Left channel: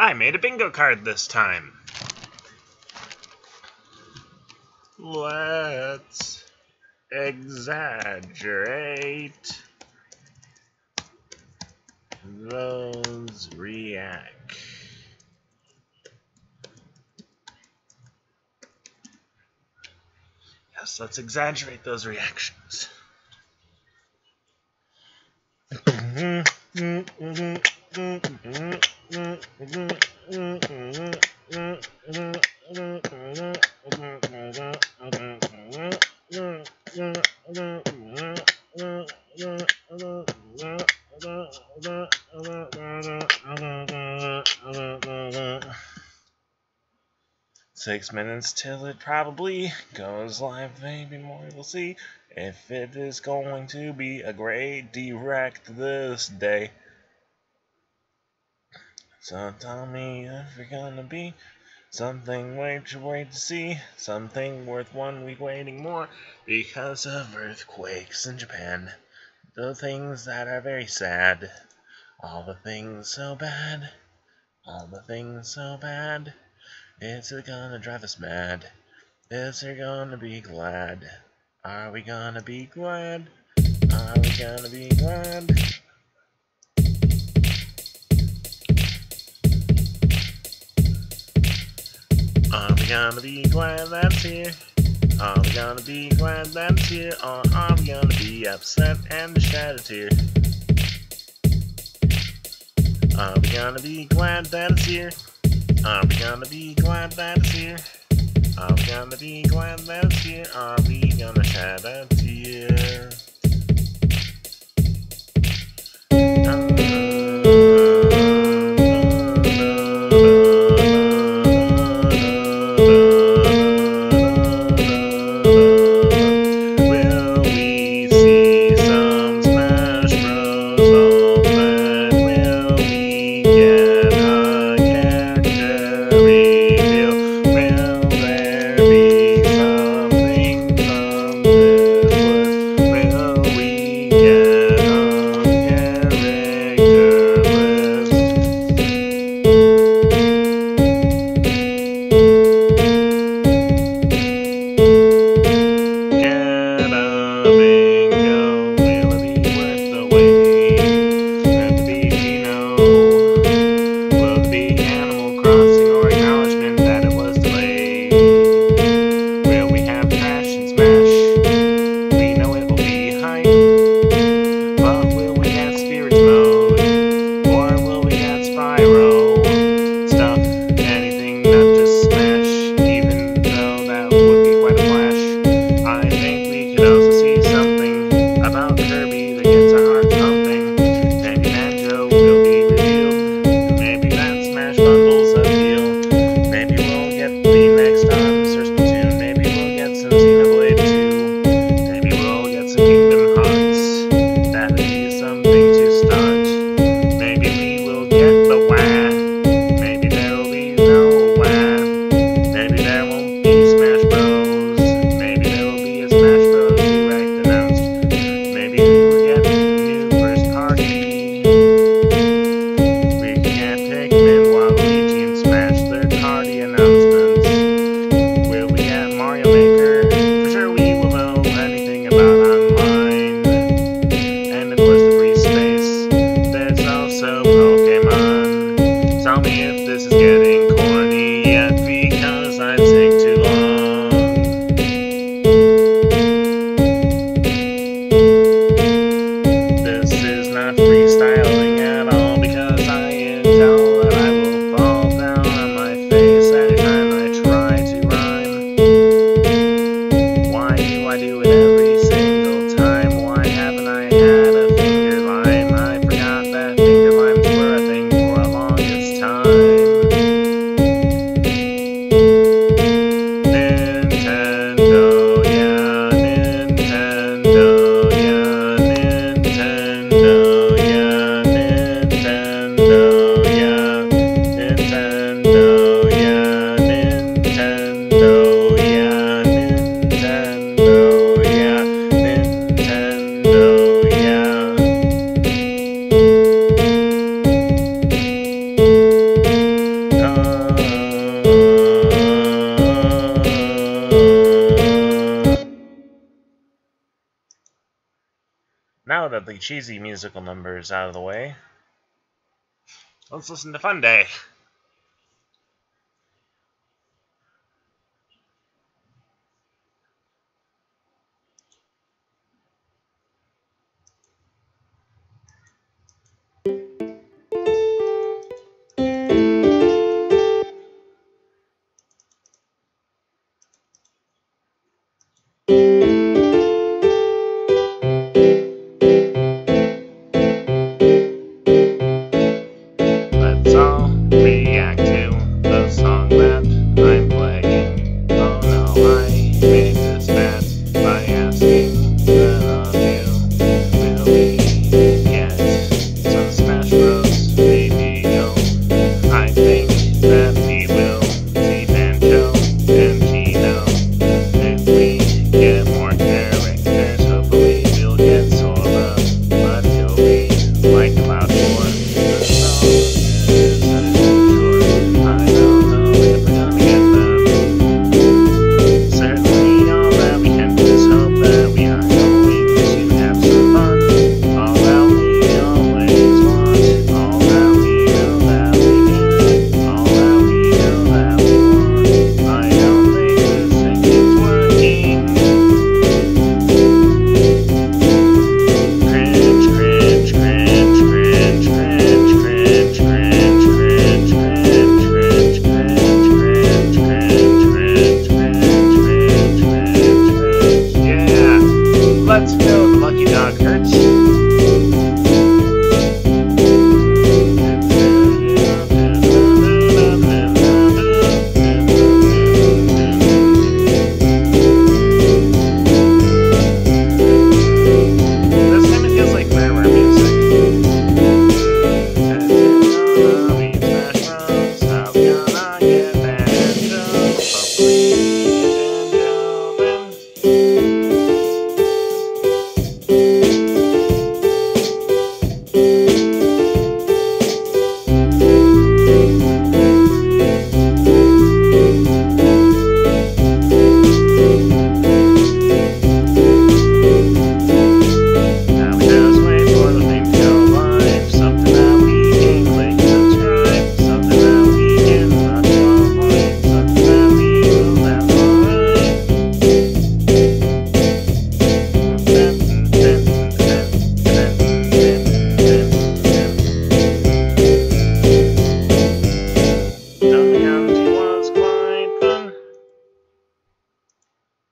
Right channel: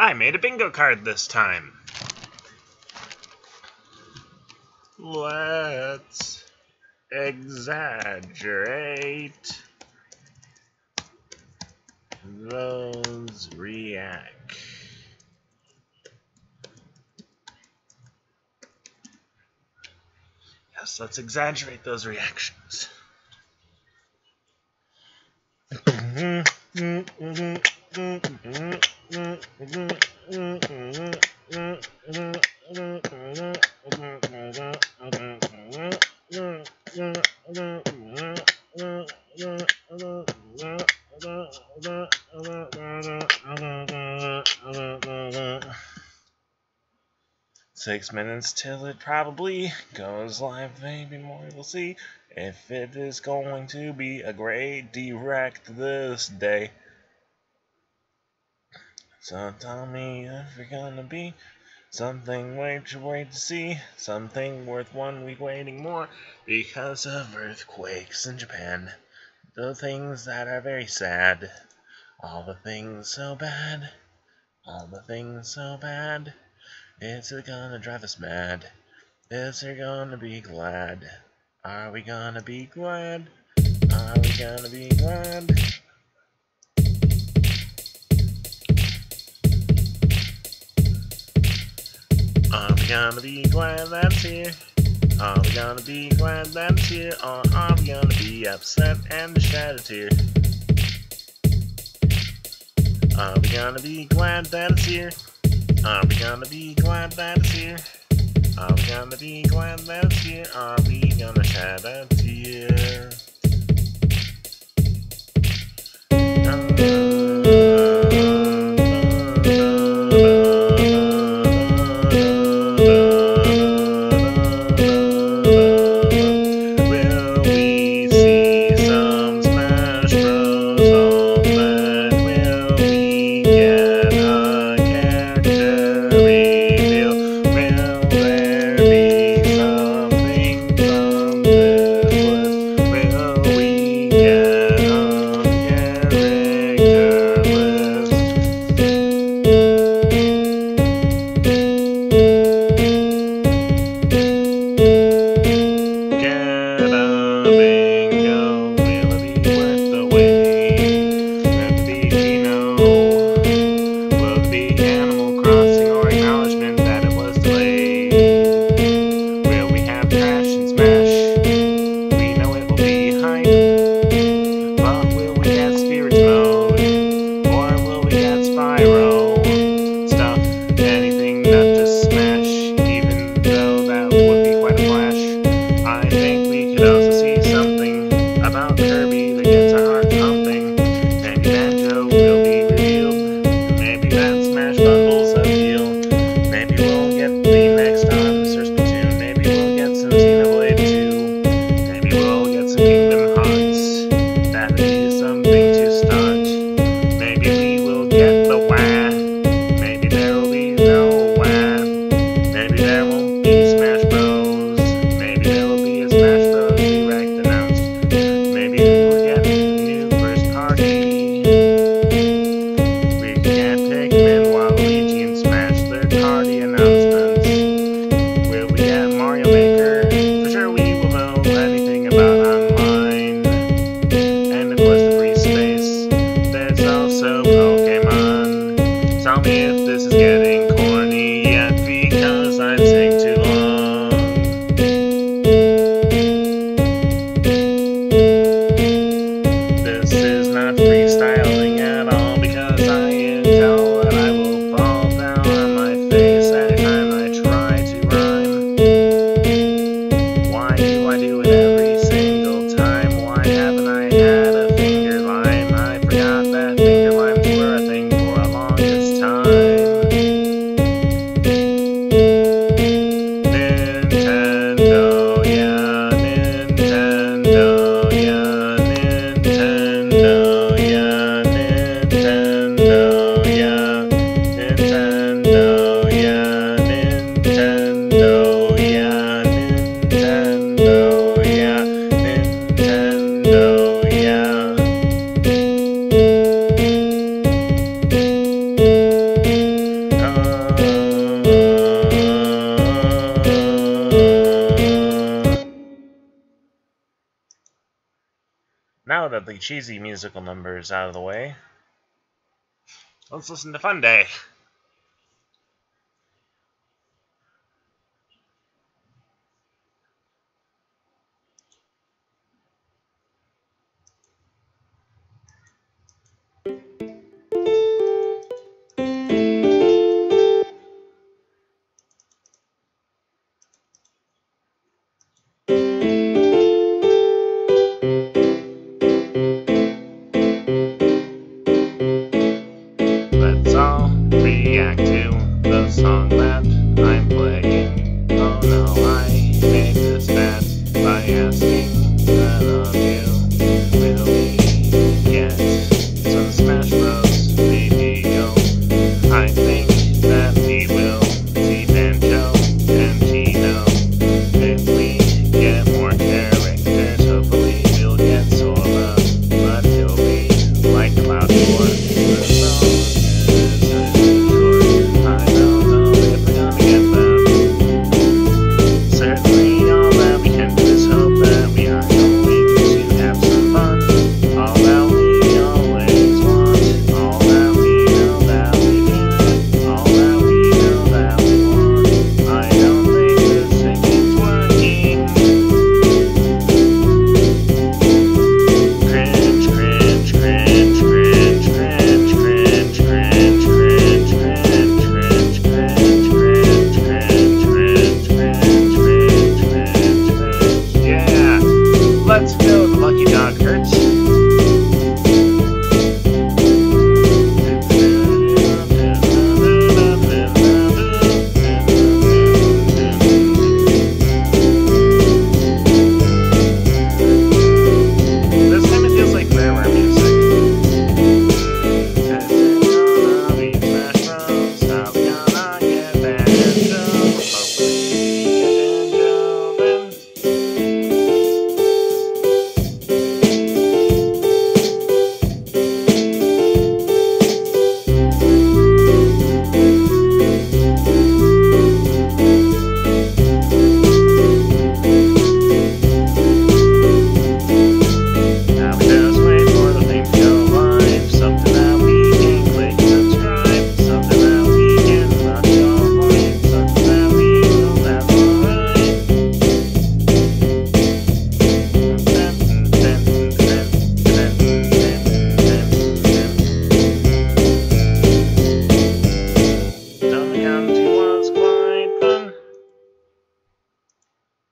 I made a bingo card this time. Let's exaggerate those react. Yes, let's exaggerate those reactions. Six minutes till it probably goes live, maybe more, we'll see if it is going to be a great direct this day. So tell me if you're gonna be something wait to see, something worth 1 week waiting more because of earthquakes in Japan. The things that are very sad, all the things so bad, all the things so bad. It's gonna drive us mad. Is we gonna be glad? Are we gonna be glad? Are we gonna be glad? Are we gonna be glad that's here? Are we gonna be glad that's here? Or are we gonna be upset and shed a tear? Are we gonna be glad that it's here? Are we gonna be glad that it's here? Are we gonna be glad that it's here? Are we gonna shed a tear? Will we see some Smash Bros. Ultimate? Will we get a character reveal? Will there be something from this list? Will now that the cheesy musical number is out of the way, let's listen to Fun Day. Let's all react to the song that I'm playing. Oh no, I made this bet by asking that of you. Will we get some Smash Bros. Video? I think that we will see Banjo and Gino. If we get more characters, hopefully we'll get Sora, but he'll be like Cloud 4. The song is short. I don't know if we're gonna get them. Certainly all that we can do is hope that we are going to have some fun. All that we always want, all that we know that we can, all that we know that we want. I don't think this thing is working. Cringe, cringe, cringe, cringe, cringe, cringe, cringe, cringe, cringe, cringe, cringe, cringe, cringe, cringe, cringe, cringe, cringe, cringe. Yeah, let's go. The lucky dog hurts. This kind of feels like Rareware music. How we Smash Bros. How we gonna get Banjo? Hopefully we get Banjo then. Now we just wait for the thing to go live. Something that we can click subscribe. Something that we can watch online. Something that we will have alright. Down the County was quite fun.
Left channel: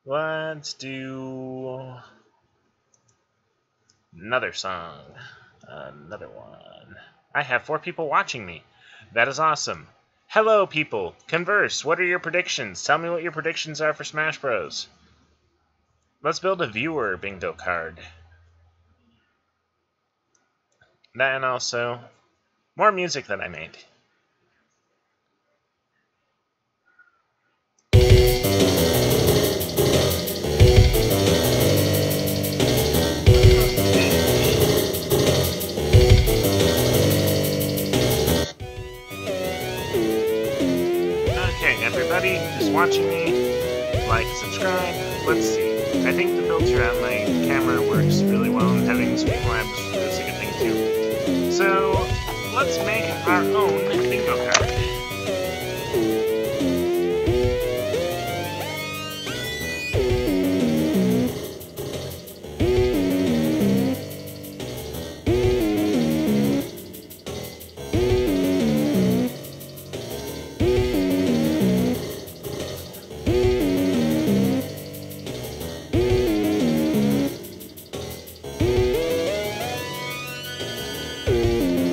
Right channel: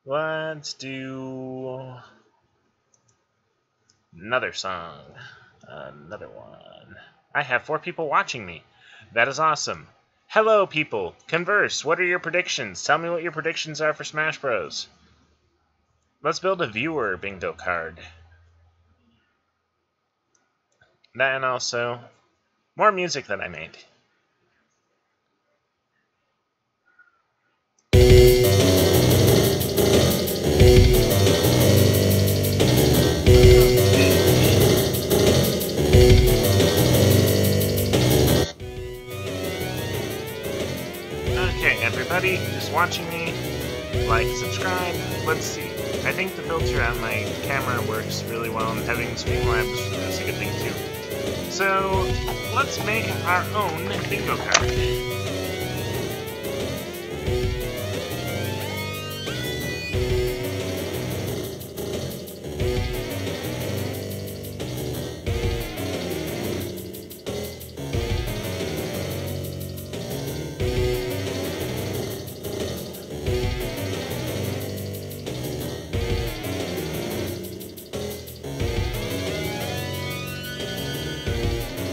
Let's do another song. Another one. I have 4 people watching me. That is awesome. Hello, people. Converse. What are your predictions? Tell me what your predictions are for Smash Bros. Let's build a viewer bingo card. That and also more music that I made. Okay, everybody who's watching me, like, subscribe. Let's see. I think the filter on my camera works really well, and having Streamlabs is a good thing too. So, let's make our own bingo card.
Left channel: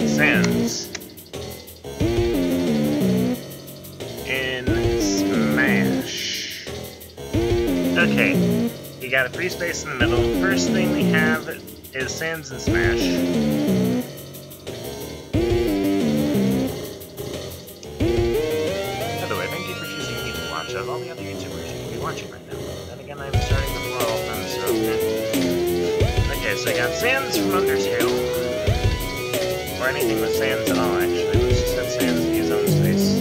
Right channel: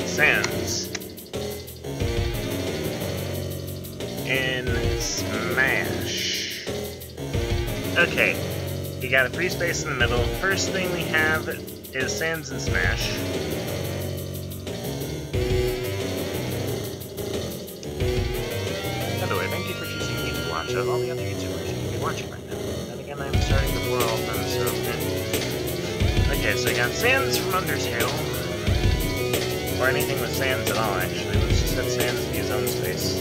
Sans in Smash. Okay, you got a free space in the middle. First thing we have is Sans in Smash. By the way, thank you for choosing me to watch of all the other YouTubers you could be watching right now. Then again, I'm starting before all of them, so... Okay, so I got Sans from Undertale. Or anything with Sans at all, actually. Let's just have Sans be his own space.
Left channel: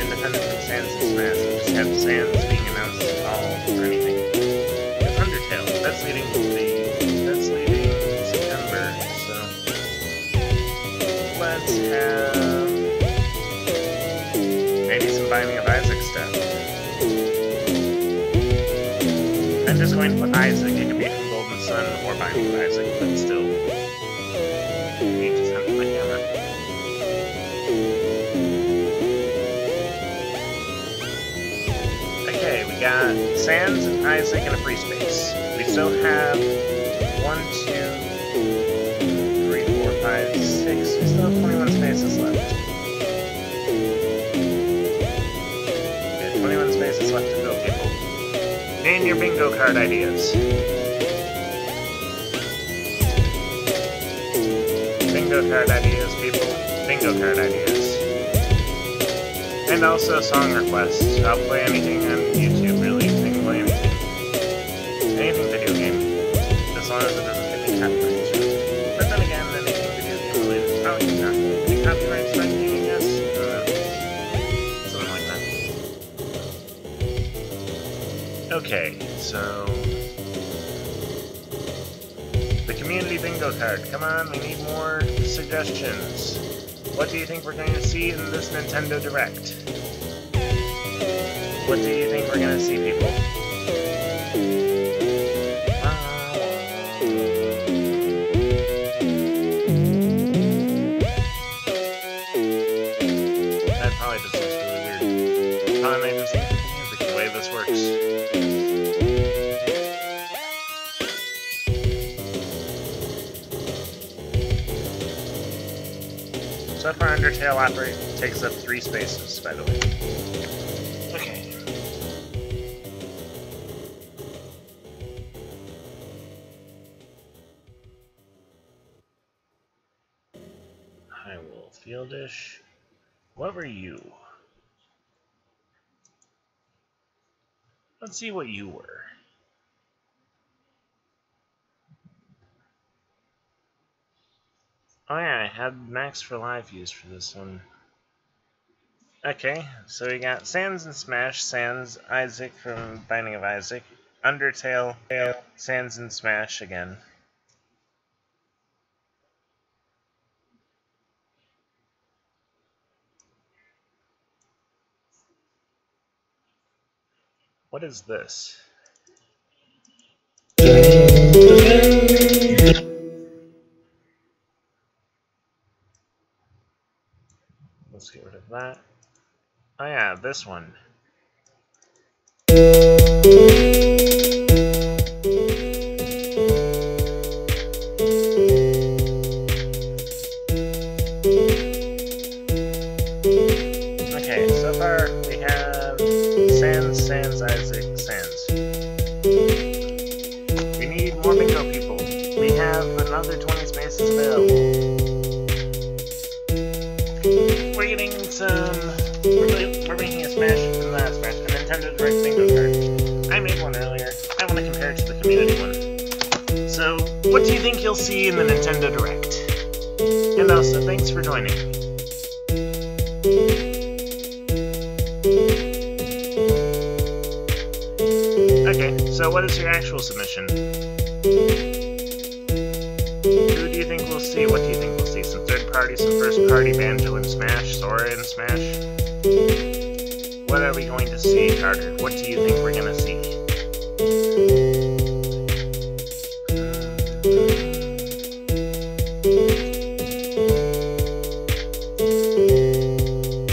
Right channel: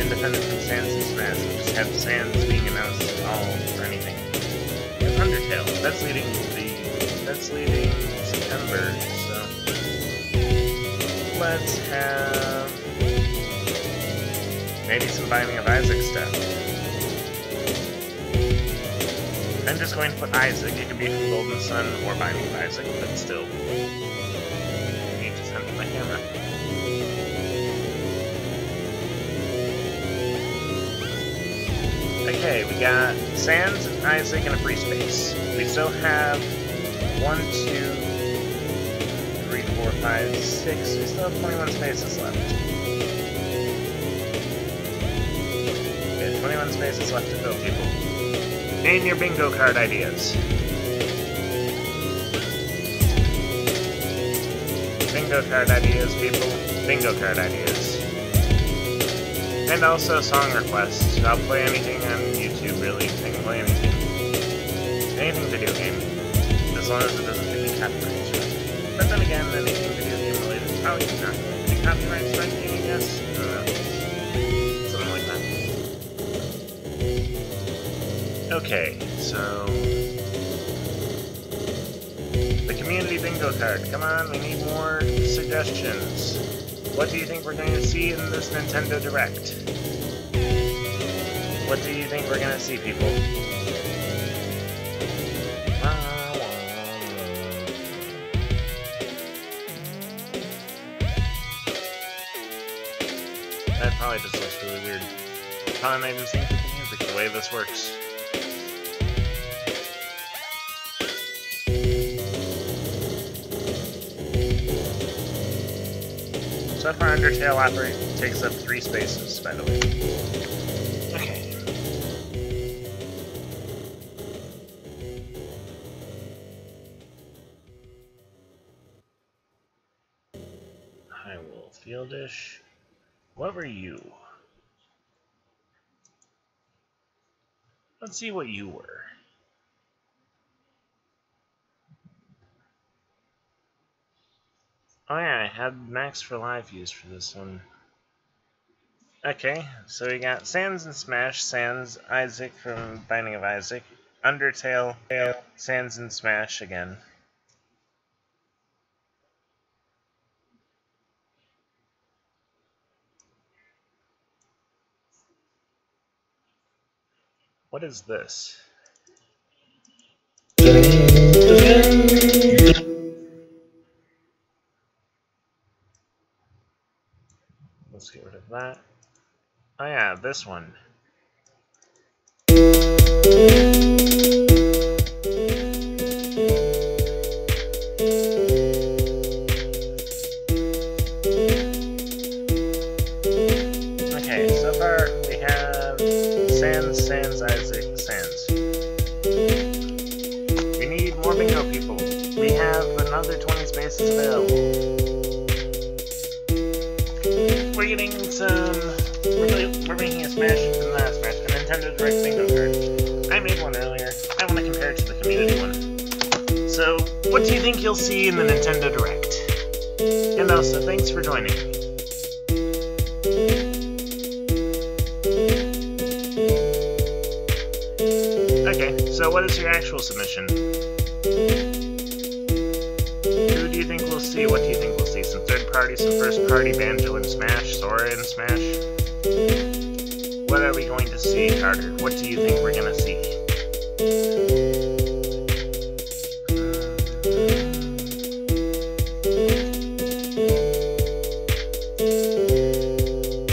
Independent from Sans and Smash. We'll just have Sans being announced at all or anything. It's Undertale. That's leading number, so let's have maybe some Binding of Isaac stuff. I'm just going to put Isaac. It could be from Golden Sun or Binding of Isaac, but still. I need to send my camera. Okay, we got Sans and Isaac in a free space. We still have 1, 2, 3, 4, 5, 6. We still have 21 spaces left. Okay, 21 spaces left to fill, people. Name your bingo card ideas. Bingo card ideas, people. Bingo card ideas. And also song requests. I'll play anything on YouTube, really. I can play anything. Anything video game. As long as it doesn't get me copyright strike. But then again, anything video game related is probably not going to be copyright striking, I guess. Something like that. Okay, so... the community bingo card. Come on, we need more suggestions. What do you think we're going to see in this Nintendo Direct? What do you think we're going to see, people? That probably just looks really weird. Probably not even seeing the music the way this works. So far, Undertale takes up 3 spaces, by the way. Okay. Hyrule Fieldish. What were you? Let's see what you were. Oh yeah, I had Max for Live used for this one. Okay, so we got Sans and Smash, Sans, Isaac from Binding of Isaac, Undertale, Sans and Smash again. What is this? Let's get rid of that. Oh yeah, this one. Okay, so far we have Sans, Isaac, Sans. We need more bingo people. We have another 20 spaces available. We're getting some... We're making a Nintendo Direct bingo card. I made one earlier. I want to compare it to the community one. So, what do you think you'll see in the Nintendo Direct? And also, thanks for joining me. Okay, so what is your actual submission? Who do you think we'll see? What do you think we'll see? Some third party, some first party, Banjo and Smash, Sora and Smash? What are we going to see, Carter? What do you think we're going to see?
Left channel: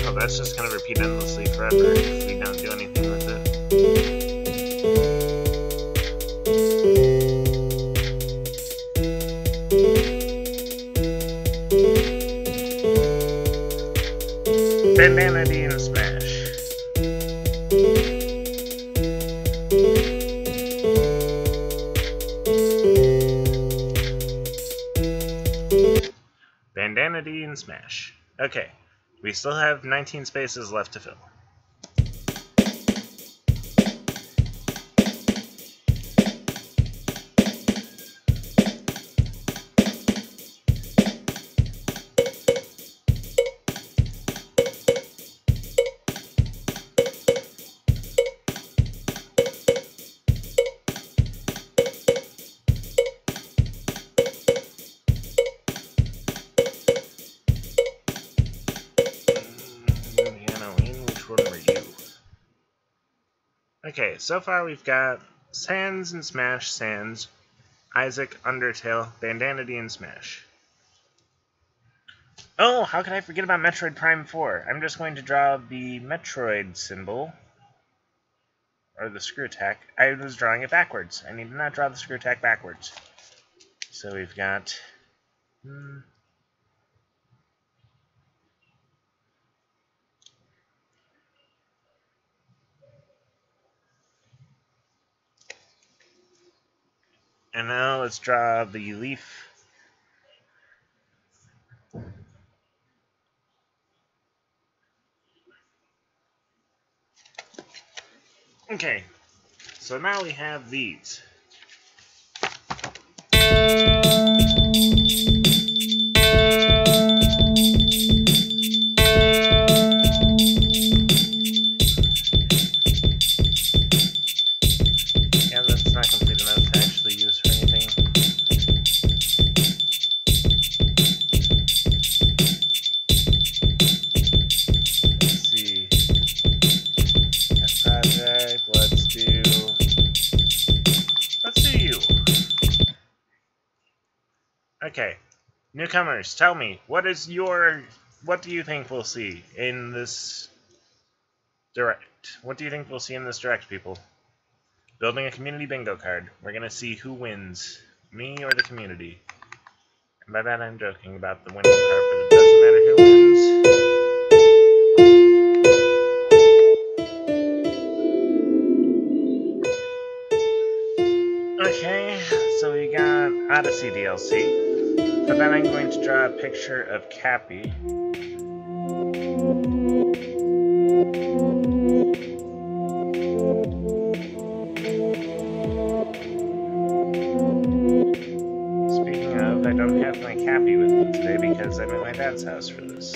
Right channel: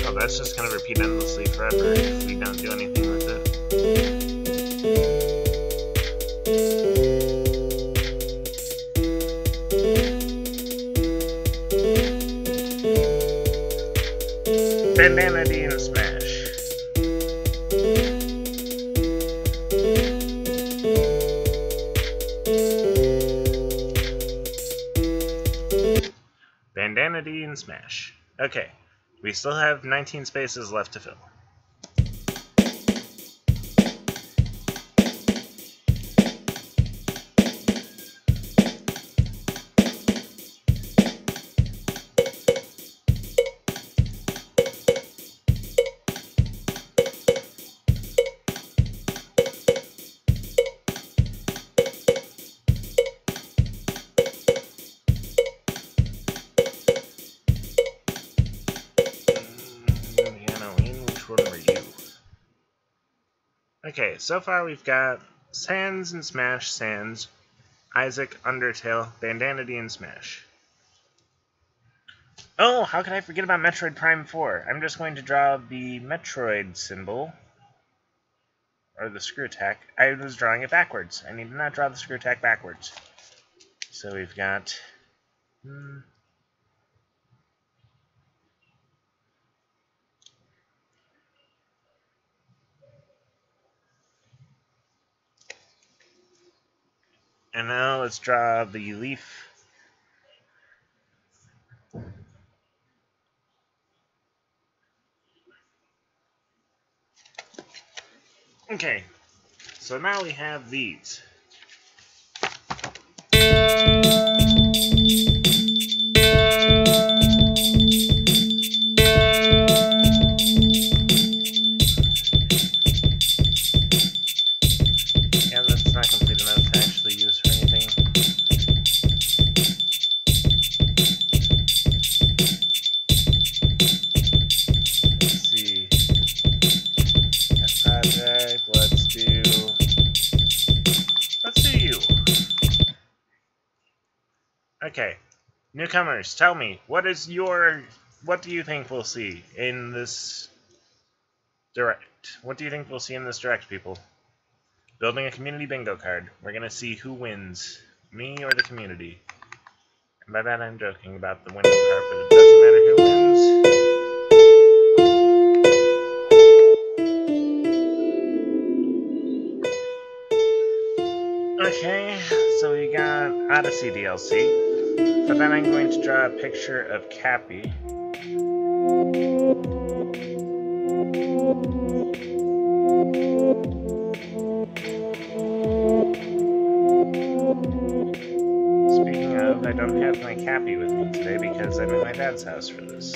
Oh, that's just going to repeat endlessly forever if we don't do anything with it. Bandana D and Smash. Bandana D and Smash. Okay, we still have 19 spaces left to fill. Okay, so far we've got Sans and Smash, Sans, Isaac, Undertale, Bandanity, and Smash. Oh, how could I forget about Metroid Prime 4? I'm just going to draw the Metroid symbol, or the screw attack. I was drawing it backwards. I need to not draw the screw attack backwards. So we've got... And now let's draw the leaf. Okay, so now we have these. Yeah, that's not complete enough to actually use for anything. Let's see. That project, let's do you. Okay. Newcomers, tell me, what do you think we'll see in this direct? What do you think we'll see in this direct, people? Building a community bingo card. We're gonna see who wins, me or the community. And by that I'm joking about the winning part, but it doesn't matter who wins. Okay, so we got Odyssey DLC. For that I'm going to draw a picture of Cappy. Speaking of, I don't have my Cappy with me today because I'm at my dad's house for this.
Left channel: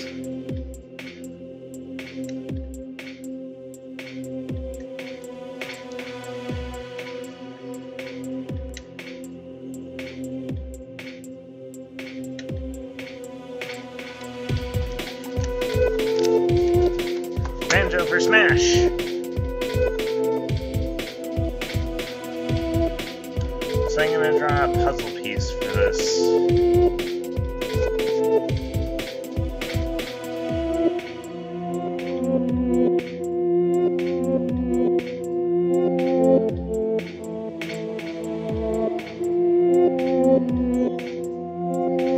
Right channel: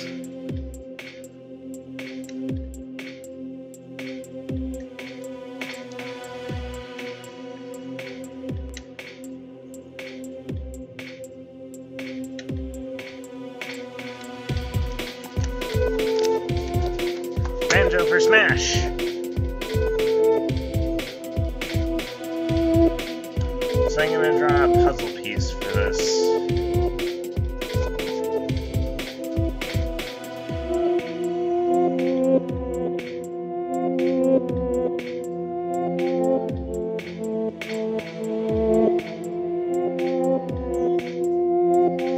Banjo for Smash! So I'm gonna draw a puzzle piece for this.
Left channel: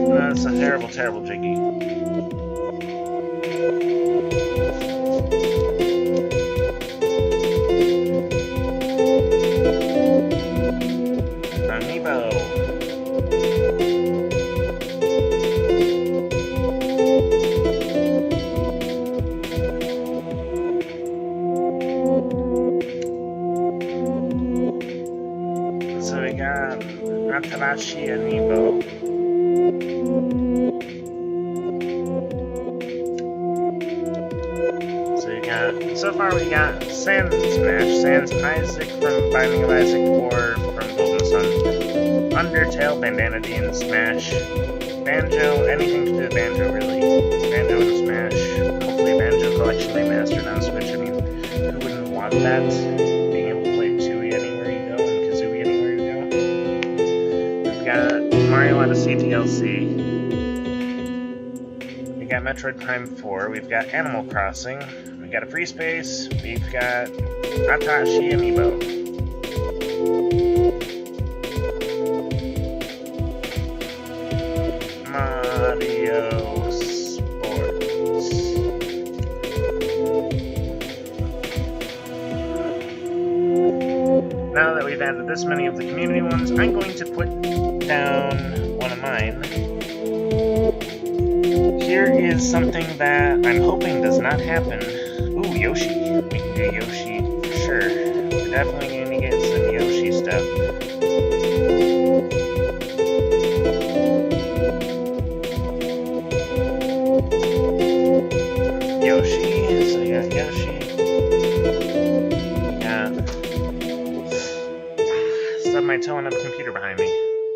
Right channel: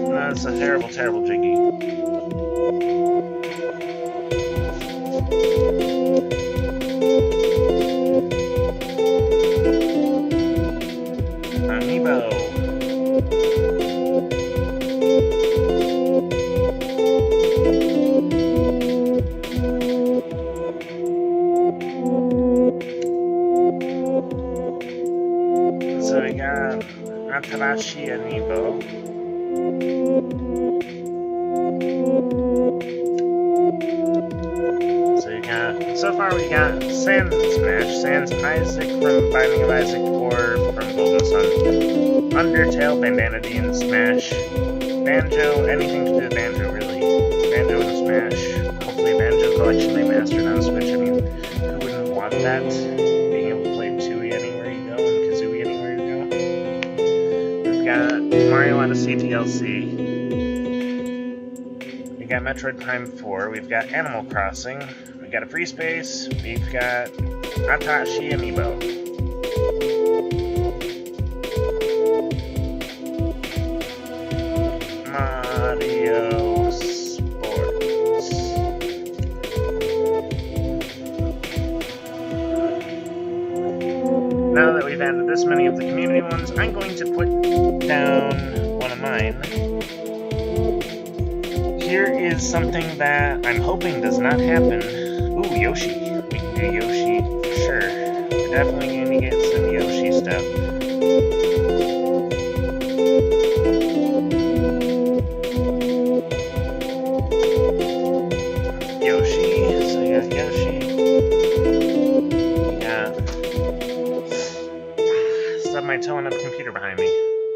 No, it's a terrible, terrible Jiggy. Amiibo. So we got Atarashi Amiibo. So far we got Sans and Smash, Sans Isaac from Binding of Isaac 4 from Golden Sun, Undertale, Bandanity, and Smash, Banjo, anything to do with Banjo really, Banjo and Smash, hopefully Banjo Collection Remastered on Switch. I mean, who wouldn't want that? Being able to play Tooie anywhere you go and Kazooie anywhere you go. We've got Mario Odyssey DLC. We got Metroid Prime 4, we've got Animal Crossing, we've got a Free Space, we've got Atashi Amiibo. Mario Sports. Now that we've added this many of the community ones, I'm going to put down one of mine. Here is something that I'm hoping does not happen. Ooh, Yoshi. We can do Yoshi for sure. We're definitely going to get some Yoshi stuff. Yoshi. So we got Yoshi. We got... Stubbed my toe on the computer behind me.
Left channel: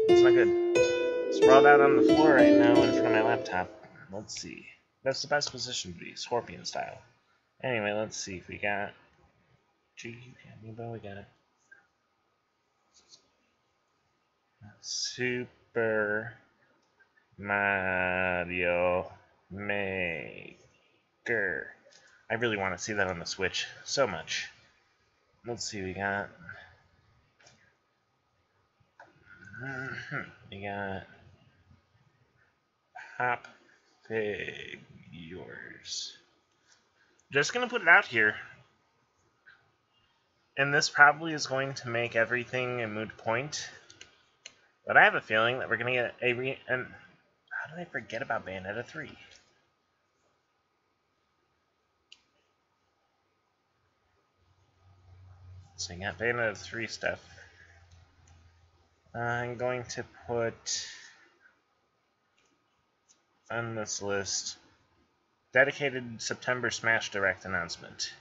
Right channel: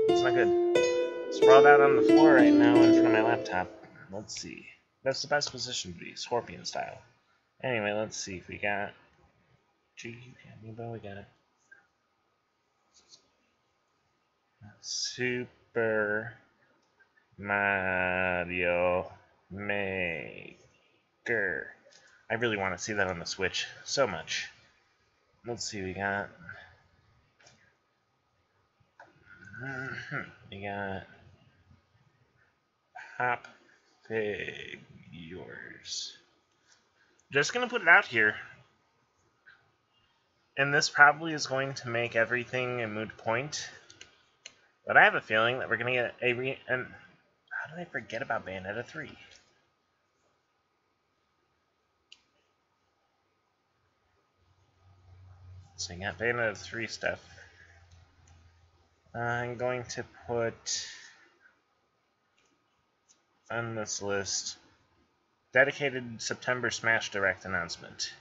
It's not good. Sprawled out on the floor right now in front of my laptop. Let's see. That's the best position to be, Scorpion style. Anyway, let's see if we got Amiibo, we got Super Mario Maker. I really want to see that on the Switch so much. Let's see, we got Pop Figures. Just gonna put it out here. And this probably is going to make everything a moot point. But I have a feeling that we're gonna get how did I forget about Bayonetta 3? So I got Bayonetta 3 stuff. I'm going to put on this list dedicated September Smash Direct announcement.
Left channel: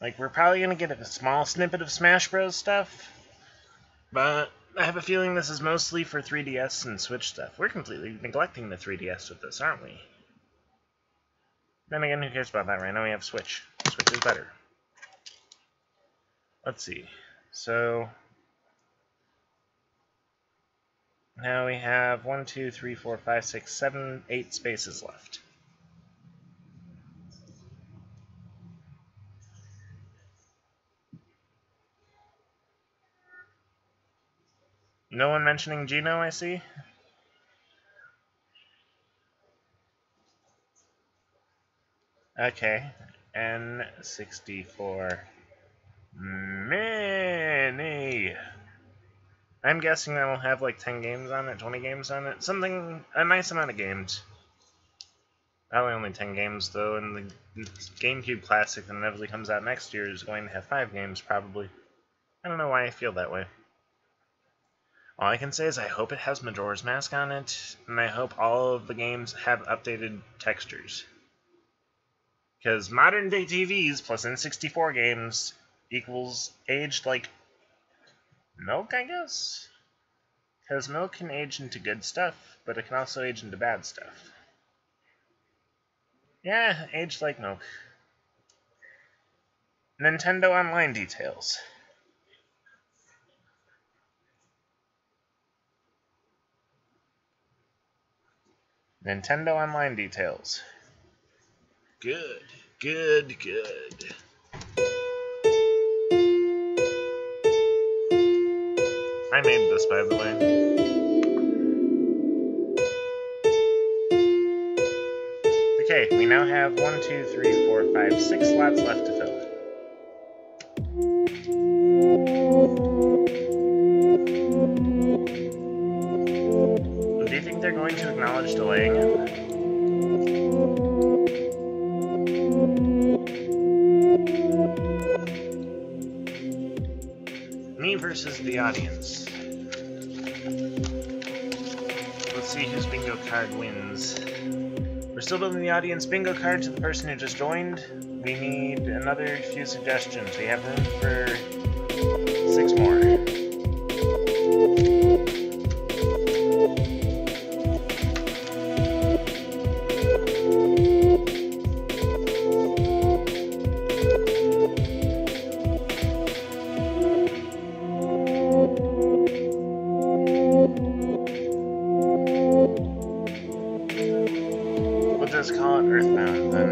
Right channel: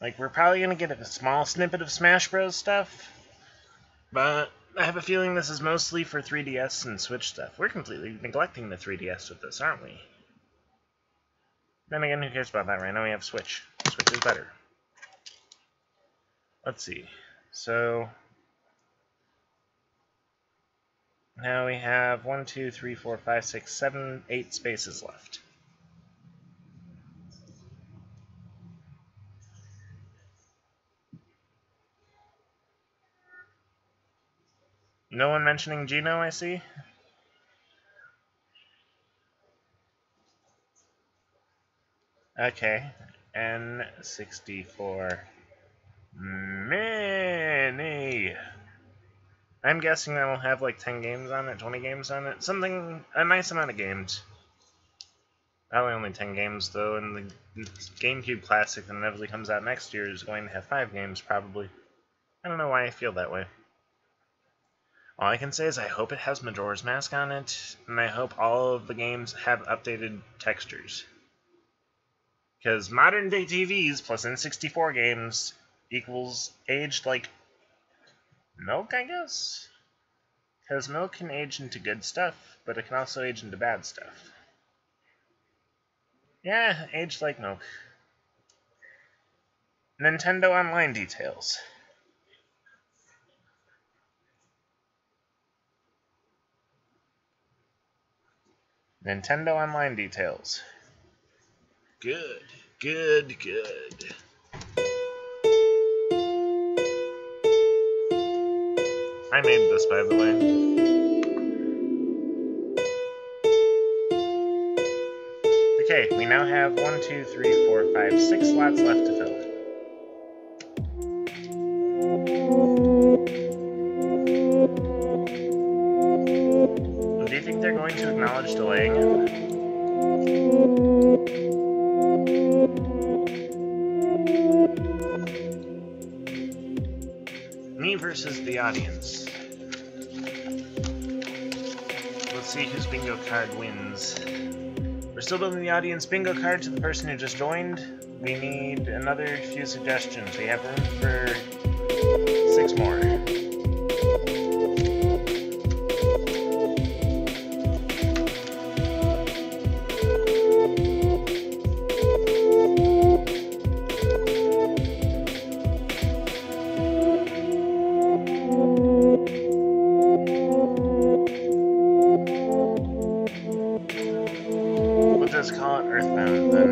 Like, we're probably going to get a small snippet of Smash Bros. Stuff, but I have a feeling this is mostly for 3DS and Switch stuff. We're completely neglecting the 3DS with this, aren't we? Then again, who cares about that? Right now we have Switch. Switch is better. Let's see. So now we have 1, 2, 3, 4, 5, 6, 7, 8 spaces left. No one mentioning Geno, I see. Okay, N64 Mini. I'm guessing that will have like 10 games on it, 20 games on it, a nice amount of games. Probably only 10 games though, and the GameCube Classic that inevitably comes out next year is going to have 5 games probably. I don't know why I feel that way. All I can say is I hope it has Majora's Mask on it, and I hope all of the games have updated textures. Because modern day TVs plus N64 games equals aged like milk, I guess? Because milk can age into good stuff, but it can also age into bad stuff. Yeah, aged like milk. Nintendo Online details. Nintendo Online details. Good, good, good. I made this, by the way. Okay, we now have 1, 2, 3, 4, 5, 6 slots left to fill. Do you think they're going to acknowledge delaying it? Me versus the audience. Let's see whose bingo card wins. We're still building the audience bingo card to the person who just joined. We need another few suggestions. We have room for 6 more. Just call it Earthbound, then.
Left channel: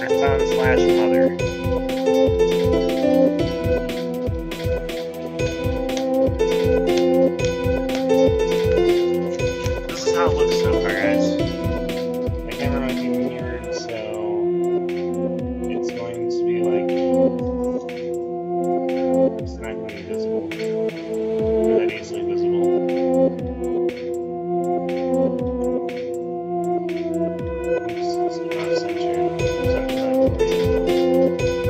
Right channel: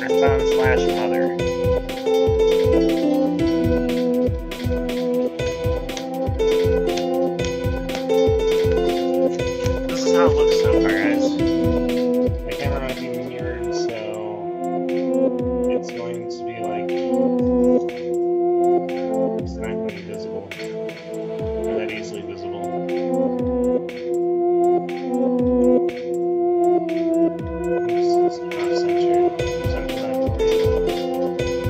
Earthbound / Mother. This is how it looks so far, guys. My camera might be mirrored, so it's going to be like... It's not going to be visible, or that easily visible. Oops, it's off-centered. Center that for you.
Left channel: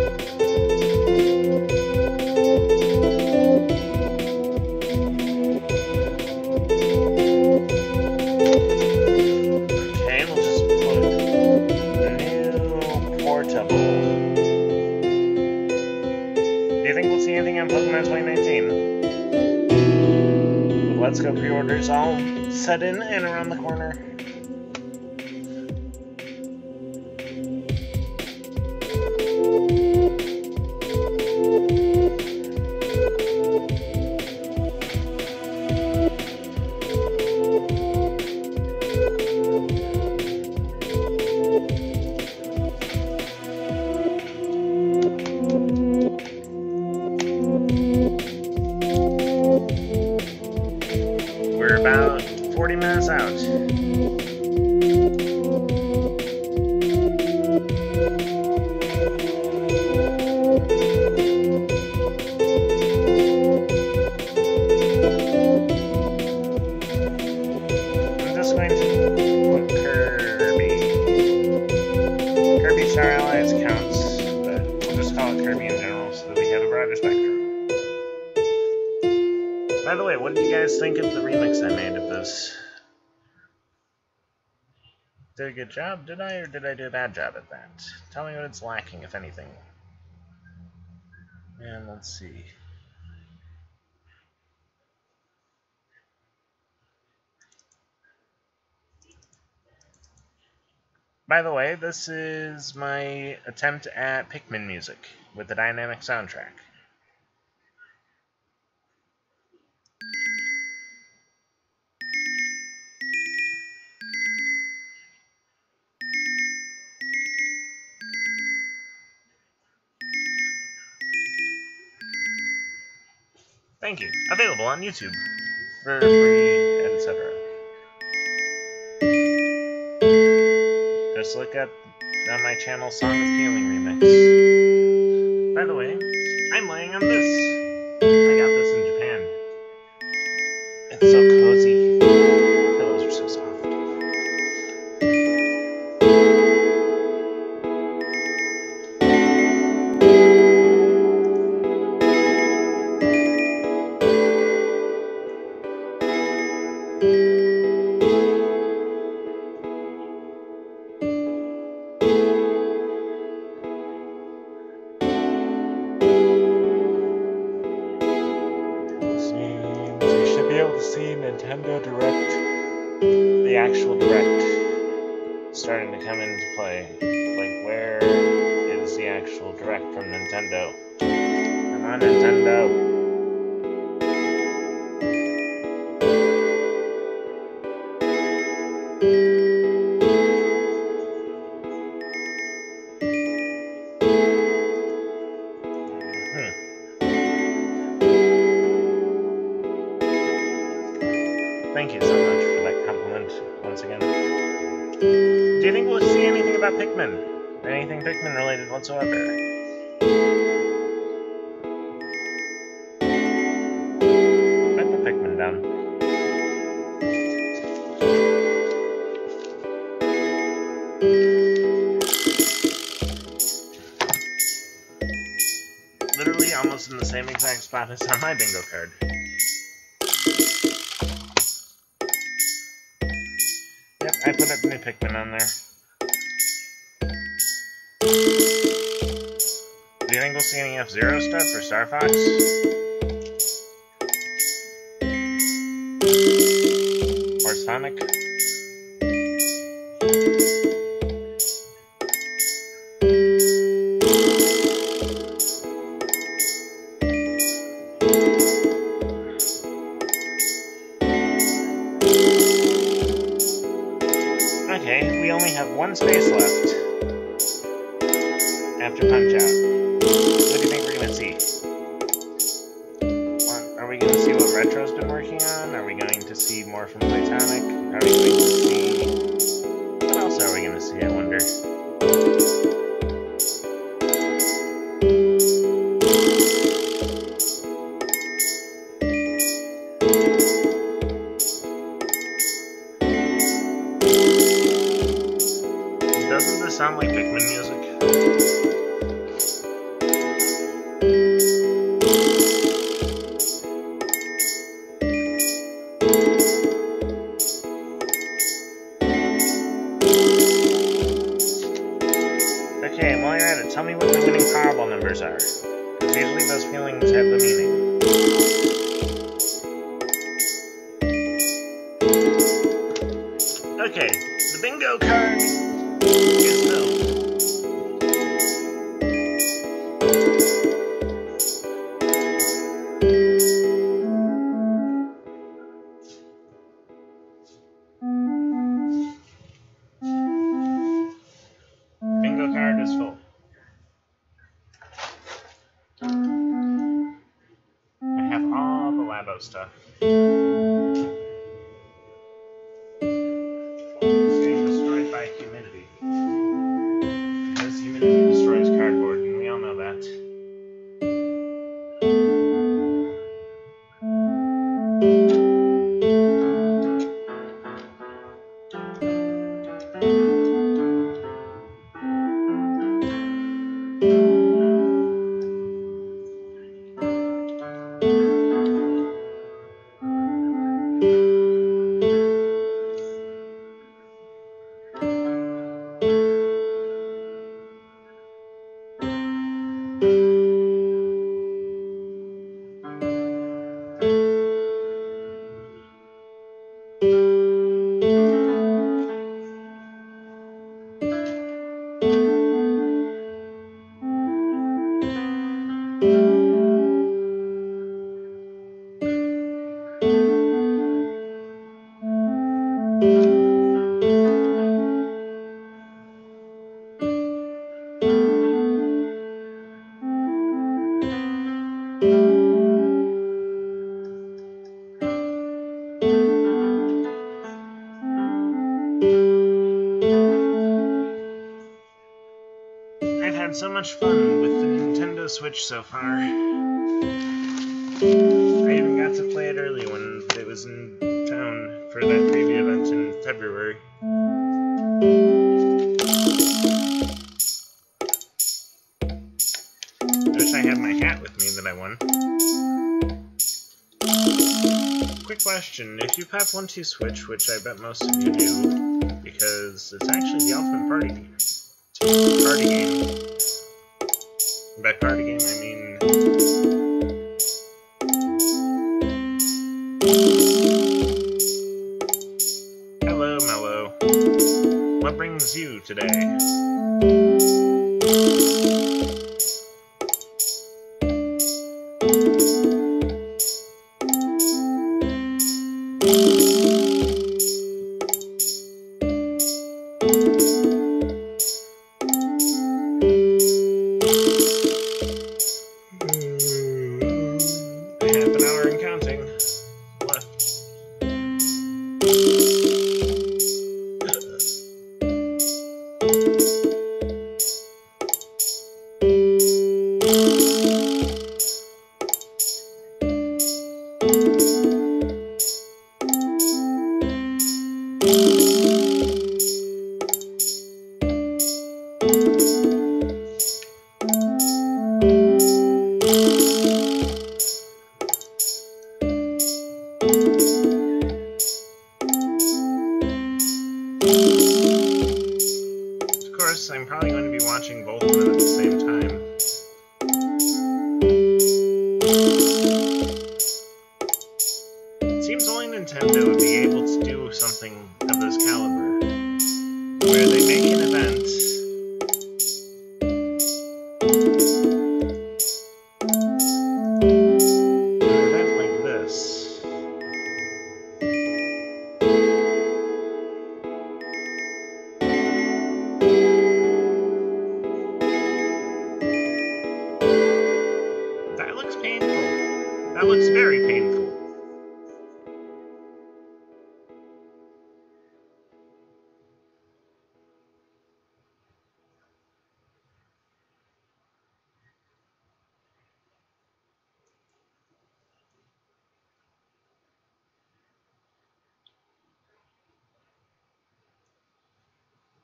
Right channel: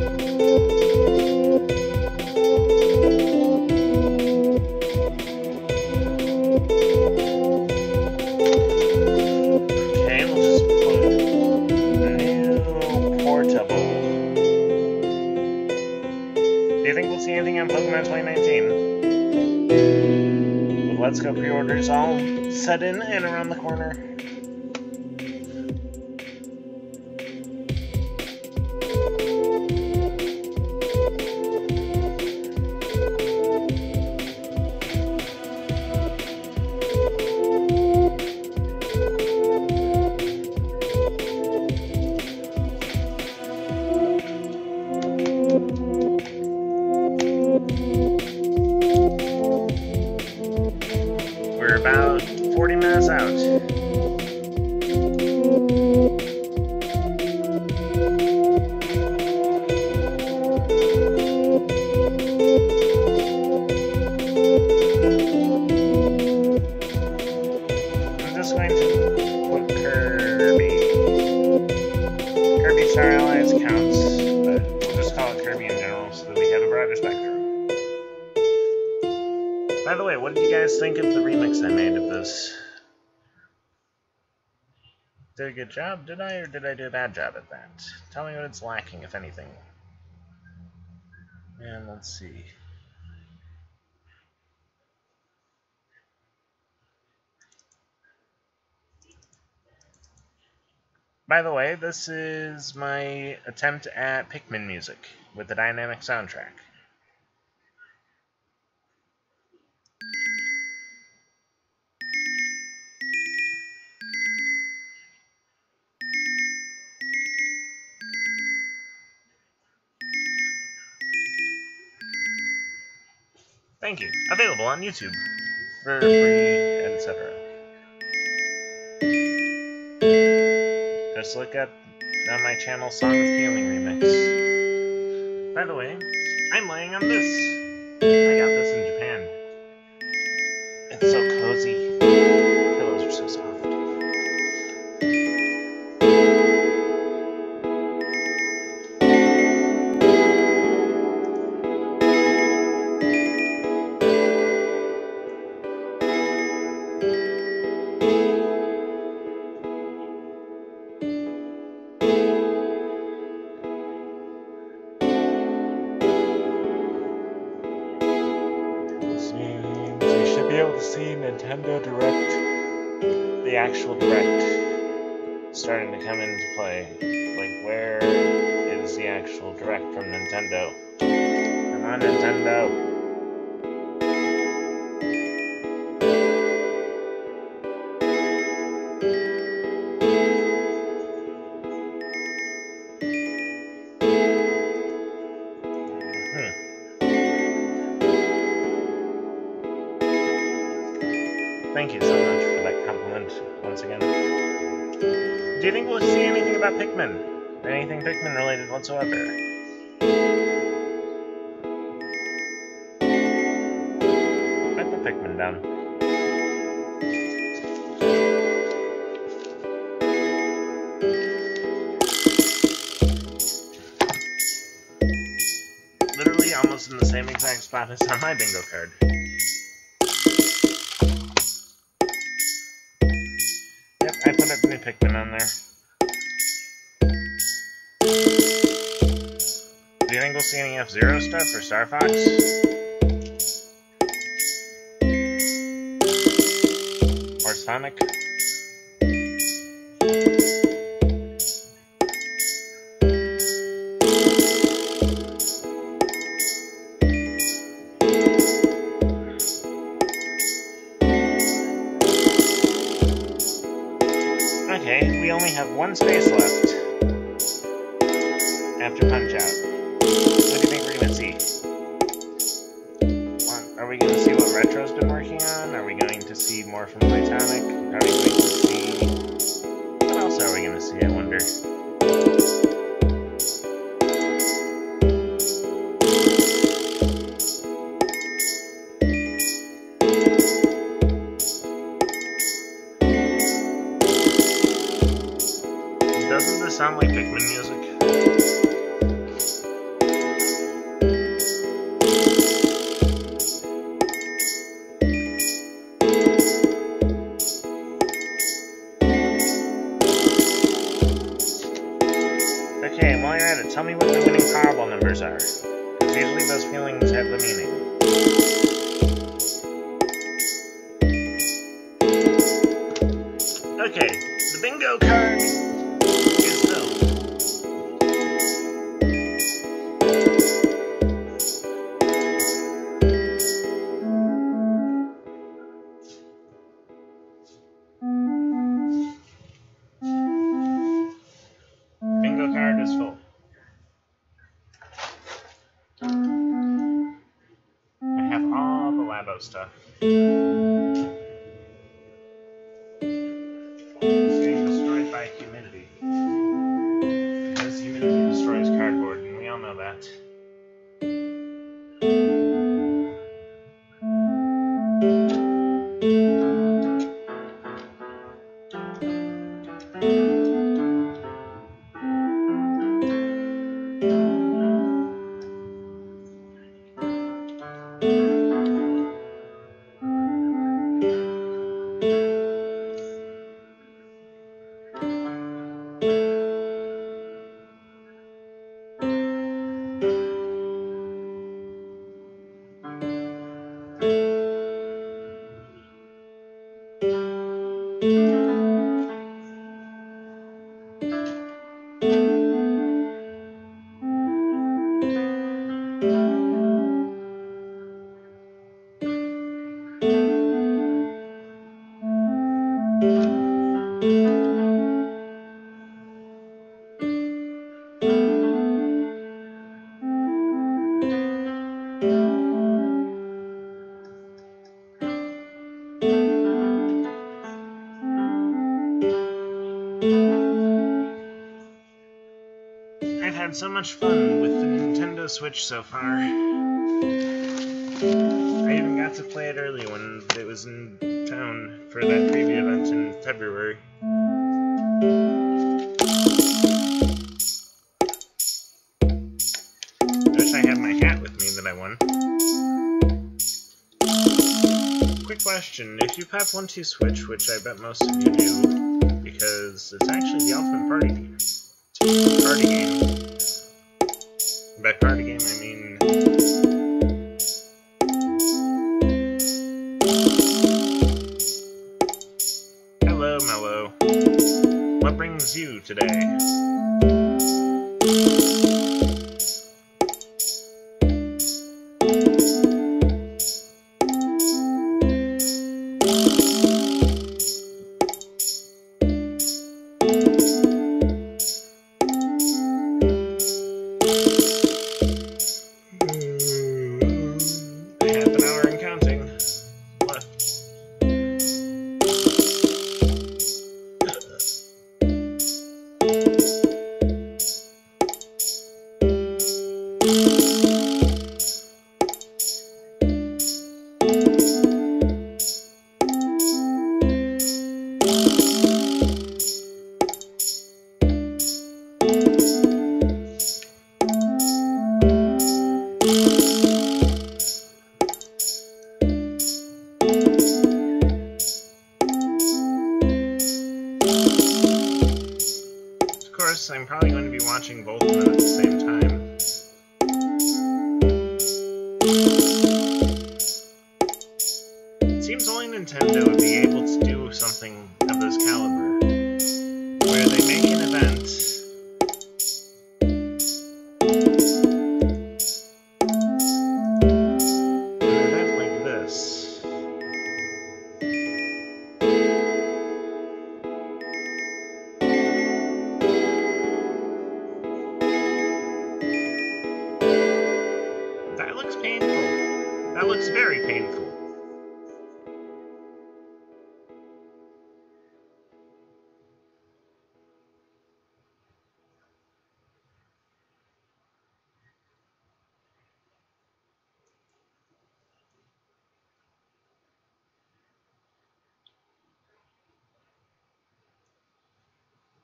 Tubble. Do you think we'll see anything on Pokemon 2019? With Let's Go pre-orders all set in and around the corner? We're about 40 minutes out. I'm just going to put Kirby. Kirby Star Allies counts, but we'll just call it Kirby in general so that we have a broader spectrum. By the way, what did you guys think of the remix I made of this? Did a good job, did I, or did I do a bad job at that? Tell me what it's lacking, if anything. And let's see. By the way, this is my attempt at Pikmin music with the dynamic soundtrack. Thank you. Available on YouTube for free, etc. Just look up on my channel Song of Healing Remix. By the way, I'm laying on this. I got this in Japan. It's so cozy. The pillows are so soft. See Nintendo Direct, the actual Direct, starting to come into play. Like, where is the actual Direct from Nintendo? Come on, Nintendo! Thank you so much for that compliment, once again. Do you think we'll see anything about Pikmin? Anything Pikmin related whatsoever? I put Pikmin down. Literally almost in the same exact spot as on my bingo card. I put up new Pikmin on there. Do you think we'll see any F-Zero stuff for Star Fox? Or Sonic? Okay, we only have one space left after Punch-Out. What do you think we're going to see? Are we going to see what Retro's been working on? Are we going to see more from Playtonic? Are we going to see... What else are we going to see, I wonder? Doesn't this sound like Pikmin music? Okay, while you're at it, tell me what the winning Powerball numbers are. Because usually those feelings have the meaning. Okay, the bingo card is filled. Bingo card is full. I have all the Labo stuff. It's getting destroyed by humidity. Because humidity destroys cardboard, and we all know that. I've had so much fun with the Nintendo Switch so far. I even got to play it early when it was in town for that preview event in February. I wish I had my hat with me that I won. Quick question, if you have 1-2 Switch, which I bet most of you do, because it's actually the ultimate party game. Party game. By party game, I mean... Hello, Mello. What brings you today? I'm probably going to be watching both of them at the same time. It seems only Nintendo would be able to do something of this caliber, where they make an event like this. That looks painful. That looks very painful.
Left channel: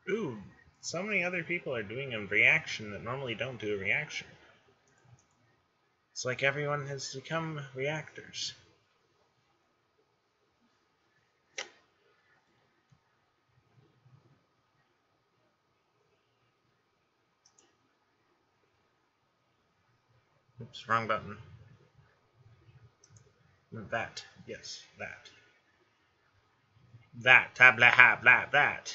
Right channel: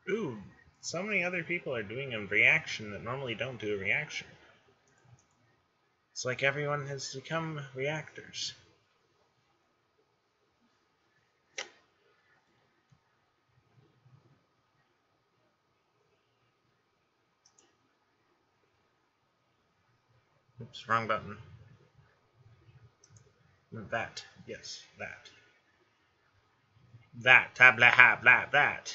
Ooh, so many other people are doing a reaction that normally don't do a reaction. It's like everyone has become reactors. Oops, wrong button. That. Yes, that. That. Tabla habla that.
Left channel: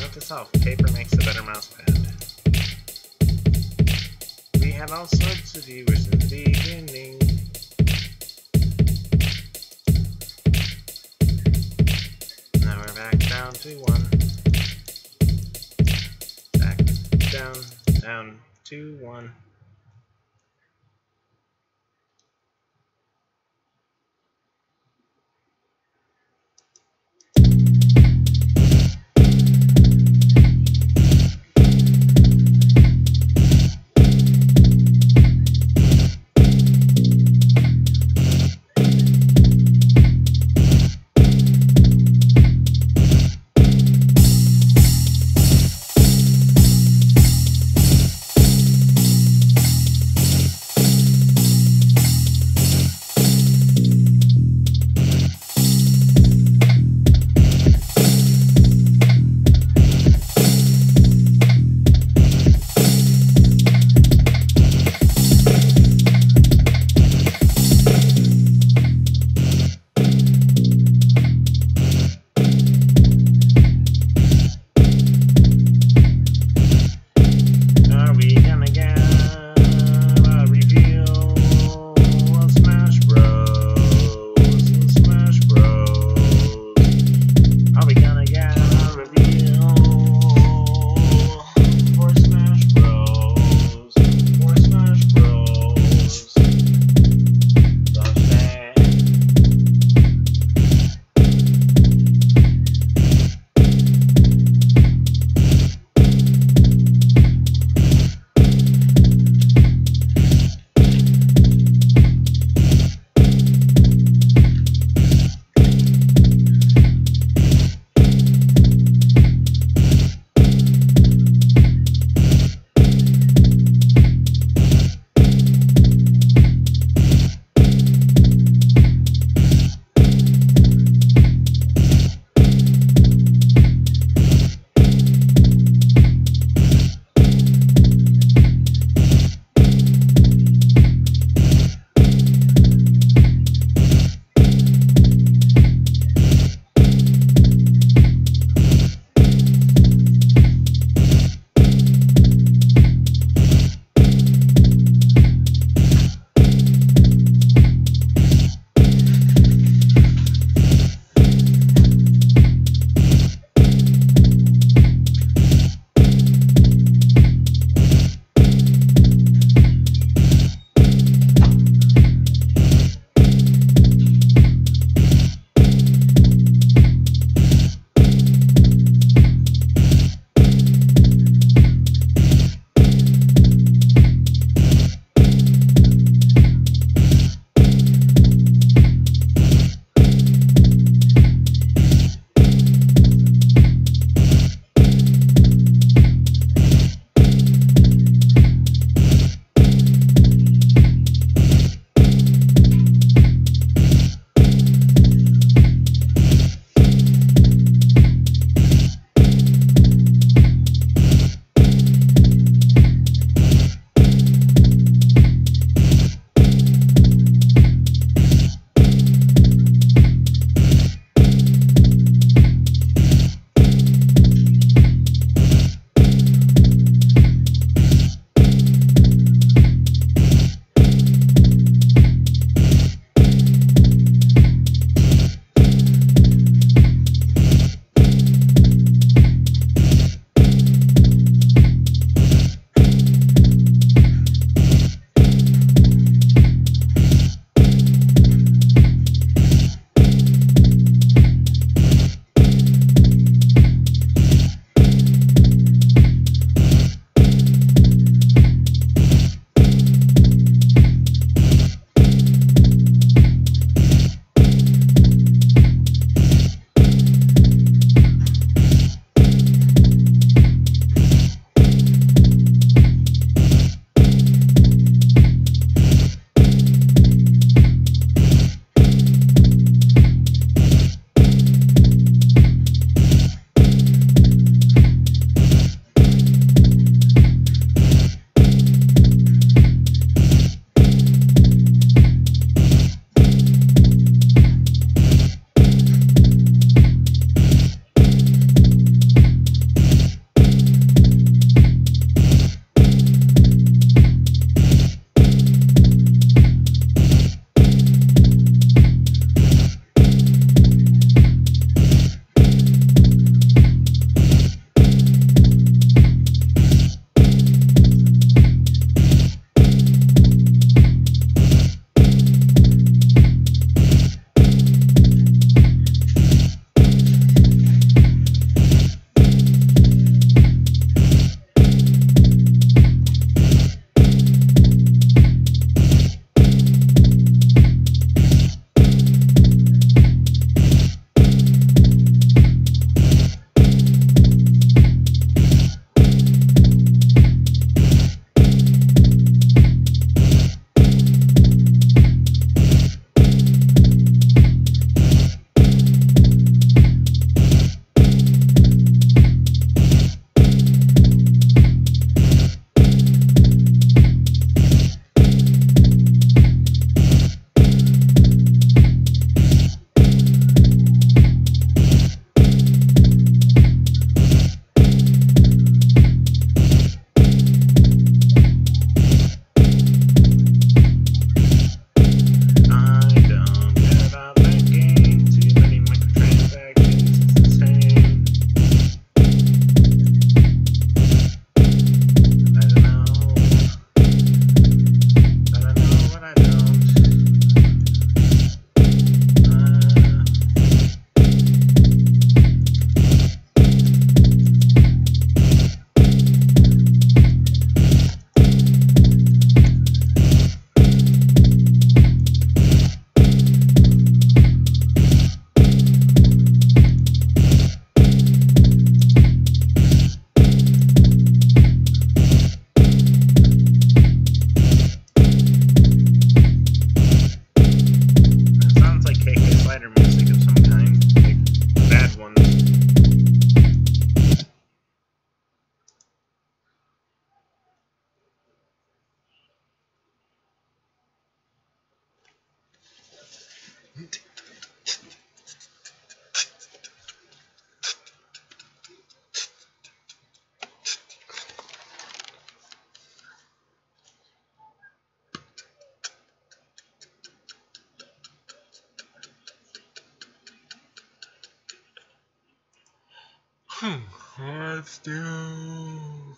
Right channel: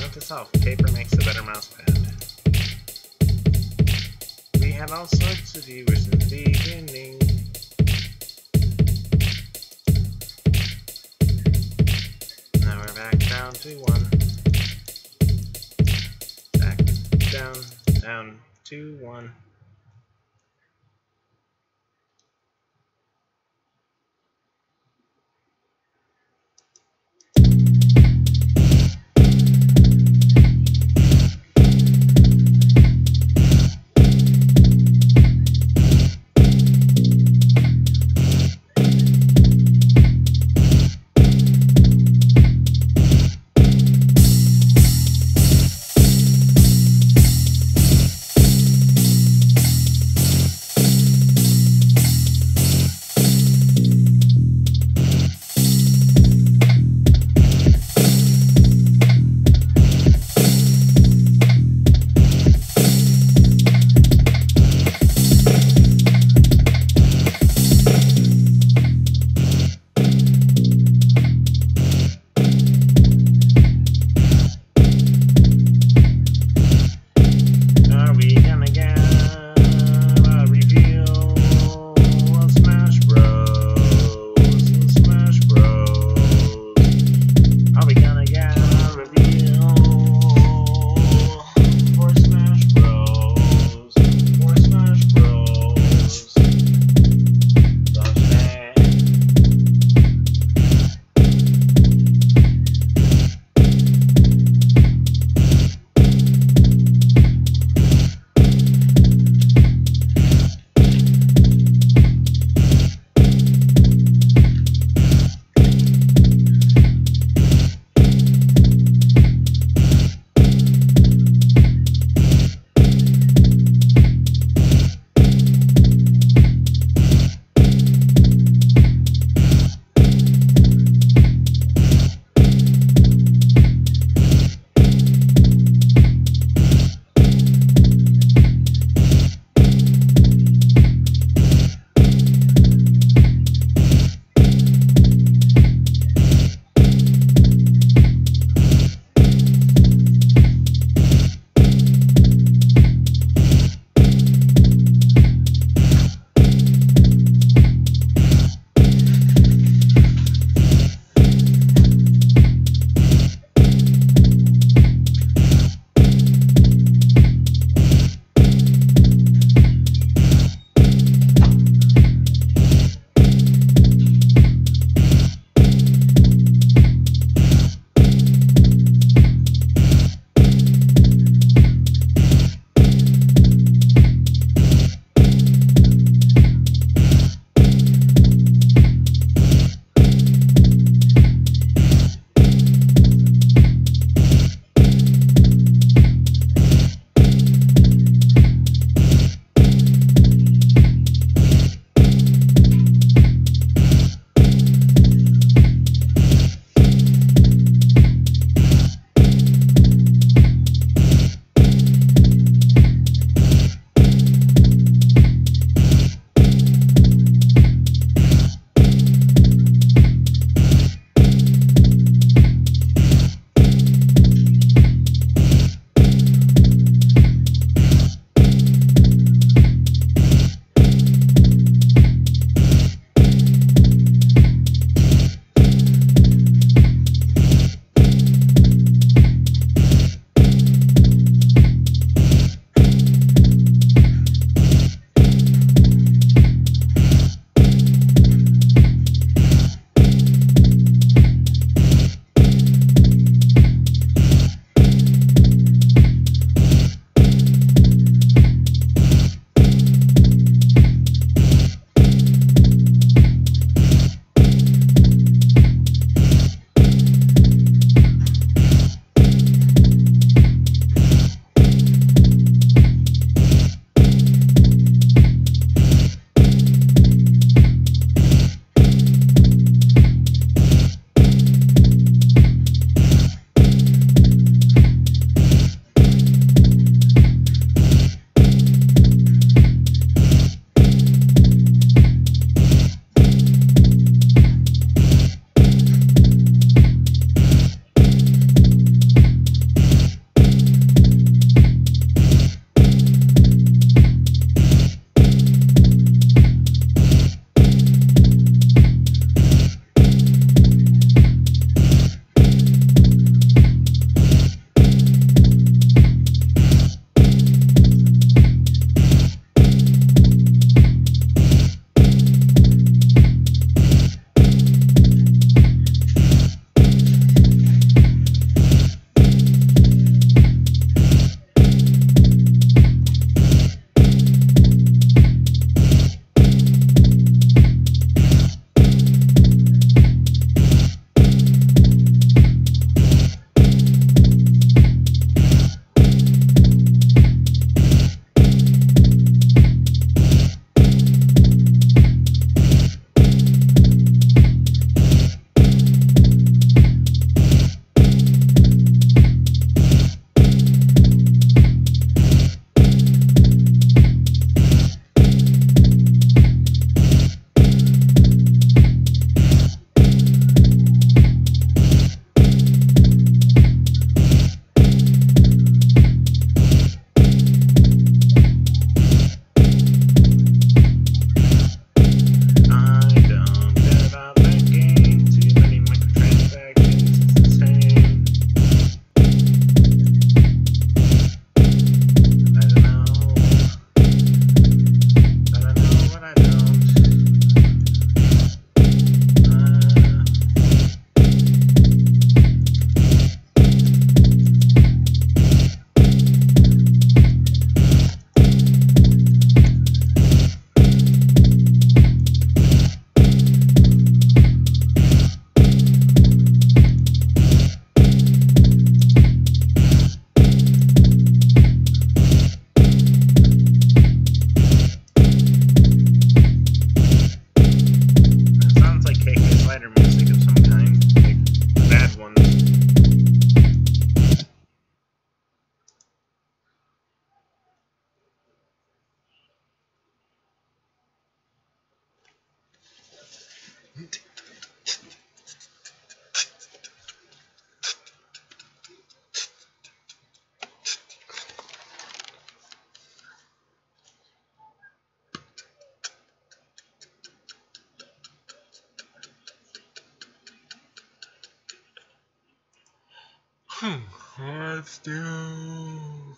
Note to self, paper makes a better mouse pad. We had all sorts of viewers in the beginning. Now we're back down to 1. Back down to 1. Let's do.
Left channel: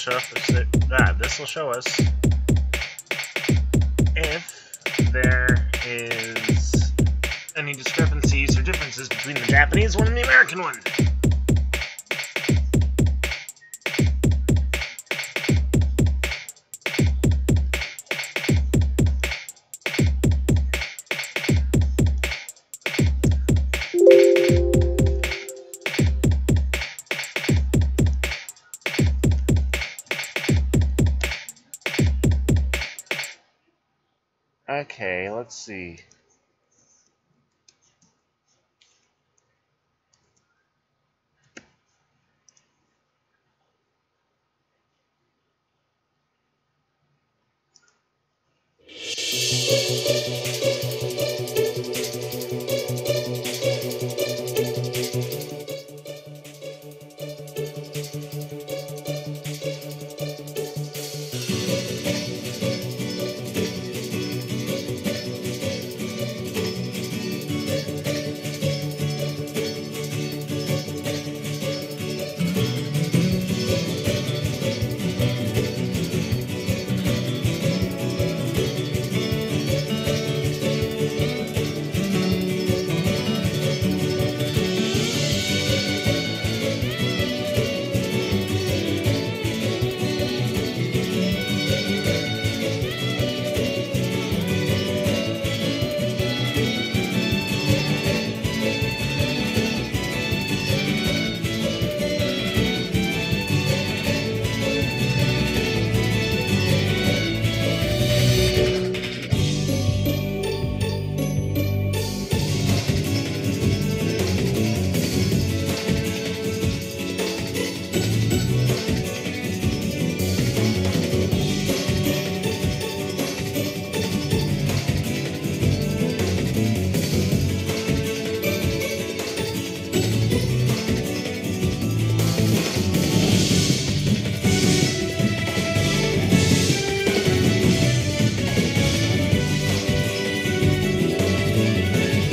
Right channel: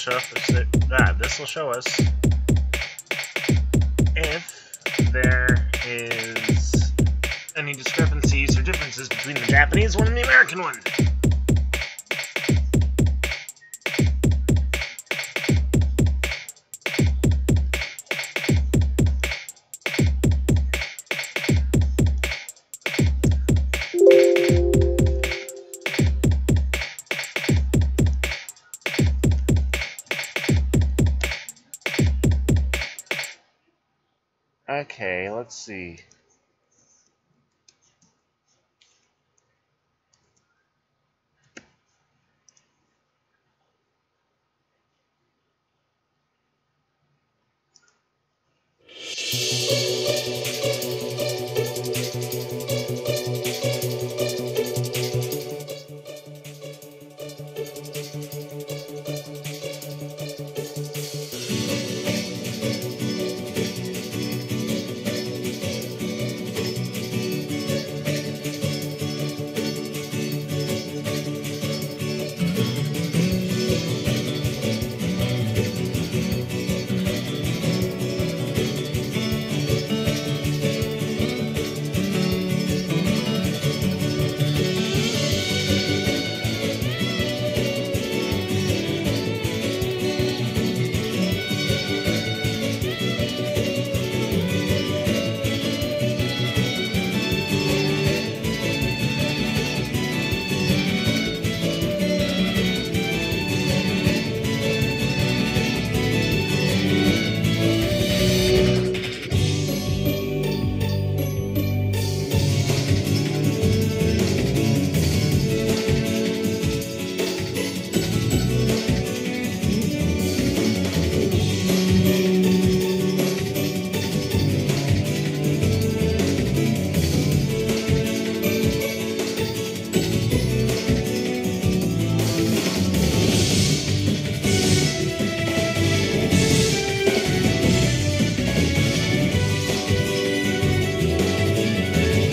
show this will show us if there is any discrepancies or differences between the Japanese one and the American one. Okay, let's see.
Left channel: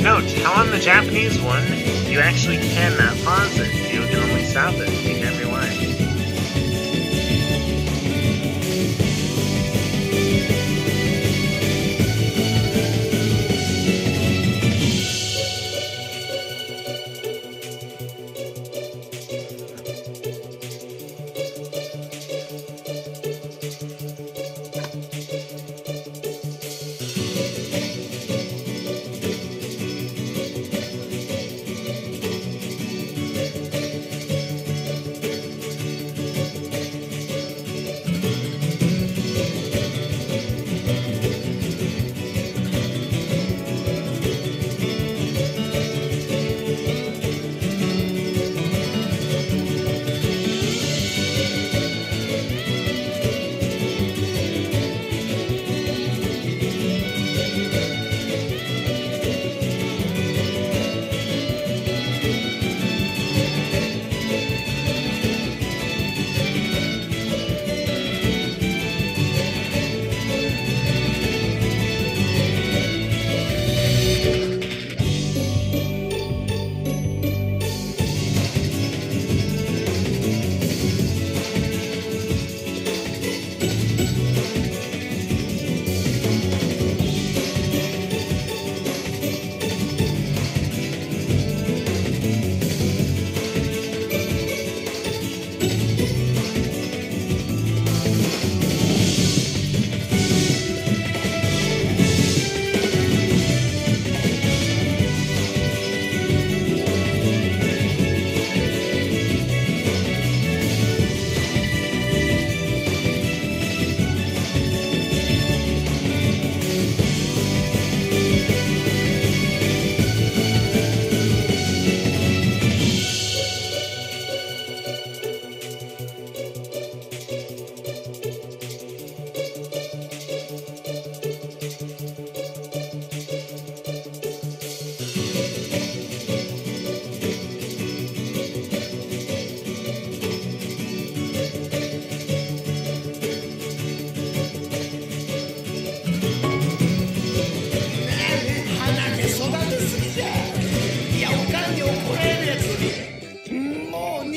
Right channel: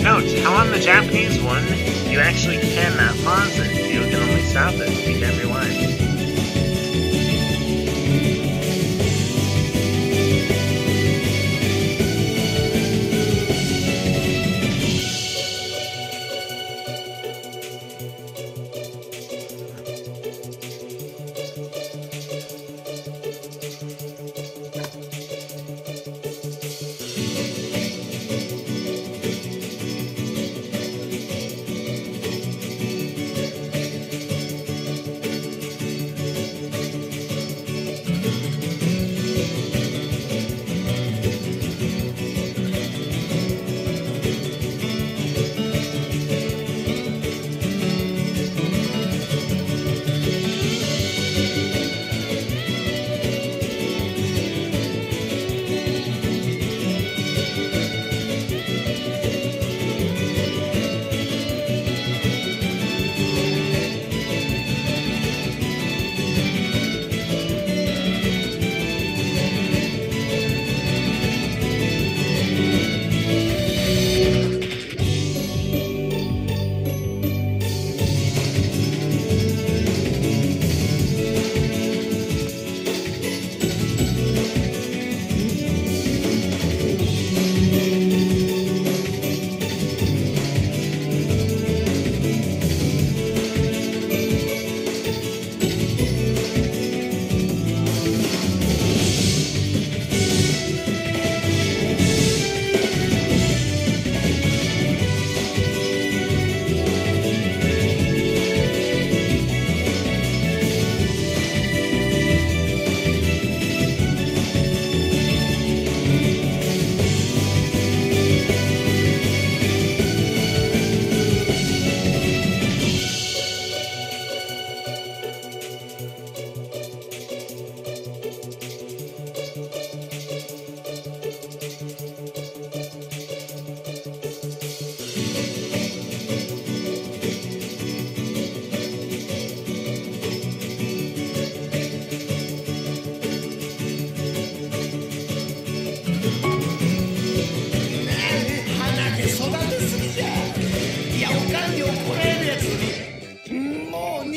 Note how on the Japanese one, you actually cannot pause it. You can only stop it. You can't rewind.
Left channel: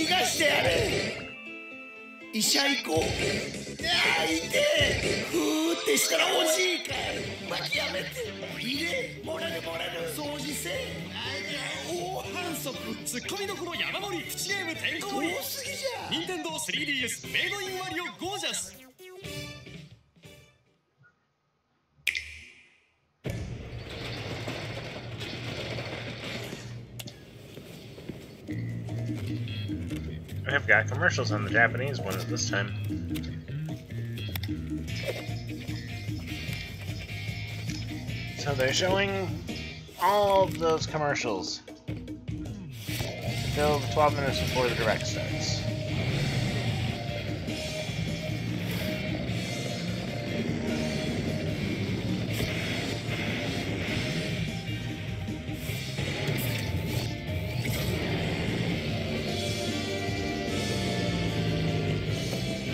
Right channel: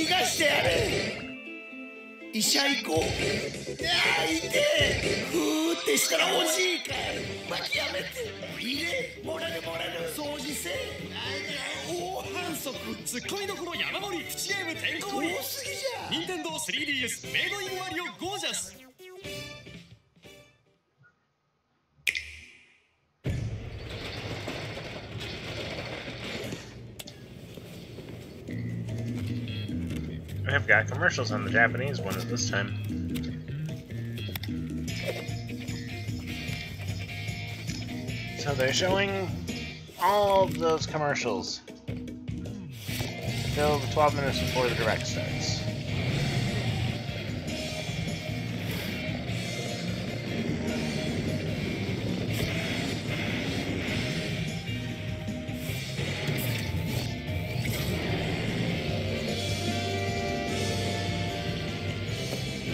逃がしてやれ。医者行こう。いやー、いてふーってしたらおじいかい。巻きやめて。入れ、もらるもらる。掃除せ。大反則。ツッコミどころ山盛りプチゲームてんこ盛り。多すぎじゃ。任天堂 3DS メイドインマリオゴージャス。I've got commercials on the Japanese one at this time. So they're showing all of those commercials till 12 minutes before the direct starts.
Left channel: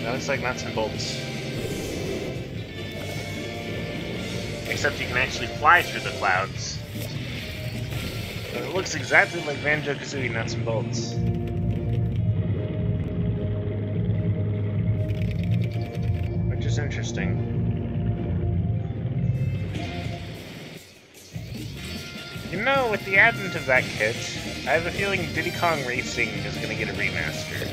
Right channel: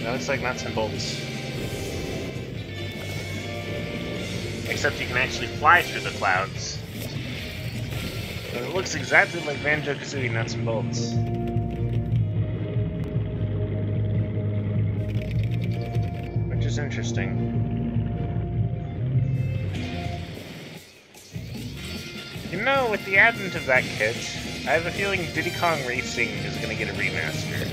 That looks like nuts and bolts. Except you can actually fly through the clouds. But it looks exactly like Banjo-Kazooie Nuts and Bolts. Which is interesting. You know, with the advent of that kit, I have a feeling Diddy Kong Racing is going to get a remaster.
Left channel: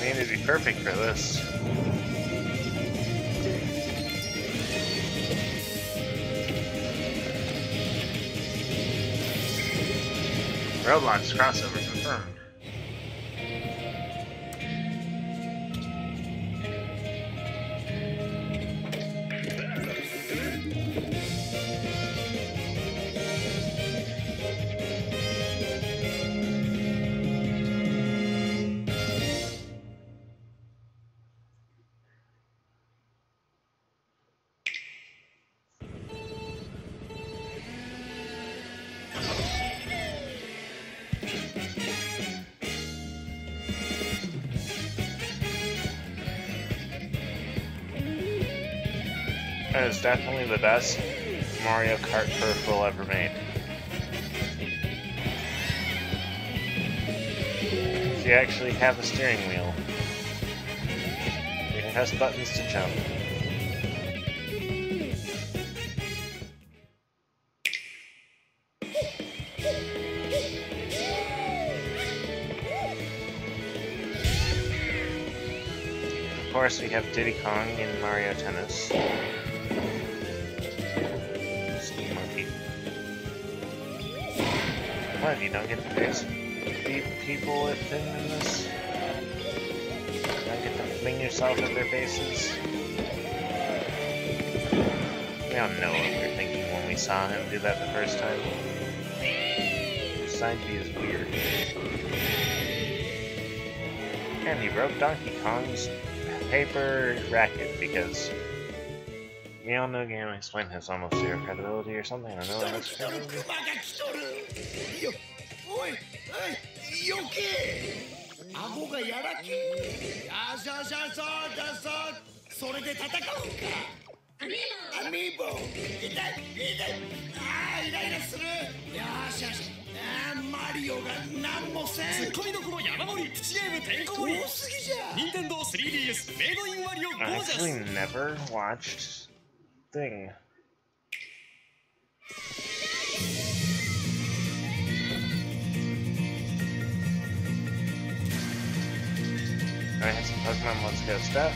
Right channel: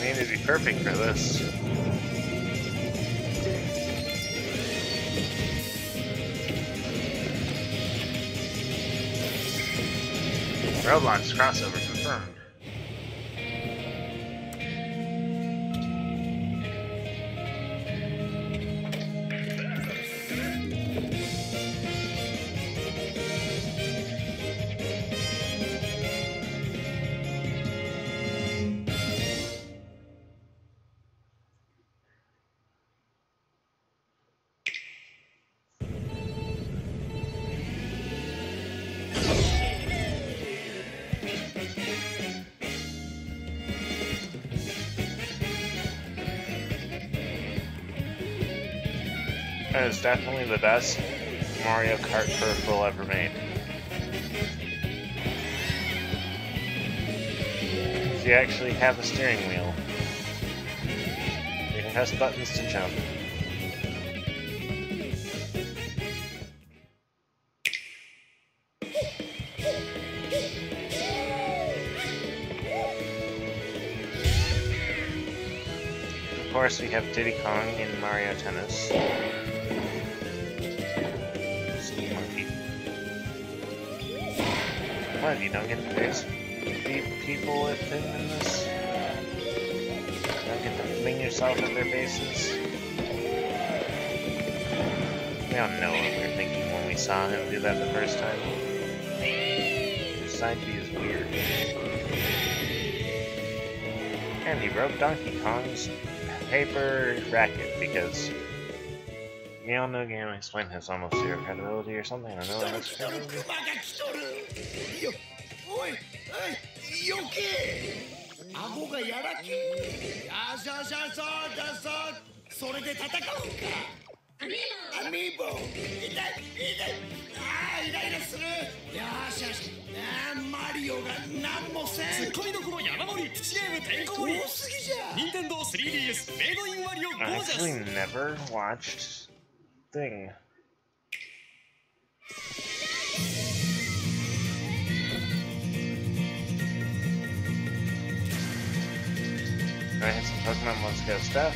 I mean, it'd be perfect for this. Roblox crossover confirmed. That is definitely the best Mario Kart peripheral ever made. You actually have a steering wheel. You can press buttons to jump. Of course, we have Diddy Kong in Mario Tennis. What, you don't get to beat people with him in this? You don't get to fling yourself at their faces? We all know what we were thinking when we saw him do that the first time. His side B is weird. And he broke Donkey Kong's paper racket because we all know Game Explain has almost zero credibility or something. I don't know what's credibility. Amiibo! マリオが何もせん。ツッコミどころ山盛りプチゲームてんこ盛り。多すぎじゃ。任天堂 3DS メイドインマリオゴージャス。 I actually never watched Thing. I had some Pokemon Let's Go stuff.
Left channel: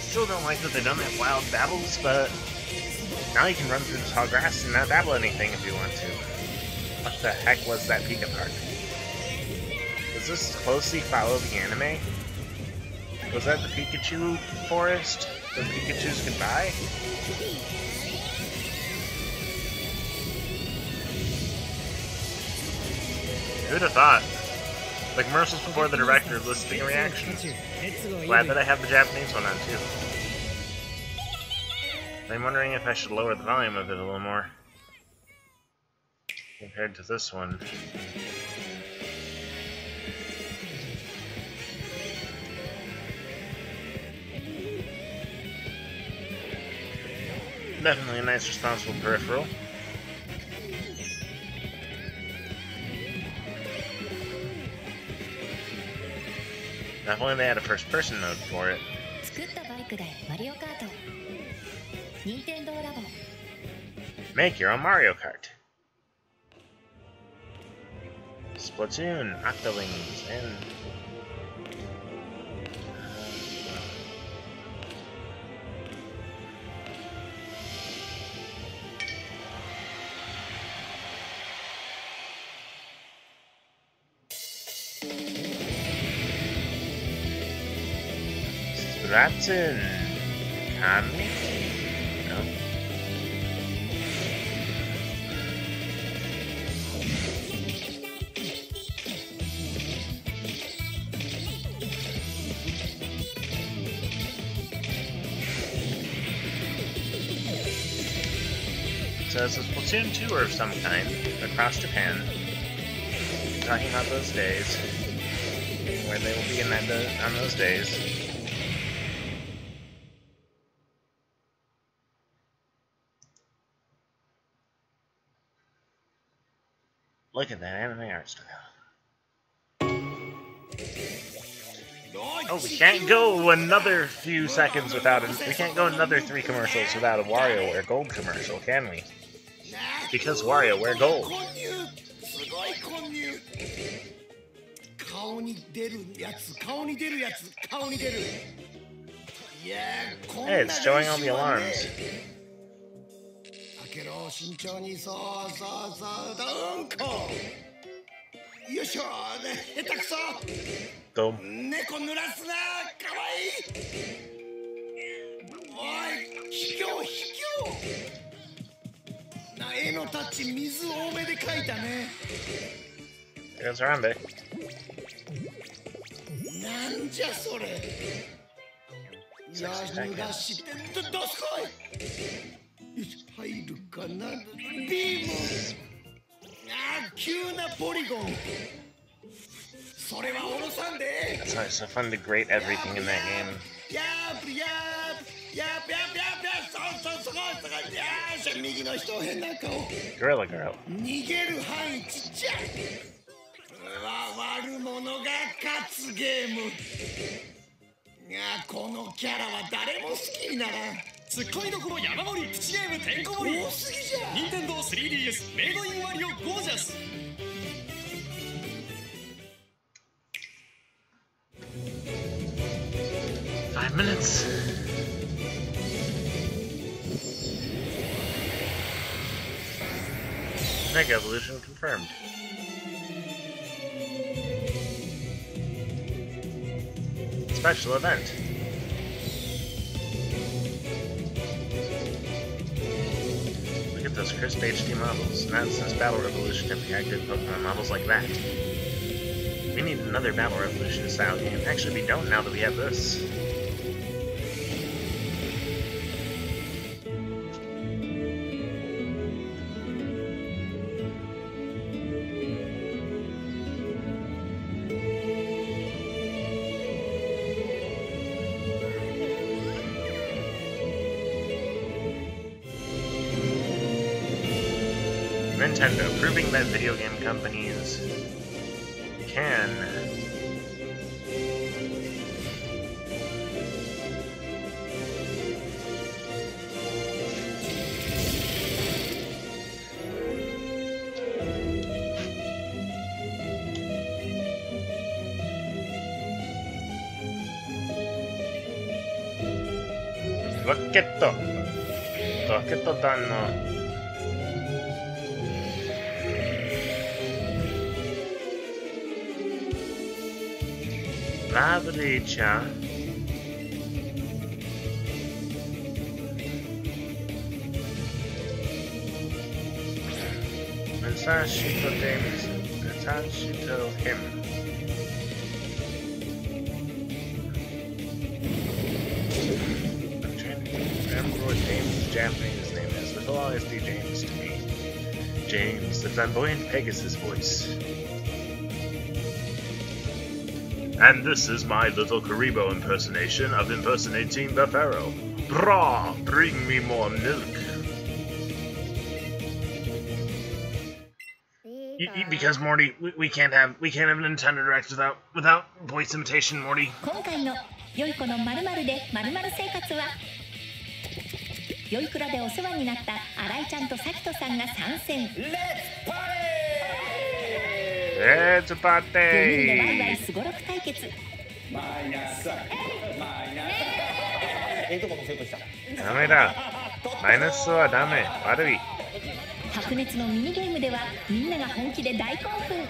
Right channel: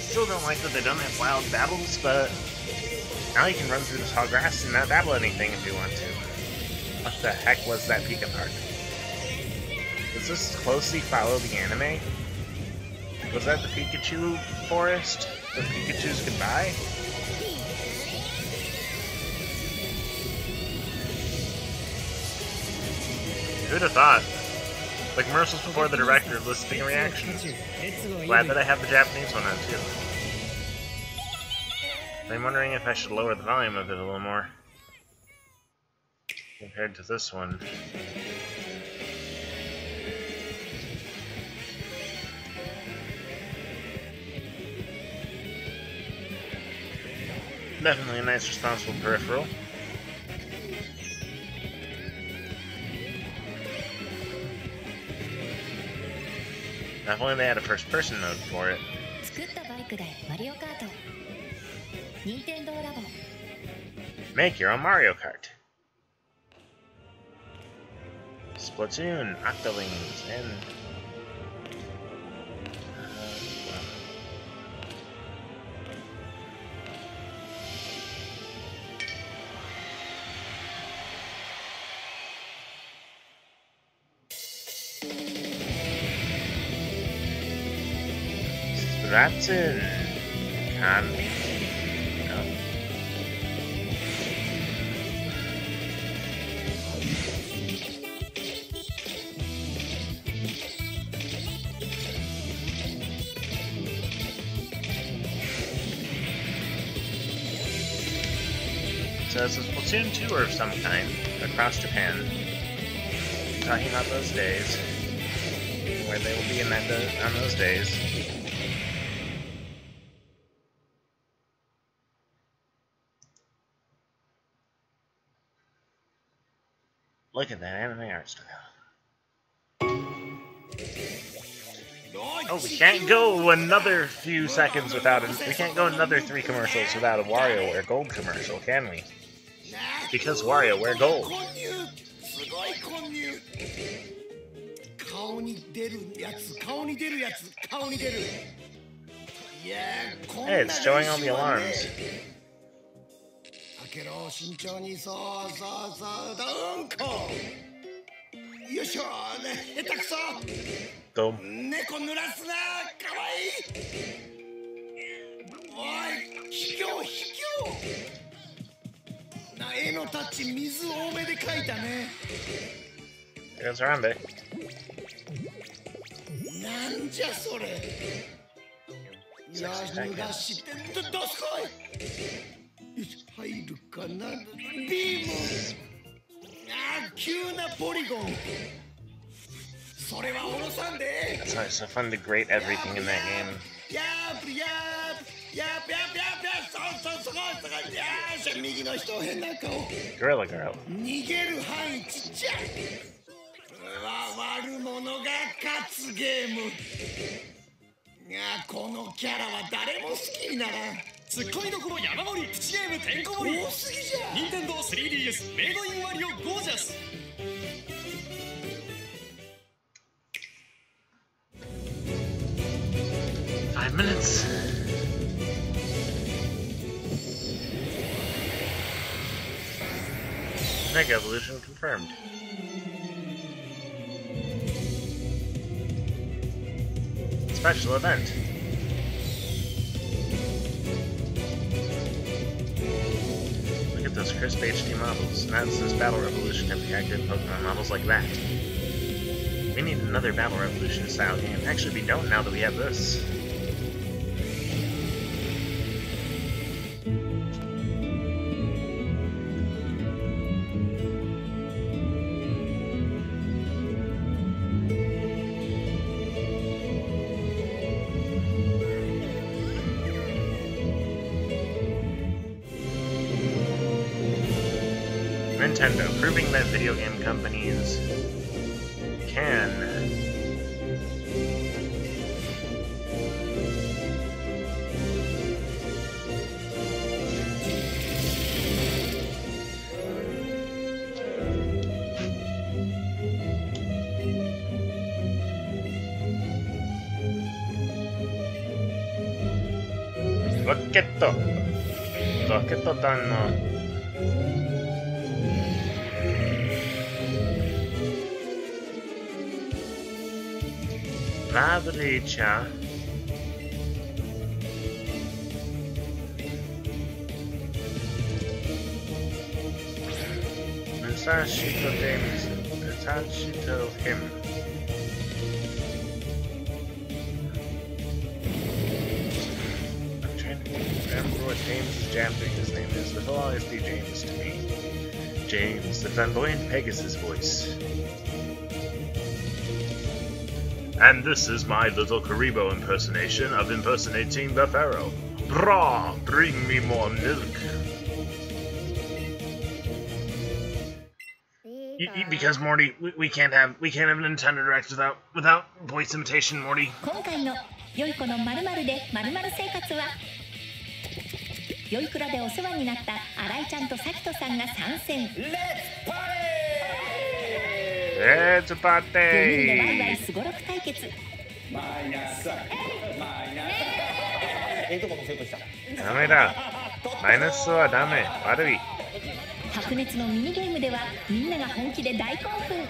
Still don't like that they don't have wild battles, but now you can run through the tall grass and not battle anything if you want to. What the heck was that Pika Park? Does this closely follow the anime? Was that the Pikachu forest? The Pikachu's goodbye? Who'd have thought? The commercials before the director listing reactions. Glad that I have the Japanese one on too. I'm wondering if I should lower the volume of it a little more compared to this one. Definitely a nice, responsible peripheral. Now, if only they had a first-person mode for it. Make your own Mario Kart. Splatoon, Octolings, and... Splatoon. Can we? No. So it's a Splatoon 2 or of some kind across Japan. Talking about those days, where they will be in that on those days. Look at that anime art style. Oh, we can't go another few seconds without it. We can't go another 3 commercials without a WarioWare Gold commercial, can we? Because WarioWare Gold. Hey, it's showing all the alarms. Go. There's Harambe. That's why it's so fun to grate everything in that game. Gorilla Girl. Nintendo 3DS メイドインワリオゴージャス 5 minutes. Mega Evolution confirmed. Special event. Look at those crisp HD models. Not since Battle Revolution have we had good Pokemon models like that. We need another Battle Revolution style game. Actually, we don't now that we have this. Nintendo, proving that video game companies can Rocket danno. Fabbrica Mensashito him. I'm trying to remember what James' Japanese name is, but he'll always be James to me. James, the flamboyant Pegasus voice. And this is my little Karibo impersonation of impersonating the Pharaoh. Brah! Bring me more milk. Because Morty, we can't have Nintendo Direct without voice imitation, Morty. 今回の良い子の〇〇で〇〇生活は良いくらでお世話になった新井ちゃんと咲人さんが参戦。Let's party! 4人でワイワイすごろく対決。ダメだ。マイナスはダメ。悪い。白熱のミニゲームではみんなが本気で大興奮。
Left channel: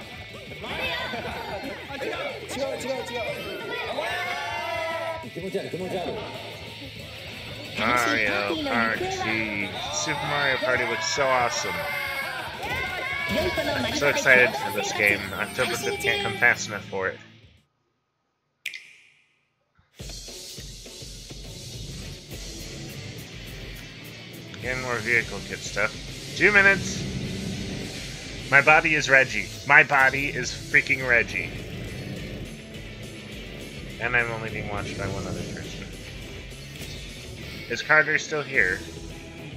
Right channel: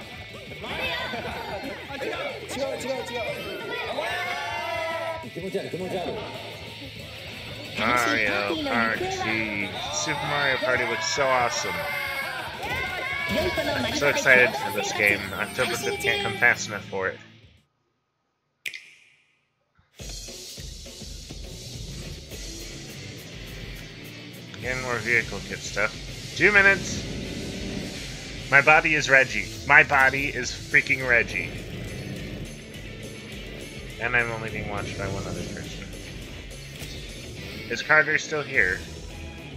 Mario Party. Super Mario Party looks so awesome. I'm so excited for this game. October 5th can't come fast enough for it. Getting more vehicle kit stuff. 2 minutes! My body is Reggie. My body is freaking Reggie. And I'm only being watched by one other person. Is Carter still here?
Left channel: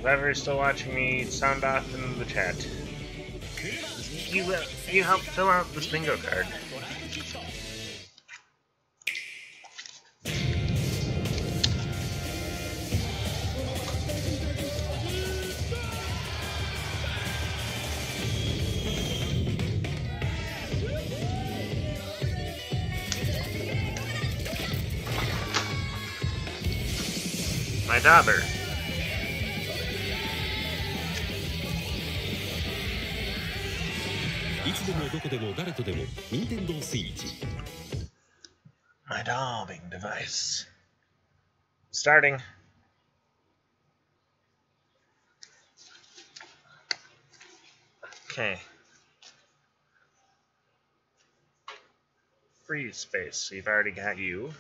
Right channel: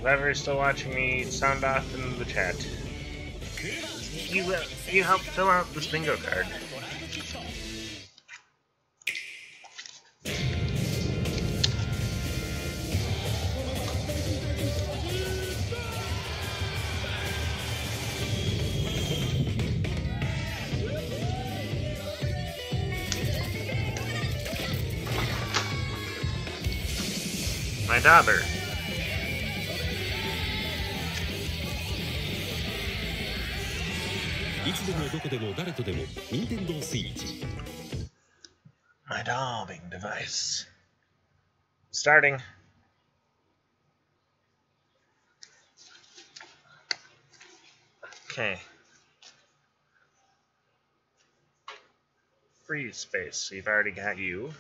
Whoever is still watching me, sound off in the chat. You help fill out this bingo card. My daughter. My daubing device. Starting. Okay. Freeze space. We've already got you.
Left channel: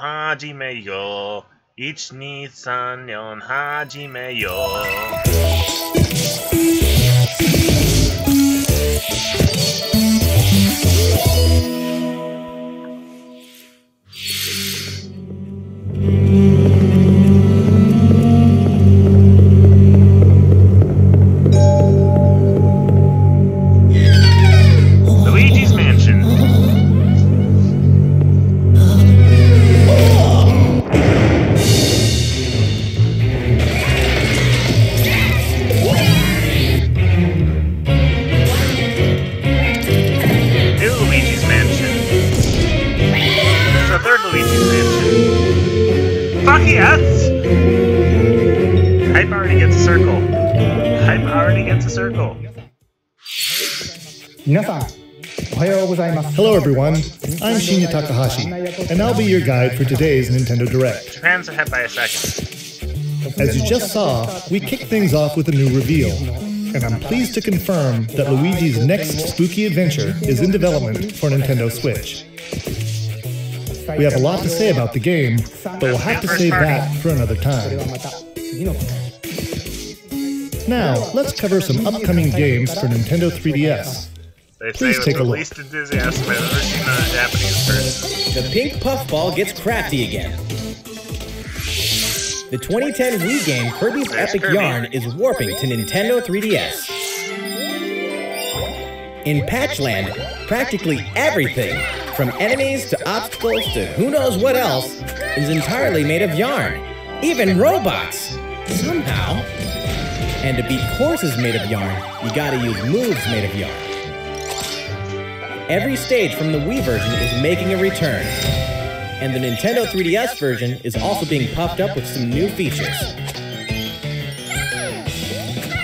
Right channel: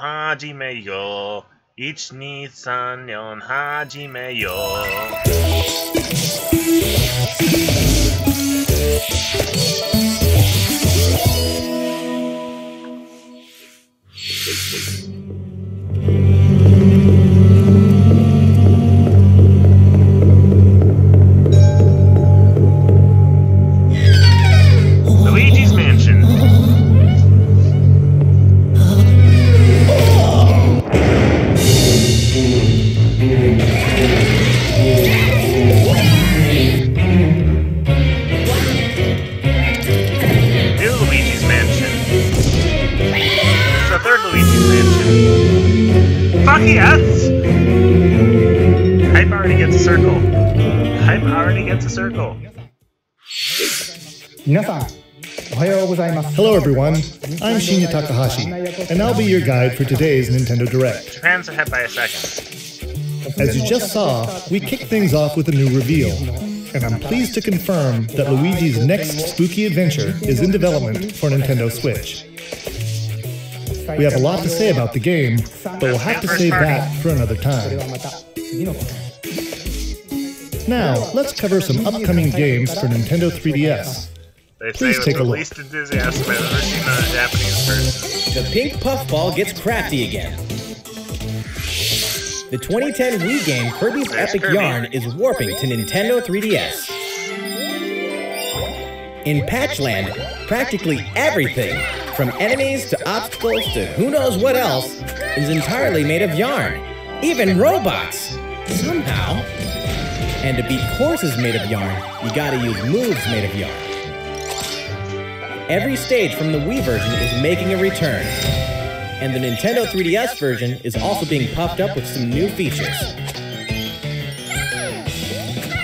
Hajimeyo, Ichi-ni-san-nyon, Hajimeyo. Luigi's Mansion. New Luigi's Mansion. This is the third Luigi's Mansion. Fuck yes! Hype already gets a circle. Hype already gets a circle. Hello everyone, I'm Shinya Takahashi, and I'll be your guide for today's Nintendo Direct. Japan's ahead by a second. As you just saw, we kicked things off with a new reveal, and I'm pleased to confirm that Luigi's next spooky adventure is in development for Nintendo Switch. We have a lot to say about the game, but we'll have to save that for another time. Now, let's cover some upcoming games for Nintendo 3DS. They Please say take with a the look. least enthusiasm I've ever seen a Japanese person. The pink puffball gets crafty again. The 2010 Wii game Kirby's There's Epic Kirby. Yarn is warping to Nintendo 3DS. In Patchland, practically everything, from enemies to obstacles to who knows what else, is entirely made of yarn. Even robots! Somehow. And to beat courses made of yarn, you gotta use moves made of yarn. Every stage from the Wii version is making a return. And the Nintendo 3DS version is also being puffed up with some new features.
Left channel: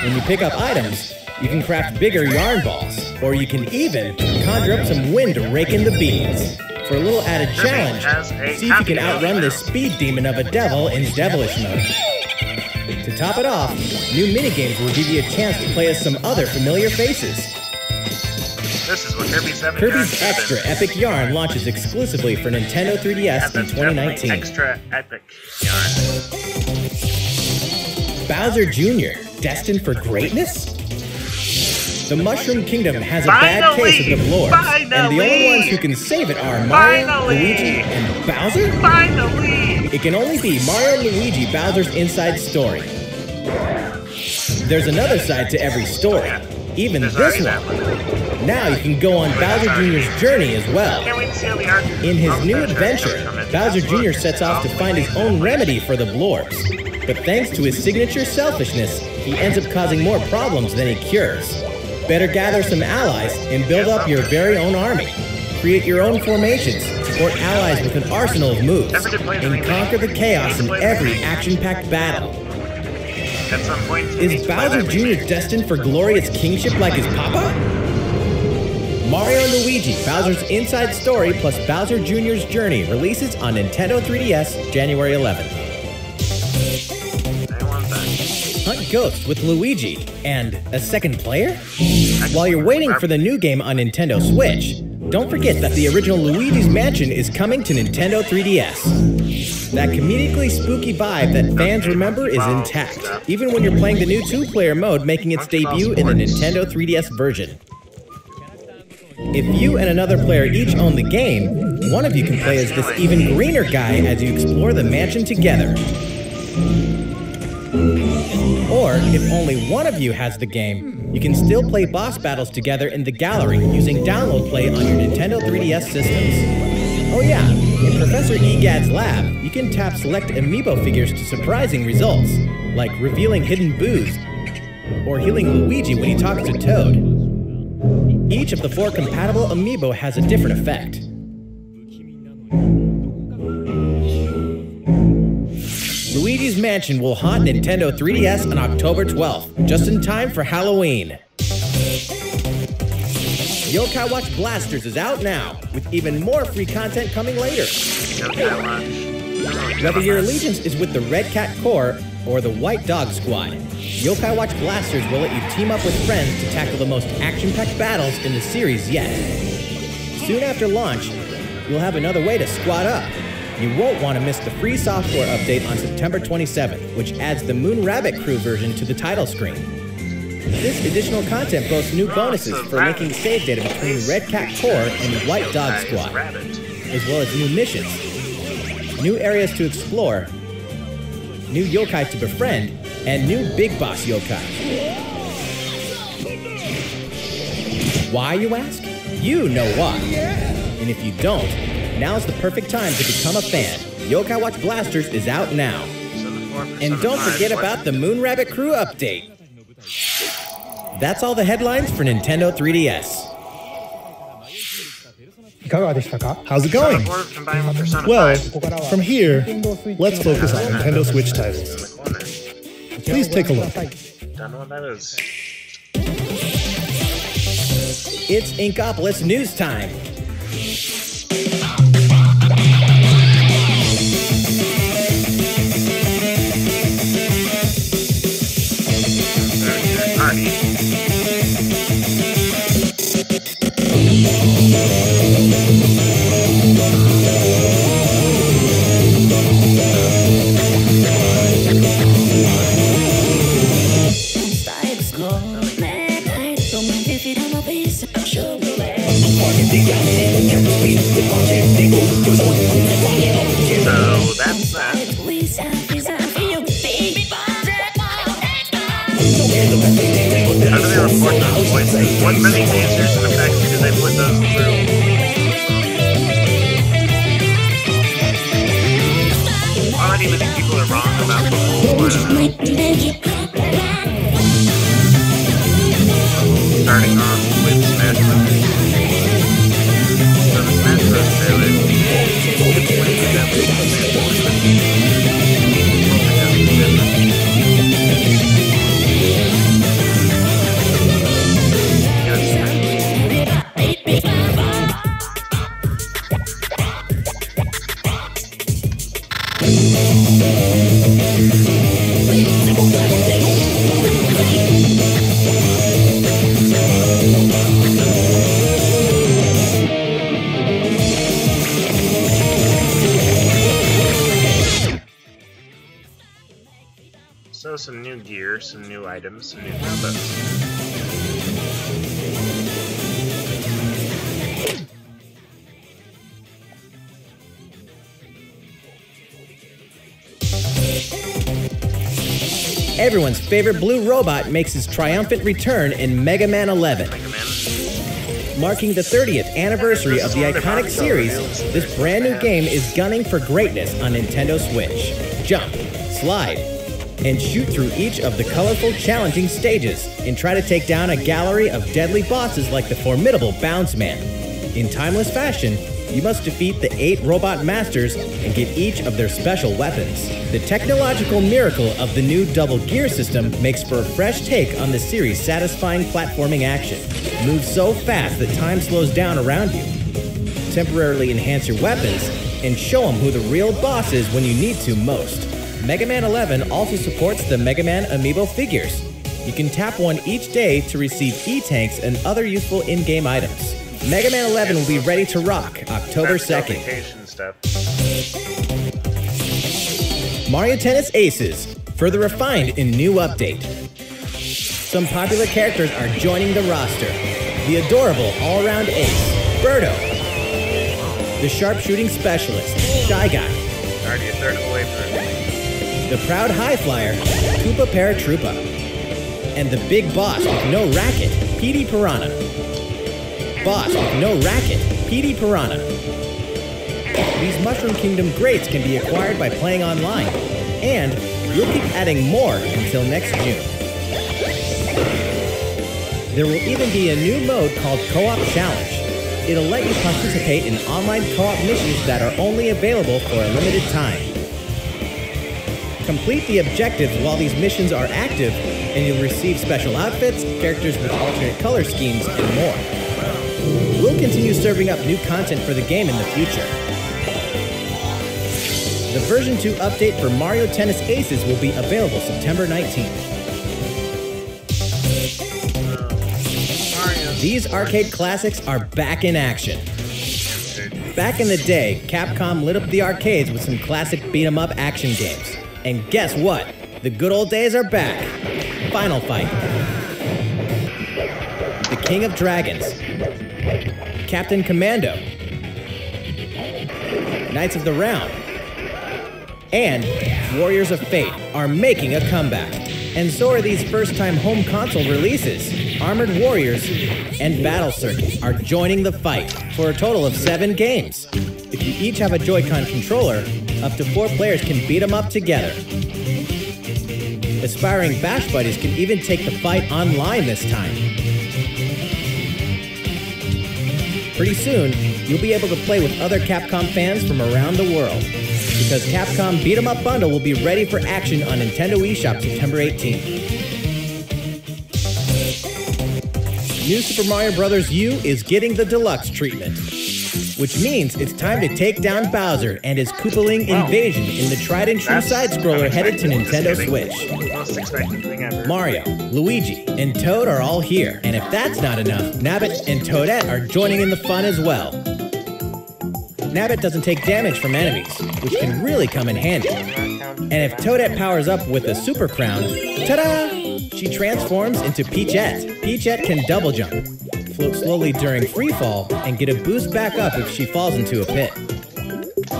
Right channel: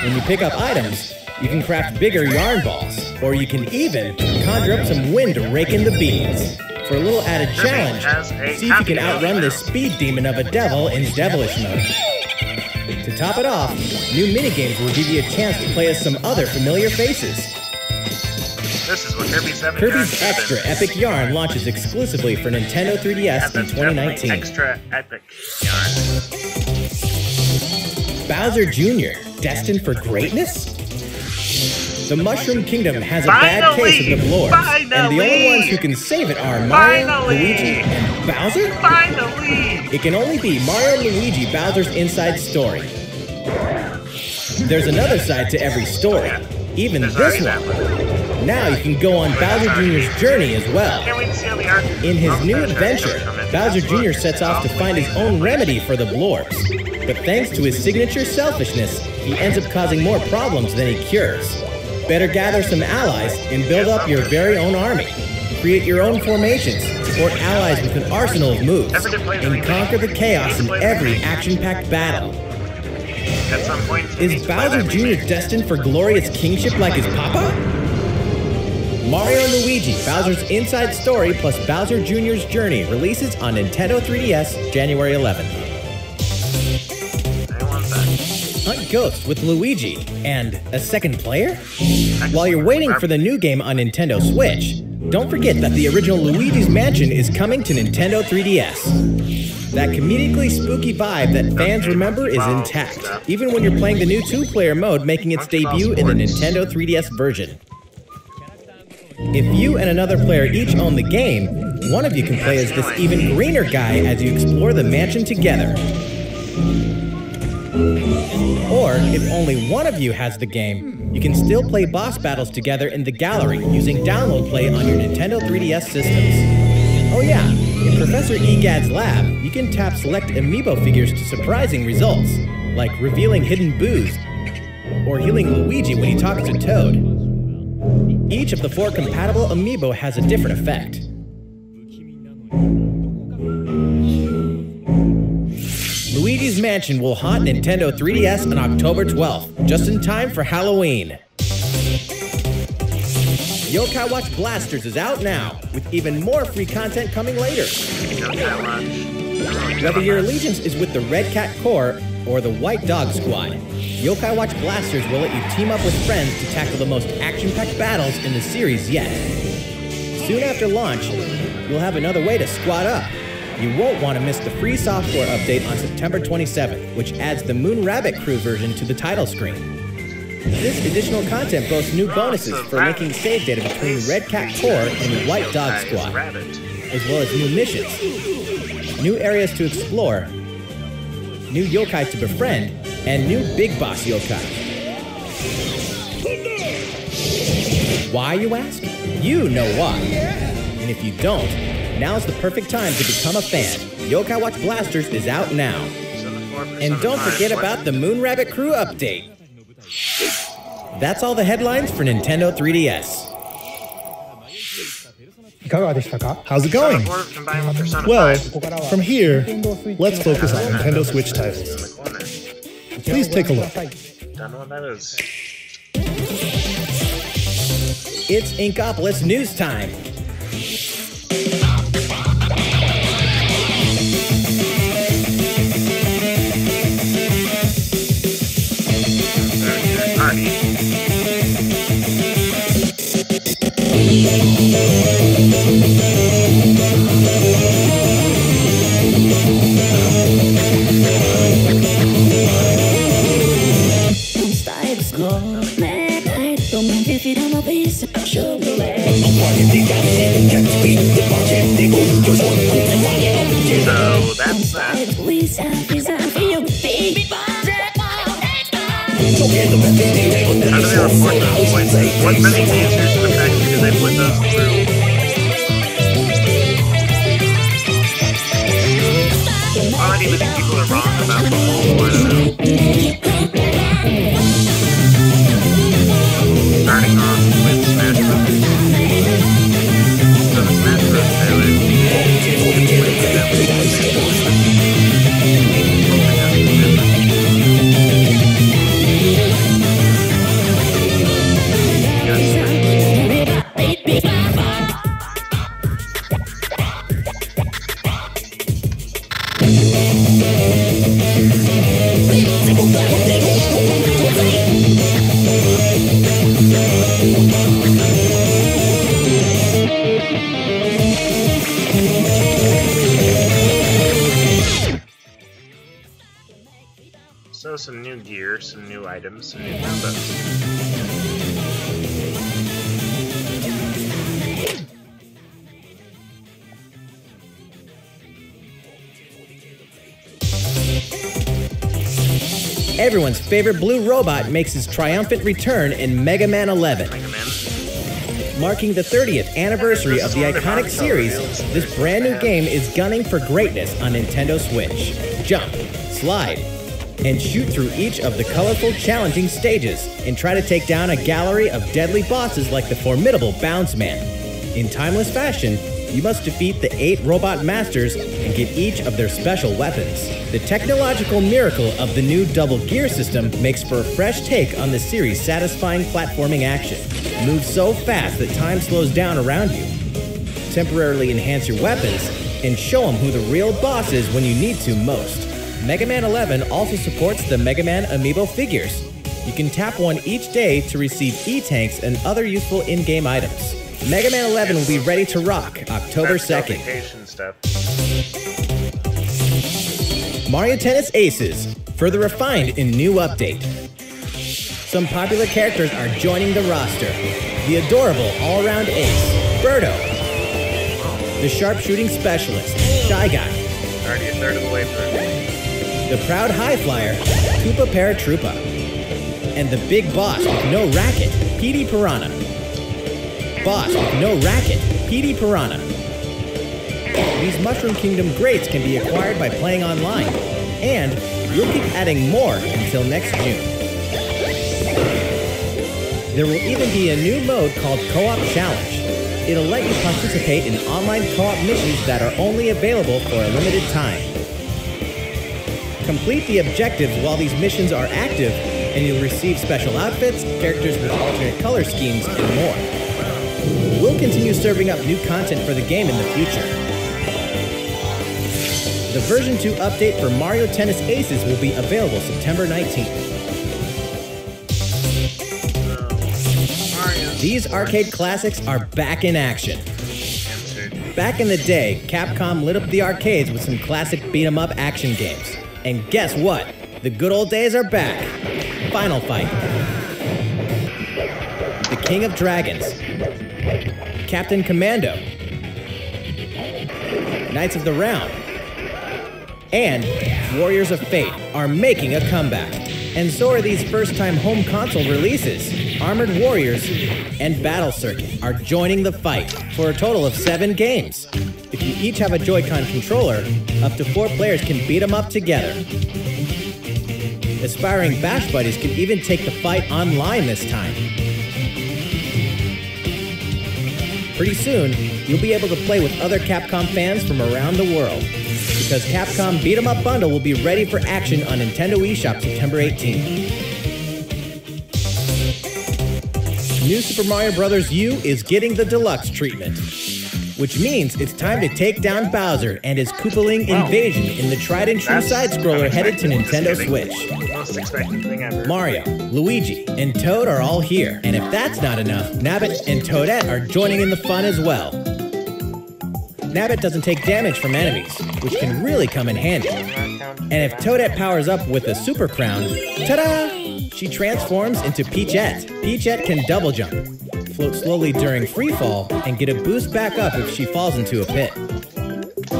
When you pick up items, you can craft bigger yarn balls, or you can even conjure up some wind to rake in the beans. For a little added challenge, has a see if you can happy outrun hour. this speed demon of a devil in devilish mode. To top it off, new minigames will give you a chance to play as some other familiar faces. This is what Kirby's Epic Kirby's Yarn Extra is. Epic Yarn launches exclusively for Nintendo 3DS Yeah, in that's definitely 2019. Extra Epic Yarn. Bowser Jr., destined for greatness? The Mushroom Kingdom has a bad case of the Blorps, and the only ones who can save it are Mario, Finally! Luigi, and Bowser? Finally! It can only be Mario and Luigi Bowser's inside story. There's another side to every story, even There's this already one. that one. Now you can go on Bowser Jr.'s journey as well. Can't wait to see how the arc In his of new Bowser adventure, comes from it. Bowser Jr. Absolutely. sets off to find his own remedy for the Blorps. But thanks to his signature selfishness, he ends up causing more problems than he cures. Better gather some allies and build up your very own army. Create your own formations, support allies with an arsenal of moves, and conquer the chaos in every action-packed battle. At some point, you need Is to play Bowser that Jr. remake. destined for glorious kingship like his papa? Mario and Luigi, Bowser's Inside Story plus Bowser Jr.'s Journey releases on Nintendo 3DS January 11th. I want that. Hunt Ghosts with Luigi and a second player? While you're waiting for the new game on Nintendo Switch, don't forget that the original Luigi's Mansion is coming to Nintendo 3DS. That comedically spooky vibe that fans remember is intact, even when you're playing the new two-player mode making its debut in the Nintendo 3DS version. If you and another player each own the game, one of you can play as this even greener guy as you explore the mansion together. Or, if only one of you has the game, you can still play boss battles together in the gallery using Download Play on your Nintendo 3DS systems. Oh yeah, in Professor Egad's lab, you can tap select amiibo figures to surprising results, like revealing hidden boos, or healing Luigi when he talks to Toad. Each of the 4 compatible amiibo has a different effect. Luigi's Mansion will haunt Nintendo 3DS on October 12th, just in time for Halloween. Yokai Watch Blasters is out now, with even more free content coming later. Yokai Watch. Whether your allegiance is with the Red Cat Corps or the White Dog Squad, Yokai Watch Blasters will let you team up with friends to tackle the most action-packed battles in the series yet. Soon after launch, you'll have another way to squad up. You won't want to miss the free software update on September 27th, which adds the Moon Rabbit Crew version to the title screen. This additional content boasts new bonuses for linking save data between Red Cat Corps and White Dog Squad, as well as new missions, new areas to explore, new yokai to befriend, and new Big Boss yokai. Why, you ask? You know why. And if you don't, now's the perfect time to become a fan. Yokai Watch Blasters is out now. And don't forget about the Moon Rabbit Crew update. That's all the headlines for Nintendo 3DS. How's it going? Well, from here, let's focus on Nintendo Switch titles. Please take a look. Don't know what that is. It's Inkopolis News Time. So that's that. How do they report those voices? What many tasers and effects do they put those through? Well, I don't even think people are wrong about the whole, I don't know. The whole starting off with Smash Bros. So the Smash Bros. Trailer gives way that we can Smash Bros. Hoping that's different. So some new gear, some new items, some new ground-ups. Everyone's favorite blue robot makes his triumphant return in Mega Man 11. Mega Man. Marking the 30th anniversary of the iconic series, this brand new game is gunning for greatness on Nintendo Switch. Jump, slide, and shoot through each of the colorful, challenging stages, and try to take down a gallery of deadly bosses like the formidable Bounce Man. In timeless fashion, you must defeat the 8 robot masters and get each of their special weapons. The technological miracle of the new Double Gear system makes for a fresh take on the series' satisfying platforming action. Move so fast that time slows down around you. Temporarily enhance your weapons, and show them who the real boss is when you need to most. Mega Man 11 also supports the Mega Man Amiibo figures. You can tap one each day to receive E-Tanks and other useful in-game items. Mega Man 11 will be ready to rock October 2nd. Stuff. Mario Tennis Aces, further refined in new update. Some popular characters are joining the roster. The adorable all-around ace, Birdo. The sharpshooting specialist, Shy Guy. Already a third of the way through. The proud high flyer, Koopa Paratroopa. And the big boss with no racket, Petey Piranha. Boss with no racket, Petey Piranha. These Mushroom Kingdom greats can be acquired by playing online, and we'll keep adding more until next June. There will even be a new mode called Co-op Challenge. It'll let you participate in online co-op missions that are only available for a limited time. Complete the objectives while these missions are active, and you'll receive special outfits, characters with alternate color schemes, and more. We'll continue serving up new content for the game in the future. The version 2 update for Mario Tennis Aces will be available September 19th. These arcade classics are back in action. Back in the day, Capcom lit up the arcades with some classic beat-em-up action games. And guess what? The good old days are back. Final Fight, The King of Dragons, Captain Commando, Knights of the Round, and Warriors of Fate are making a comeback. And so are these first-time home console releases. Armored Warriors and Battle Circuit are joining the fight for a total of 7 games. If you each have a Joy-Con controller, up to 4 players can beat them up together. Aspiring Bash Buddies can even take the fight online this time. Pretty soon, you'll be able to play with other Capcom fans from around the world, because Capcom Beat 'em Up Bundle will be ready for action on Nintendo eShop September 18th. New Super Mario Bros. U is getting the deluxe treatment, which means it's time to take down Bowser and his Koopaling invasion in the tried-and-true side-scroller headed to Nintendo Switch. Most expected thing ever. Mario, Luigi, and Toad are all here, and if that's not enough, Nabbit and Toadette are joining in the fun as well. Nabbit doesn't take damage from enemies, which can really come in handy. And if Toadette powers up with a Super Crown, ta-da! She transforms into Peachette. Peachette can double jump, float slowly during free fall, and get a boost back up if she falls into a pit.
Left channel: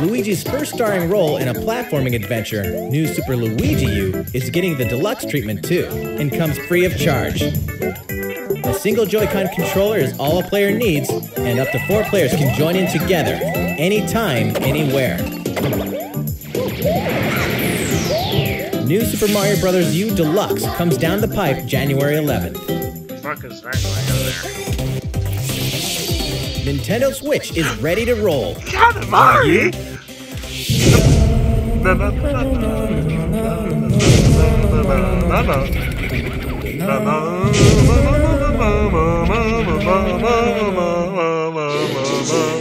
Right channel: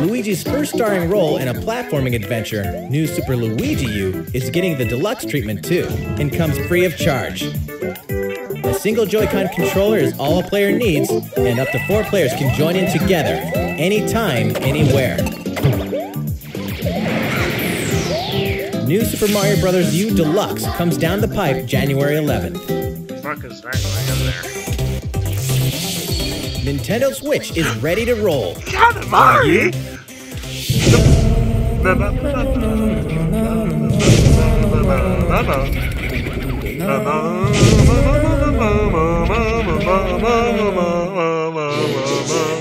Luigi's first starring role in a platforming adventure, New Super Luigi U, is getting the deluxe treatment too, and comes free of charge. A single Joy-Con controller is all a player needs, and up to 4 players can join in together, anytime, anywhere. New Super Mario Bros. U Deluxe comes down the pipe January 11th. What the fuck is that going on there? Nintendo Switch is ready to roll. Katamari!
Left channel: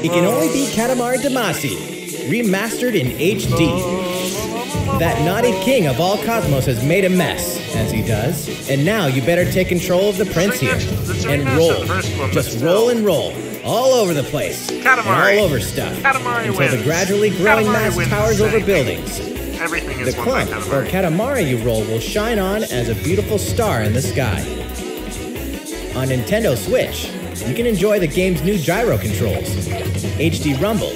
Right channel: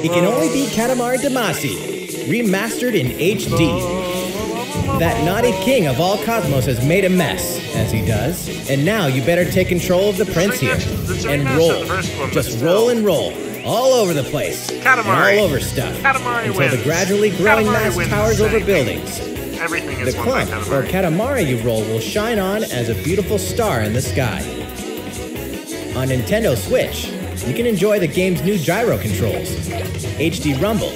It can only be Katamari Damacy, remastered in HD. That naughty king of all cosmos has made a mess, as he does, and now you better take control of the prince here, and roll. Just roll and roll, all over the place, and all over stuff, until the gradually growing mass towers over buildings, Everything The is won by clump or Katamari. Katamari you roll will shine on as a beautiful star in the sky. On Nintendo Switch, you can enjoy the game's new gyro controls, HD Rumble,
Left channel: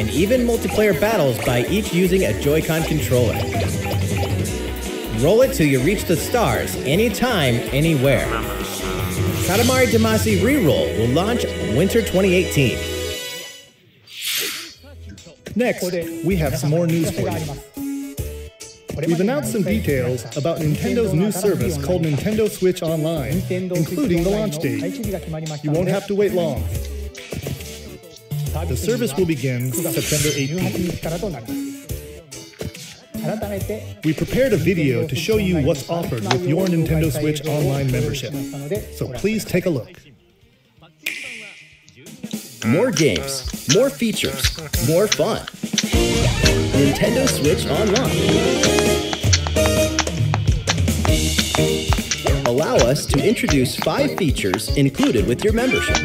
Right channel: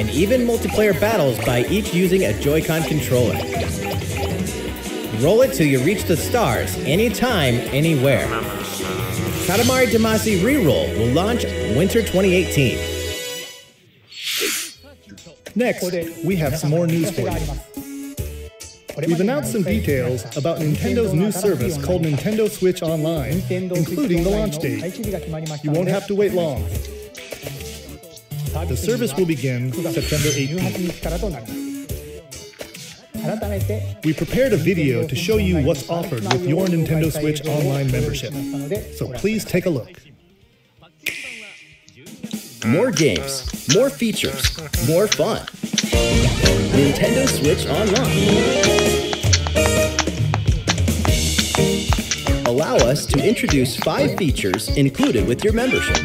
and even multiplayer battles by each using a Joy-Con controller. Roll it till you reach the stars, anytime, anywhere. Katamari Damacy Reroll will launch winter 2018. Next, we have some more news for you. We've announced some details about Nintendo's new service called Nintendo Switch Online, including the launch date. You won't have to wait long. The service will begin September 18th. We prepared a video to show you what's offered with your Nintendo Switch Online membership, so please take a look. More games, more features, more fun. Nintendo Switch Online. Allow us to introduce 5 features included with your membership.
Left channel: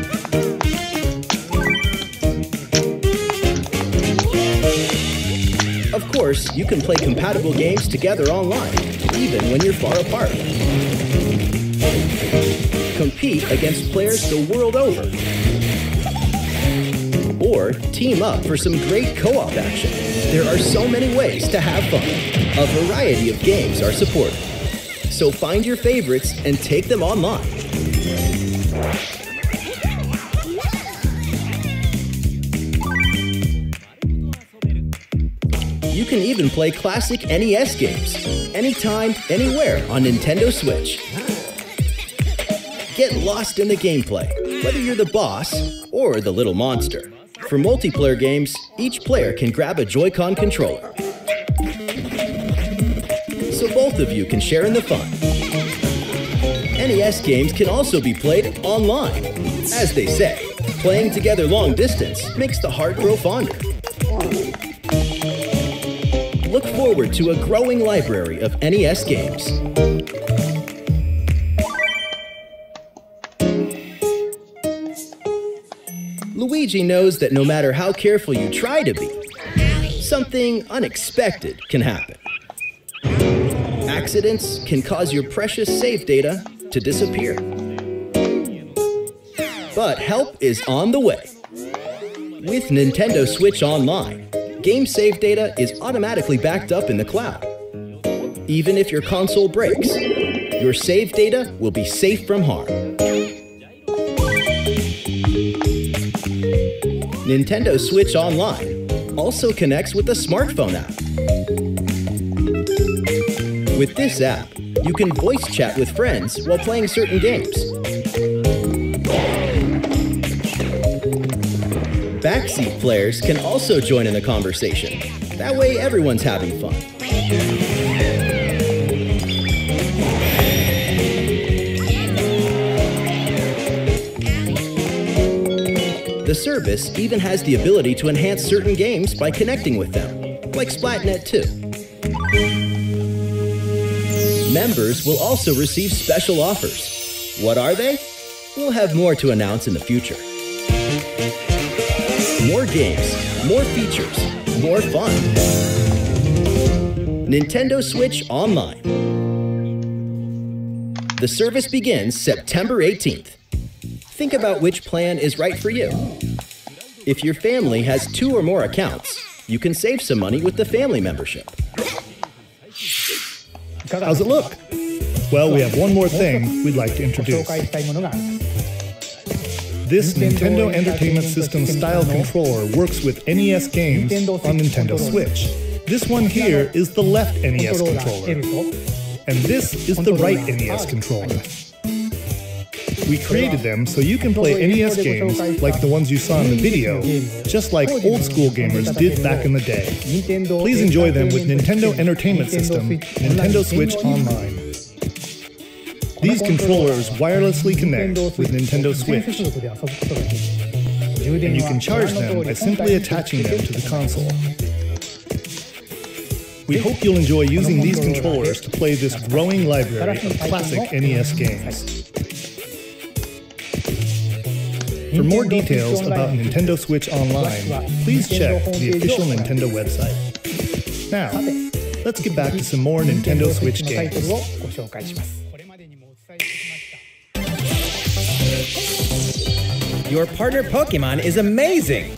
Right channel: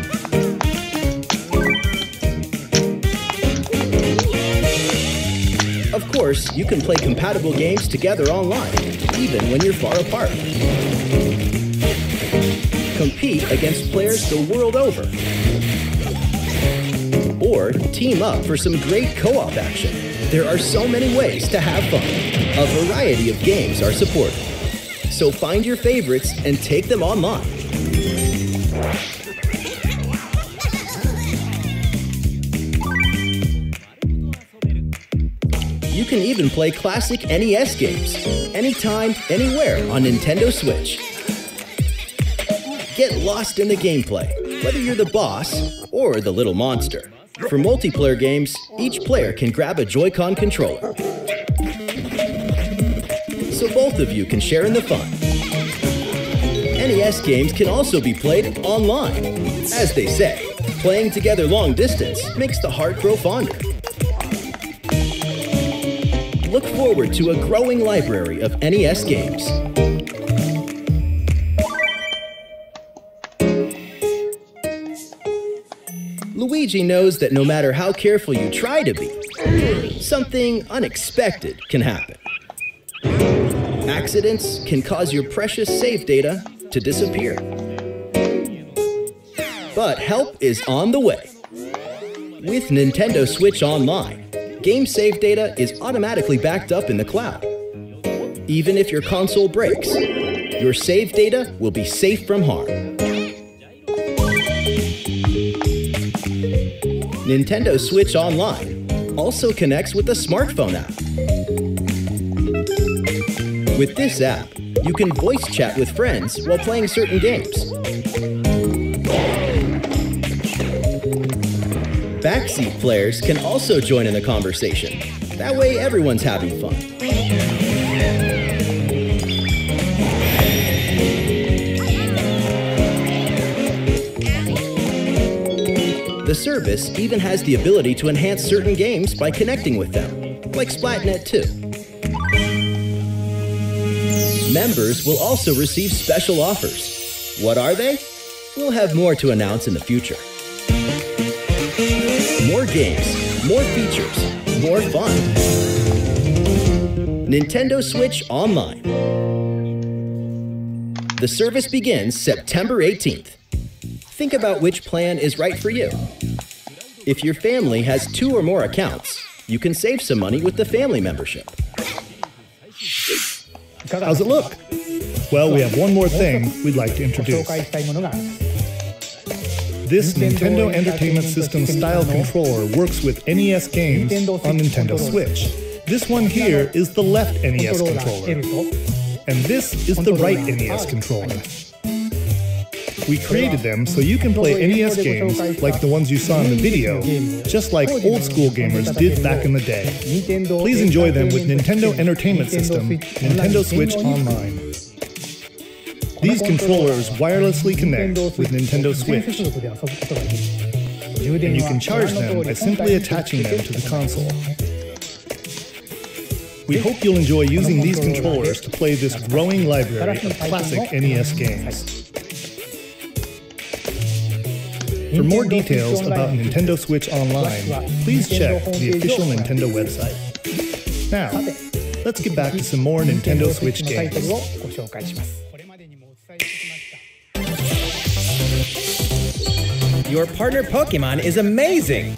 Of course, you can play compatible games together online, even when you're far apart. Compete against players the world over. Or team up for some great co-op action. There are so many ways to have fun. A variety of games are supported. So find your favorites and take them online. You can even play classic NES games, anytime, anywhere on Nintendo Switch. Get lost in the gameplay, whether you're the boss or the little monster. For multiplayer games, each player can grab a Joy-Con controller. So both of you can share in the fun. NES games can also be played online. As they say, playing together long distance makes the heart grow fonder. Look forward to a growing library of NES games. Luigi knows that no matter how careful you try to be, something unexpected can happen. Accidents can cause your precious save data to disappear. But help is on the way. With Nintendo Switch Online, game save data is automatically backed up in the cloud. Even if your console breaks, your save data will be safe from harm. Nintendo Switch Online also connects with the smartphone app. With this app, you can voice chat with friends while playing certain games. Backseat players can also join in the conversation. That way everyone's having fun. The service even has the ability to enhance certain games by connecting with them, like Splatnet 2. Members will also receive special offers. What are they? We'll have more to announce in the future. More games, more features, more fun. Nintendo Switch Online. The service begins September 18th. Think about which plan is right for you. If your family has 2 or more accounts, you can save some money with the family membership. How's it look? Well, we have one more thing we'd like to introduce. This Nintendo Entertainment System style controller works with NES games on Nintendo Switch. This one here is the left NES controller, and this is the right NES controller. We created them so you can play NES games like the ones you saw in the video, just like old school gamers did back in the day. Please enjoy them with Nintendo Entertainment System, Nintendo Switch Online. These controllers wirelessly connect with Nintendo Switch, and you can charge them by simply attaching them to the console. We hope you'll enjoy using these controllers to play this growing library of classic NES games. For more details about Nintendo Switch Online, please check the official Nintendo website. Now, let's get back to some more Nintendo Switch タイト games. ルをご紹介します。これまでにもお伝えしてきました。 Your partner Pokemon is amazing!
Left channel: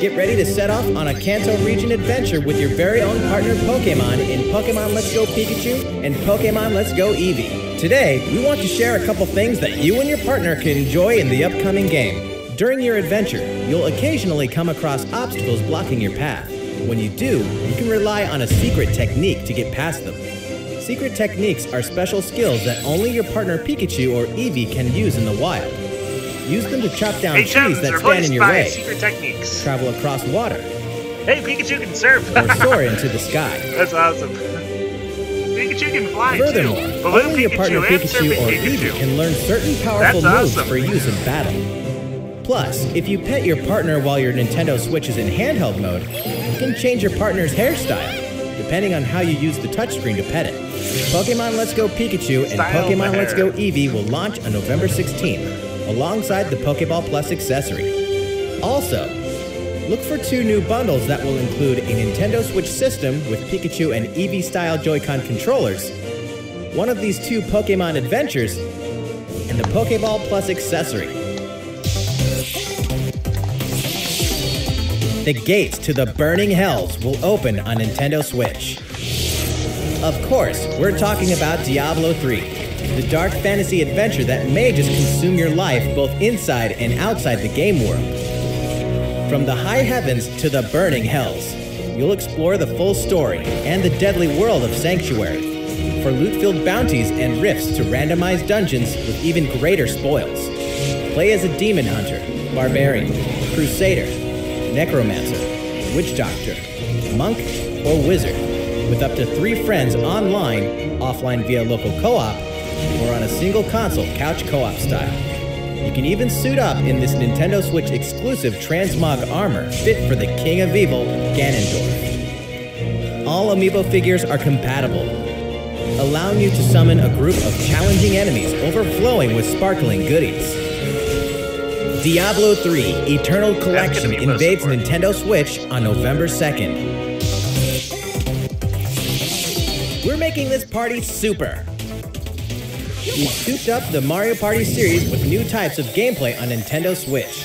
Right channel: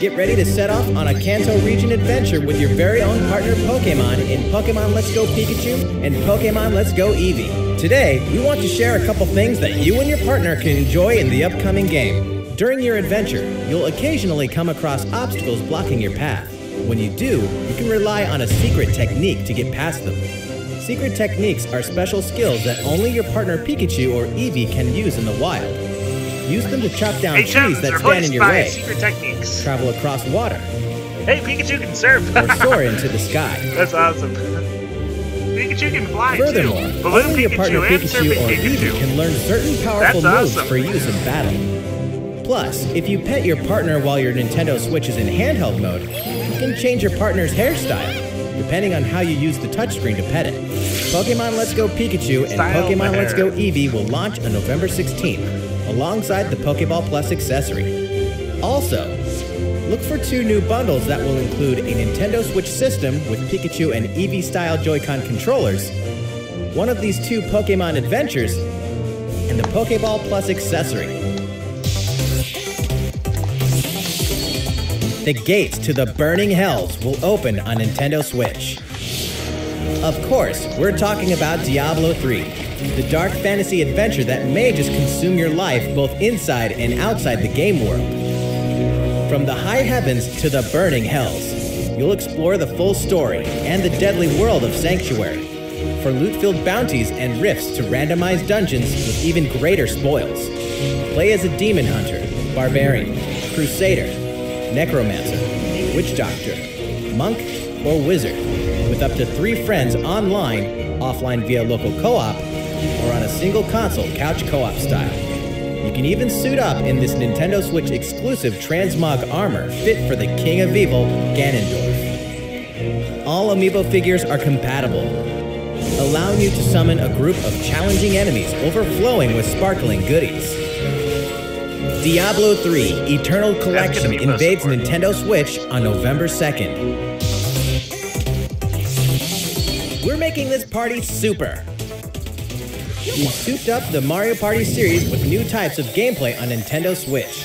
Get ready to set off on a Kanto region adventure with your very own partner Pokemon in Pokemon Let's Go Pikachu and Pokemon Let's Go Eevee. Today, we want to share a couple things that you and your partner can enjoy in the upcoming game. During your adventure, you'll occasionally come across obstacles blocking your path. When you do, you can rely on a secret technique to get past them. Secret techniques are special skills that only your partner Pikachu or Eevee can use in the wild. Use them to chop down trees that stand in your way, secret techniques. travel across water, Hey, Pikachu can surf. or soar into the sky. That's awesome. Pikachu can fly Furthermore, too. Balloon only your partner and Pikachu surfing or Pikachu. Eevee can learn certain powerful That's moves awesome. for use in battle. Plus, if you pet your partner while your Nintendo Switch is in handheld mode, you can change your partner's hairstyle, depending on how you use the touchscreen to pet it. Pokemon Let's Go Pikachu and Style Pokemon the Let's hair. Go Eevee will launch on November 16th, alongside the Pokeball Plus accessory. Also, look for 2 new bundles that will include a Nintendo Switch system with Pikachu and Eevee-style Joy-Con controllers, one of these 2 Pokemon adventures, and the Pokeball Plus accessory. The gates to the burning hells will open on Nintendo Switch. Of course, we're talking about Diablo 3, the dark fantasy adventure that may just consume your life both inside and outside the game world. From the high heavens to the burning hells, you'll explore the full story and the deadly world of Sanctuary, for loot-filled bounties and rifts to randomized dungeons with even greater spoils. Play as a demon hunter, barbarian, crusader, necromancer, witch doctor, monk, or wizard, with up to 3 friends online, offline via local co-op, or on a single console couch co-op style. You can even suit up in this Nintendo Switch exclusive transmog armor fit for the King of Evil, Ganondorf. All amiibo figures are compatible, allowing you to summon a group of challenging enemies overflowing with sparkling goodies. Diablo 3 Eternal Collection amiibo invades support. Nintendo Switch on November 2nd. We're making this party super. We've souped up the Mario Party series with new types of gameplay on Nintendo Switch.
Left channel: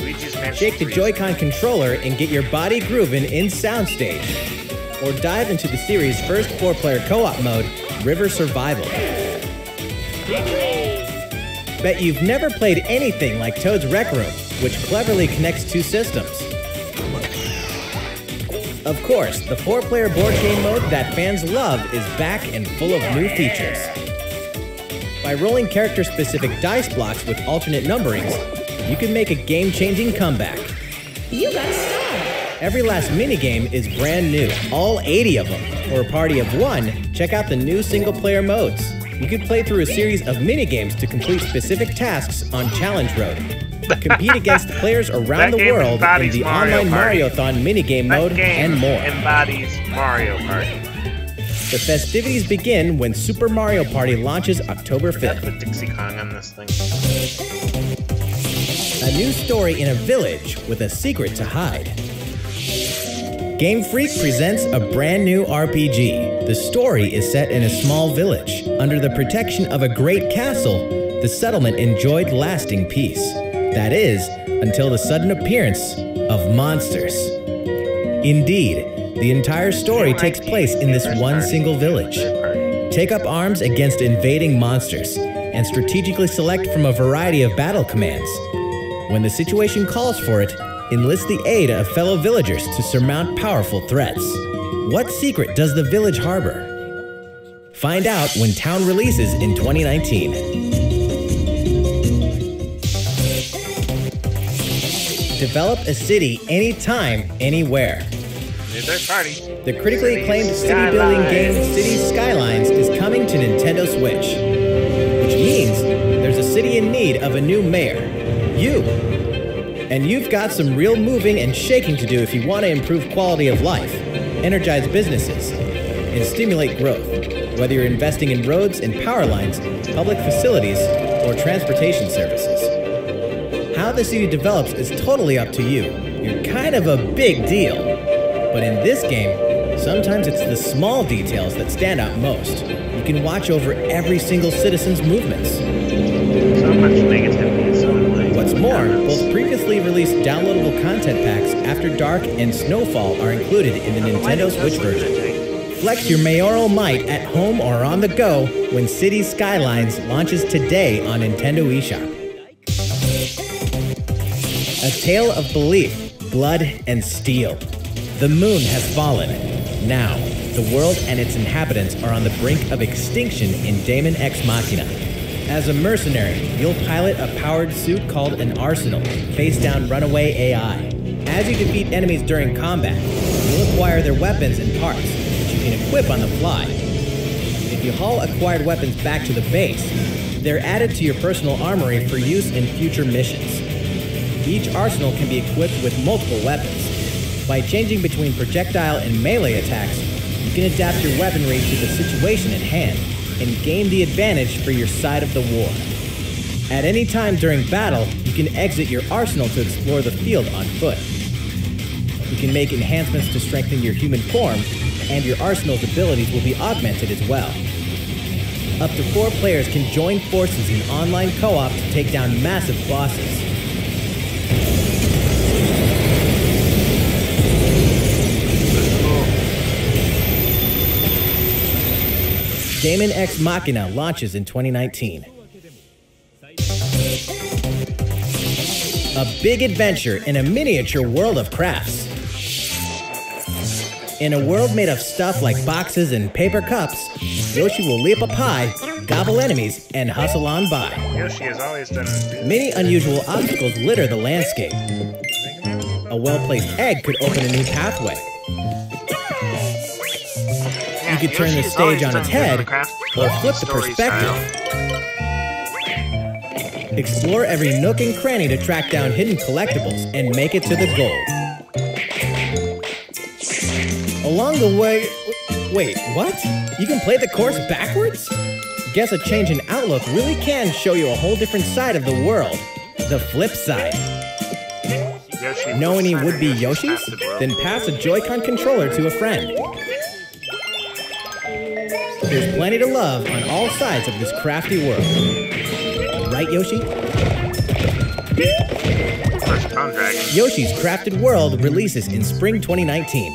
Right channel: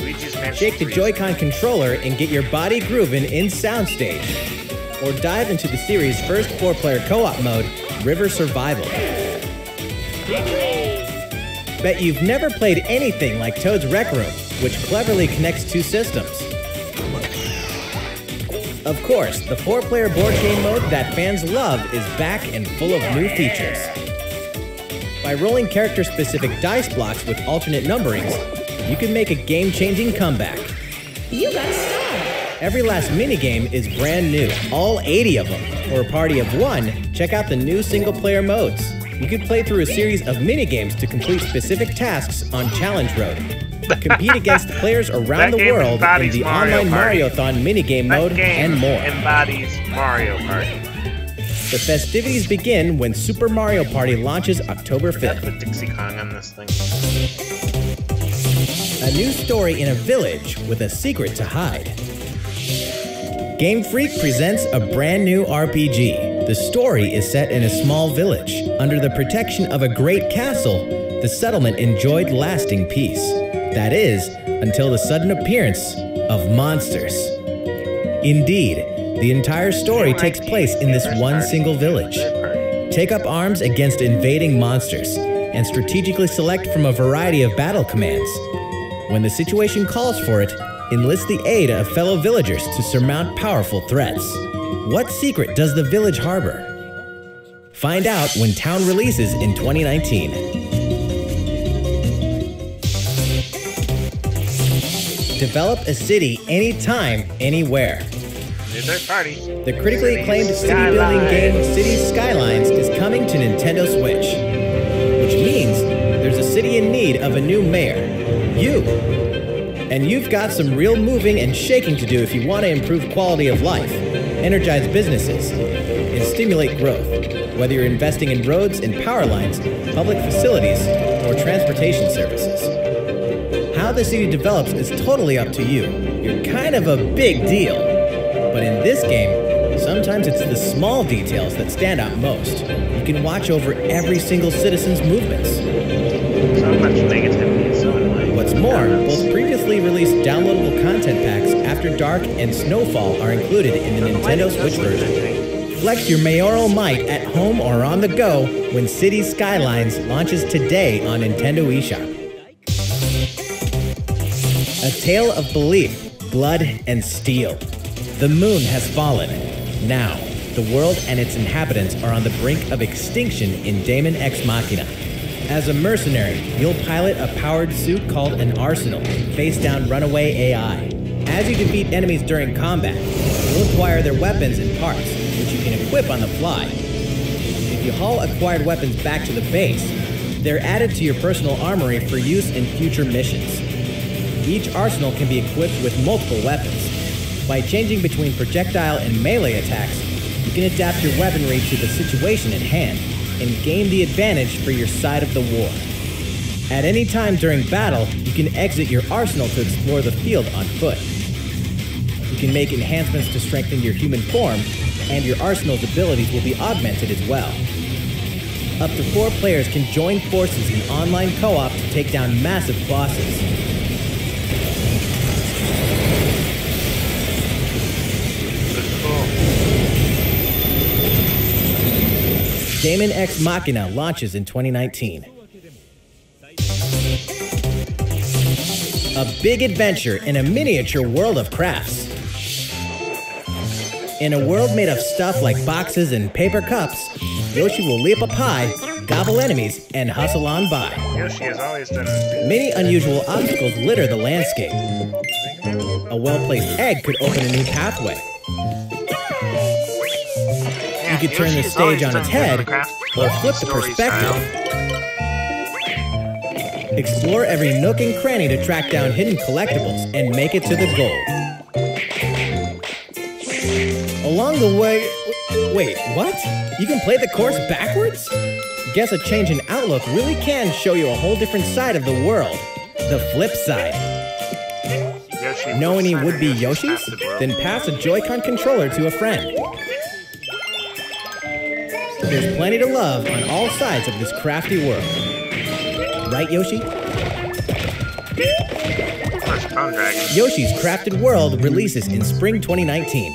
Luigi's Mansion Shake the 3. Joy-Con controller and get your body grooving in Soundstage. Or dive into the series' first 4-player co-op mode, River Survival. Bet you've never played anything like Toad's Rec Room, which cleverly connects 2 systems. Of course, the 4-player board game mode that fans love is back and full of new features. By rolling character-specific dice blocks with alternate numberings, you can make a game-changing comeback. You got style. Every last minigame is brand new, all 80 of them. For a party of 1, check out the new single-player modes. You can play through a series of minigames to complete specific tasks on Challenge Road. Compete against players around That the game world in embodies the Mario online Party. Mariothon minigame That mode game and more. embodies Mario Party. The festivities begin when Super Mario Party launches October That's 5th. the Dixie Kong on this thing. A new story in a village with a secret to hide. Game Freak presents a brand new RPG. The story is set in a small village. Under the protection of a great castle, the settlement enjoyed lasting peace. That is, until the sudden appearance of monsters. Indeed, the entire story takes place in this one single village. Take up arms against invading monsters and strategically select from a variety of battle commands. When the situation calls for it, enlist the aid of fellow villagers to surmount powerful threats. What secret does the village harbor? Find out when Town releases in 2019. Develop a city anytime, anywhere. New third party. The critically Cities acclaimed city-building game Skylines. Cities Skylines is coming to Nintendo Switch, which means there's a city in need of a new mayor, you. And you've got some real moving and shaking to do if you want to improve quality of life, energize businesses, and stimulate growth, whether you're investing in roads and power lines, public facilities, or transportation services. How the city develops is totally up to you. You're kind of a big deal. But in this game, sometimes it's the small details that stand out most. You can watch over every single citizen's movements. So much negativity is so annoying. What's more, both previously released downloadable content packs After Dark and Snowfall are included in the Nintendo Switch version. Flex your mayoral might at home or on the go when Cities Skylines launches today on Nintendo eShop. A tale of belief, blood, and steel. The moon has fallen. Now, the world and its inhabitants are on the brink of extinction in Daemon X Machina. As a mercenary, you'll pilot a powered suit called an Arsenal, face down runaway AI. As you defeat enemies during combat, you'll acquire their weapons and parts, which you can equip on the fly. If you haul acquired weapons back to the base, they're added to your personal armory for use in future missions. Each arsenal can be equipped with multiple weapons. By changing between projectile and melee attacks, you can adapt your weaponry to the situation at hand and gain the advantage for your side of the war. At any time during battle, you can exit your arsenal to explore the field on foot. You can make enhancements to strengthen your human form, and your arsenal's abilities will be augmented as well. Up to 4 players can join forces in online co-op to take down massive bosses. Daemon X Machina launches in 2019. A big adventure in a miniature world of crafts. In a world made of stuff like boxes and paper cups, Yoshi will leap up high, gobble enemies, and hustle on by. Yoshi has always done. Many unusual obstacles litter the landscape. A well-placed egg could open a new pathway. You could turn the stage on its head, or flip the perspective. Explore every nook and cranny to track down hidden collectibles and make it to the goal. Along the way... Wait, what? You can play the course backwards? Guess a change in outlook really can show you a whole different side of the world. The flip side. Know any would-be Yoshis? Then pass a Joy-Con controller to a friend. There's plenty to love on all sides of this crafty world. Right, Yoshi? Yoshi's Crafted World releases in spring 2019.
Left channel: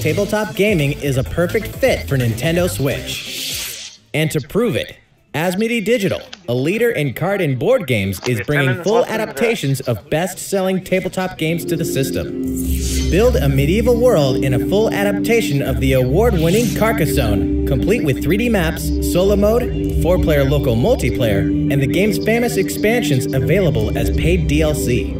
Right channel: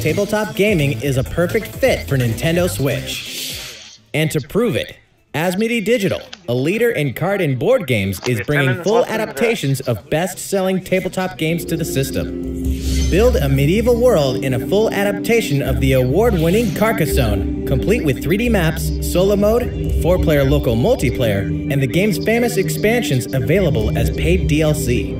Tabletop gaming is a perfect fit for Nintendo Switch. And to prove it, Asmodee Digital, a leader in card and board games, is bringing full adaptations of best-selling tabletop games to the system. Build a medieval world in a full adaptation of the award-winning Carcassonne, complete with 3D maps, solo mode, 4-player local multiplayer, and the game's famous expansions available as paid DLC.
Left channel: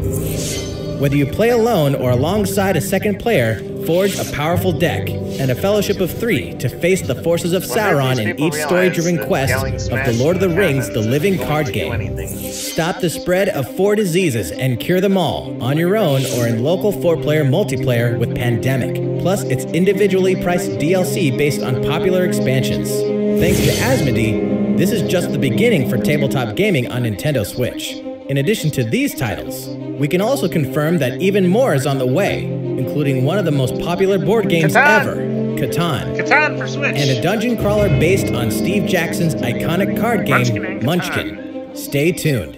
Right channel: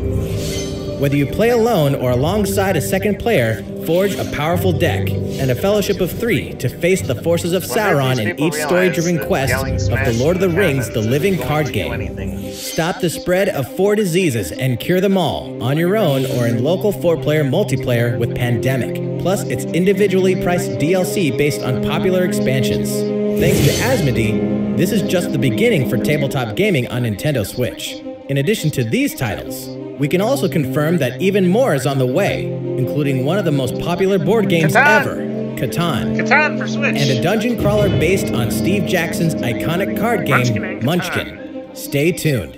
Whether you play alone or alongside a second player, forge a powerful deck and a fellowship of 3 to face the forces of Sauron in each story-driven quest of The Lord of the Rings: The Living Card Game. Stop the spread of 4 diseases and cure them all, on your own or in local 4-player multiplayer with Pandemic, plus its individually priced DLC based on popular expansions. Thanks to Asmodee, this is just the beginning for tabletop gaming on Nintendo Switch. In addition to these titles, we can also confirm that even more is on the way, including one of the most popular board games ever, Catan. Catan for Switch. And a dungeon crawler based on Steve Jackson's iconic card game, Munchkin. Stay tuned.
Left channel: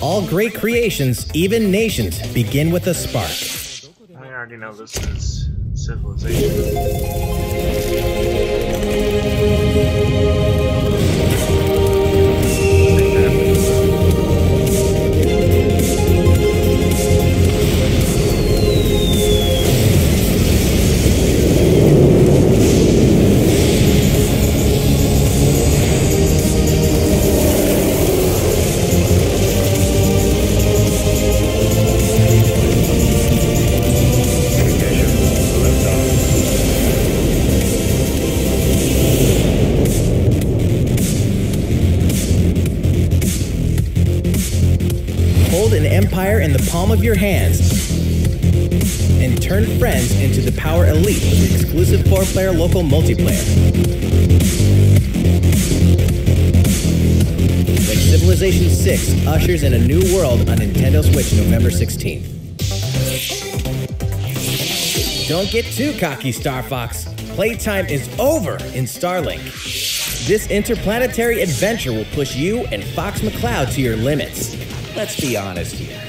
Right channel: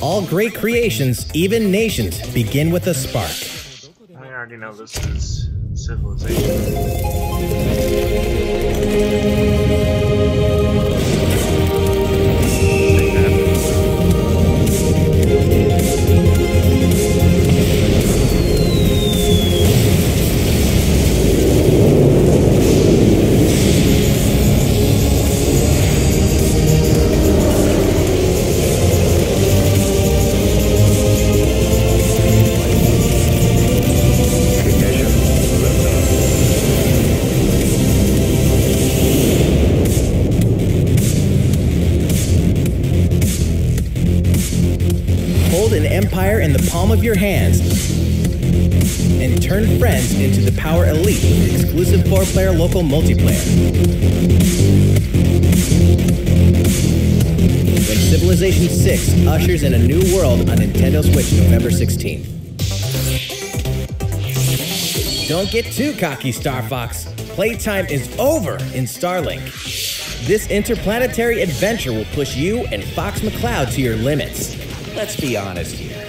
All great creations, even nations, begin with a spark. I already know this is Civilization. Hold an empire in the palm of your hands and turn friends into the Power Elite with exclusive 4-player local multiplayer. Civilization 6 ushers in a new world on Nintendo Switch November 16th. Don't get too cocky, Star Fox. Playtime is over in Starlink. This interplanetary adventure will push you and Fox McCloud to your limits. Let's be honest here.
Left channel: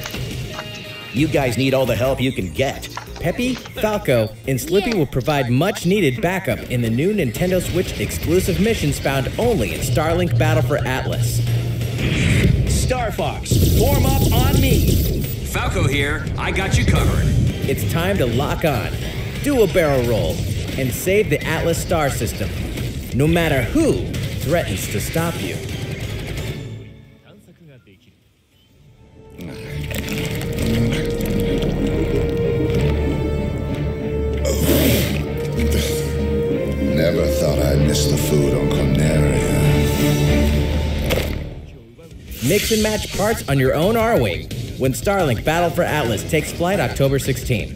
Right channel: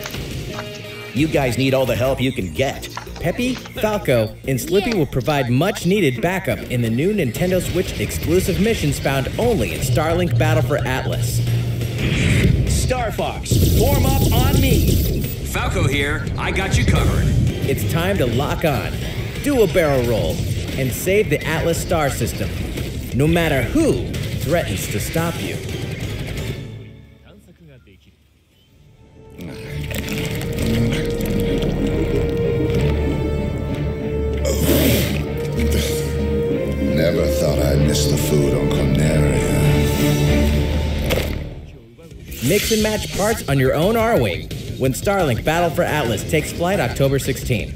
You guys need all the help you can get. Peppy, Falco, and Slippy will provide much-needed backup in the new Nintendo Switch exclusive missions found only in Starlink Battle for Atlas. Star Fox, form up on me! Falco here, I got you covered. It's time to lock on, do a barrel roll, and save the Atlas star system, no matter who threatens to stop you. Never thought I'd miss the food on Corneria. Mix and match parts on your own R-Wing when Starlink Battle for Atlas takes flight October 16th.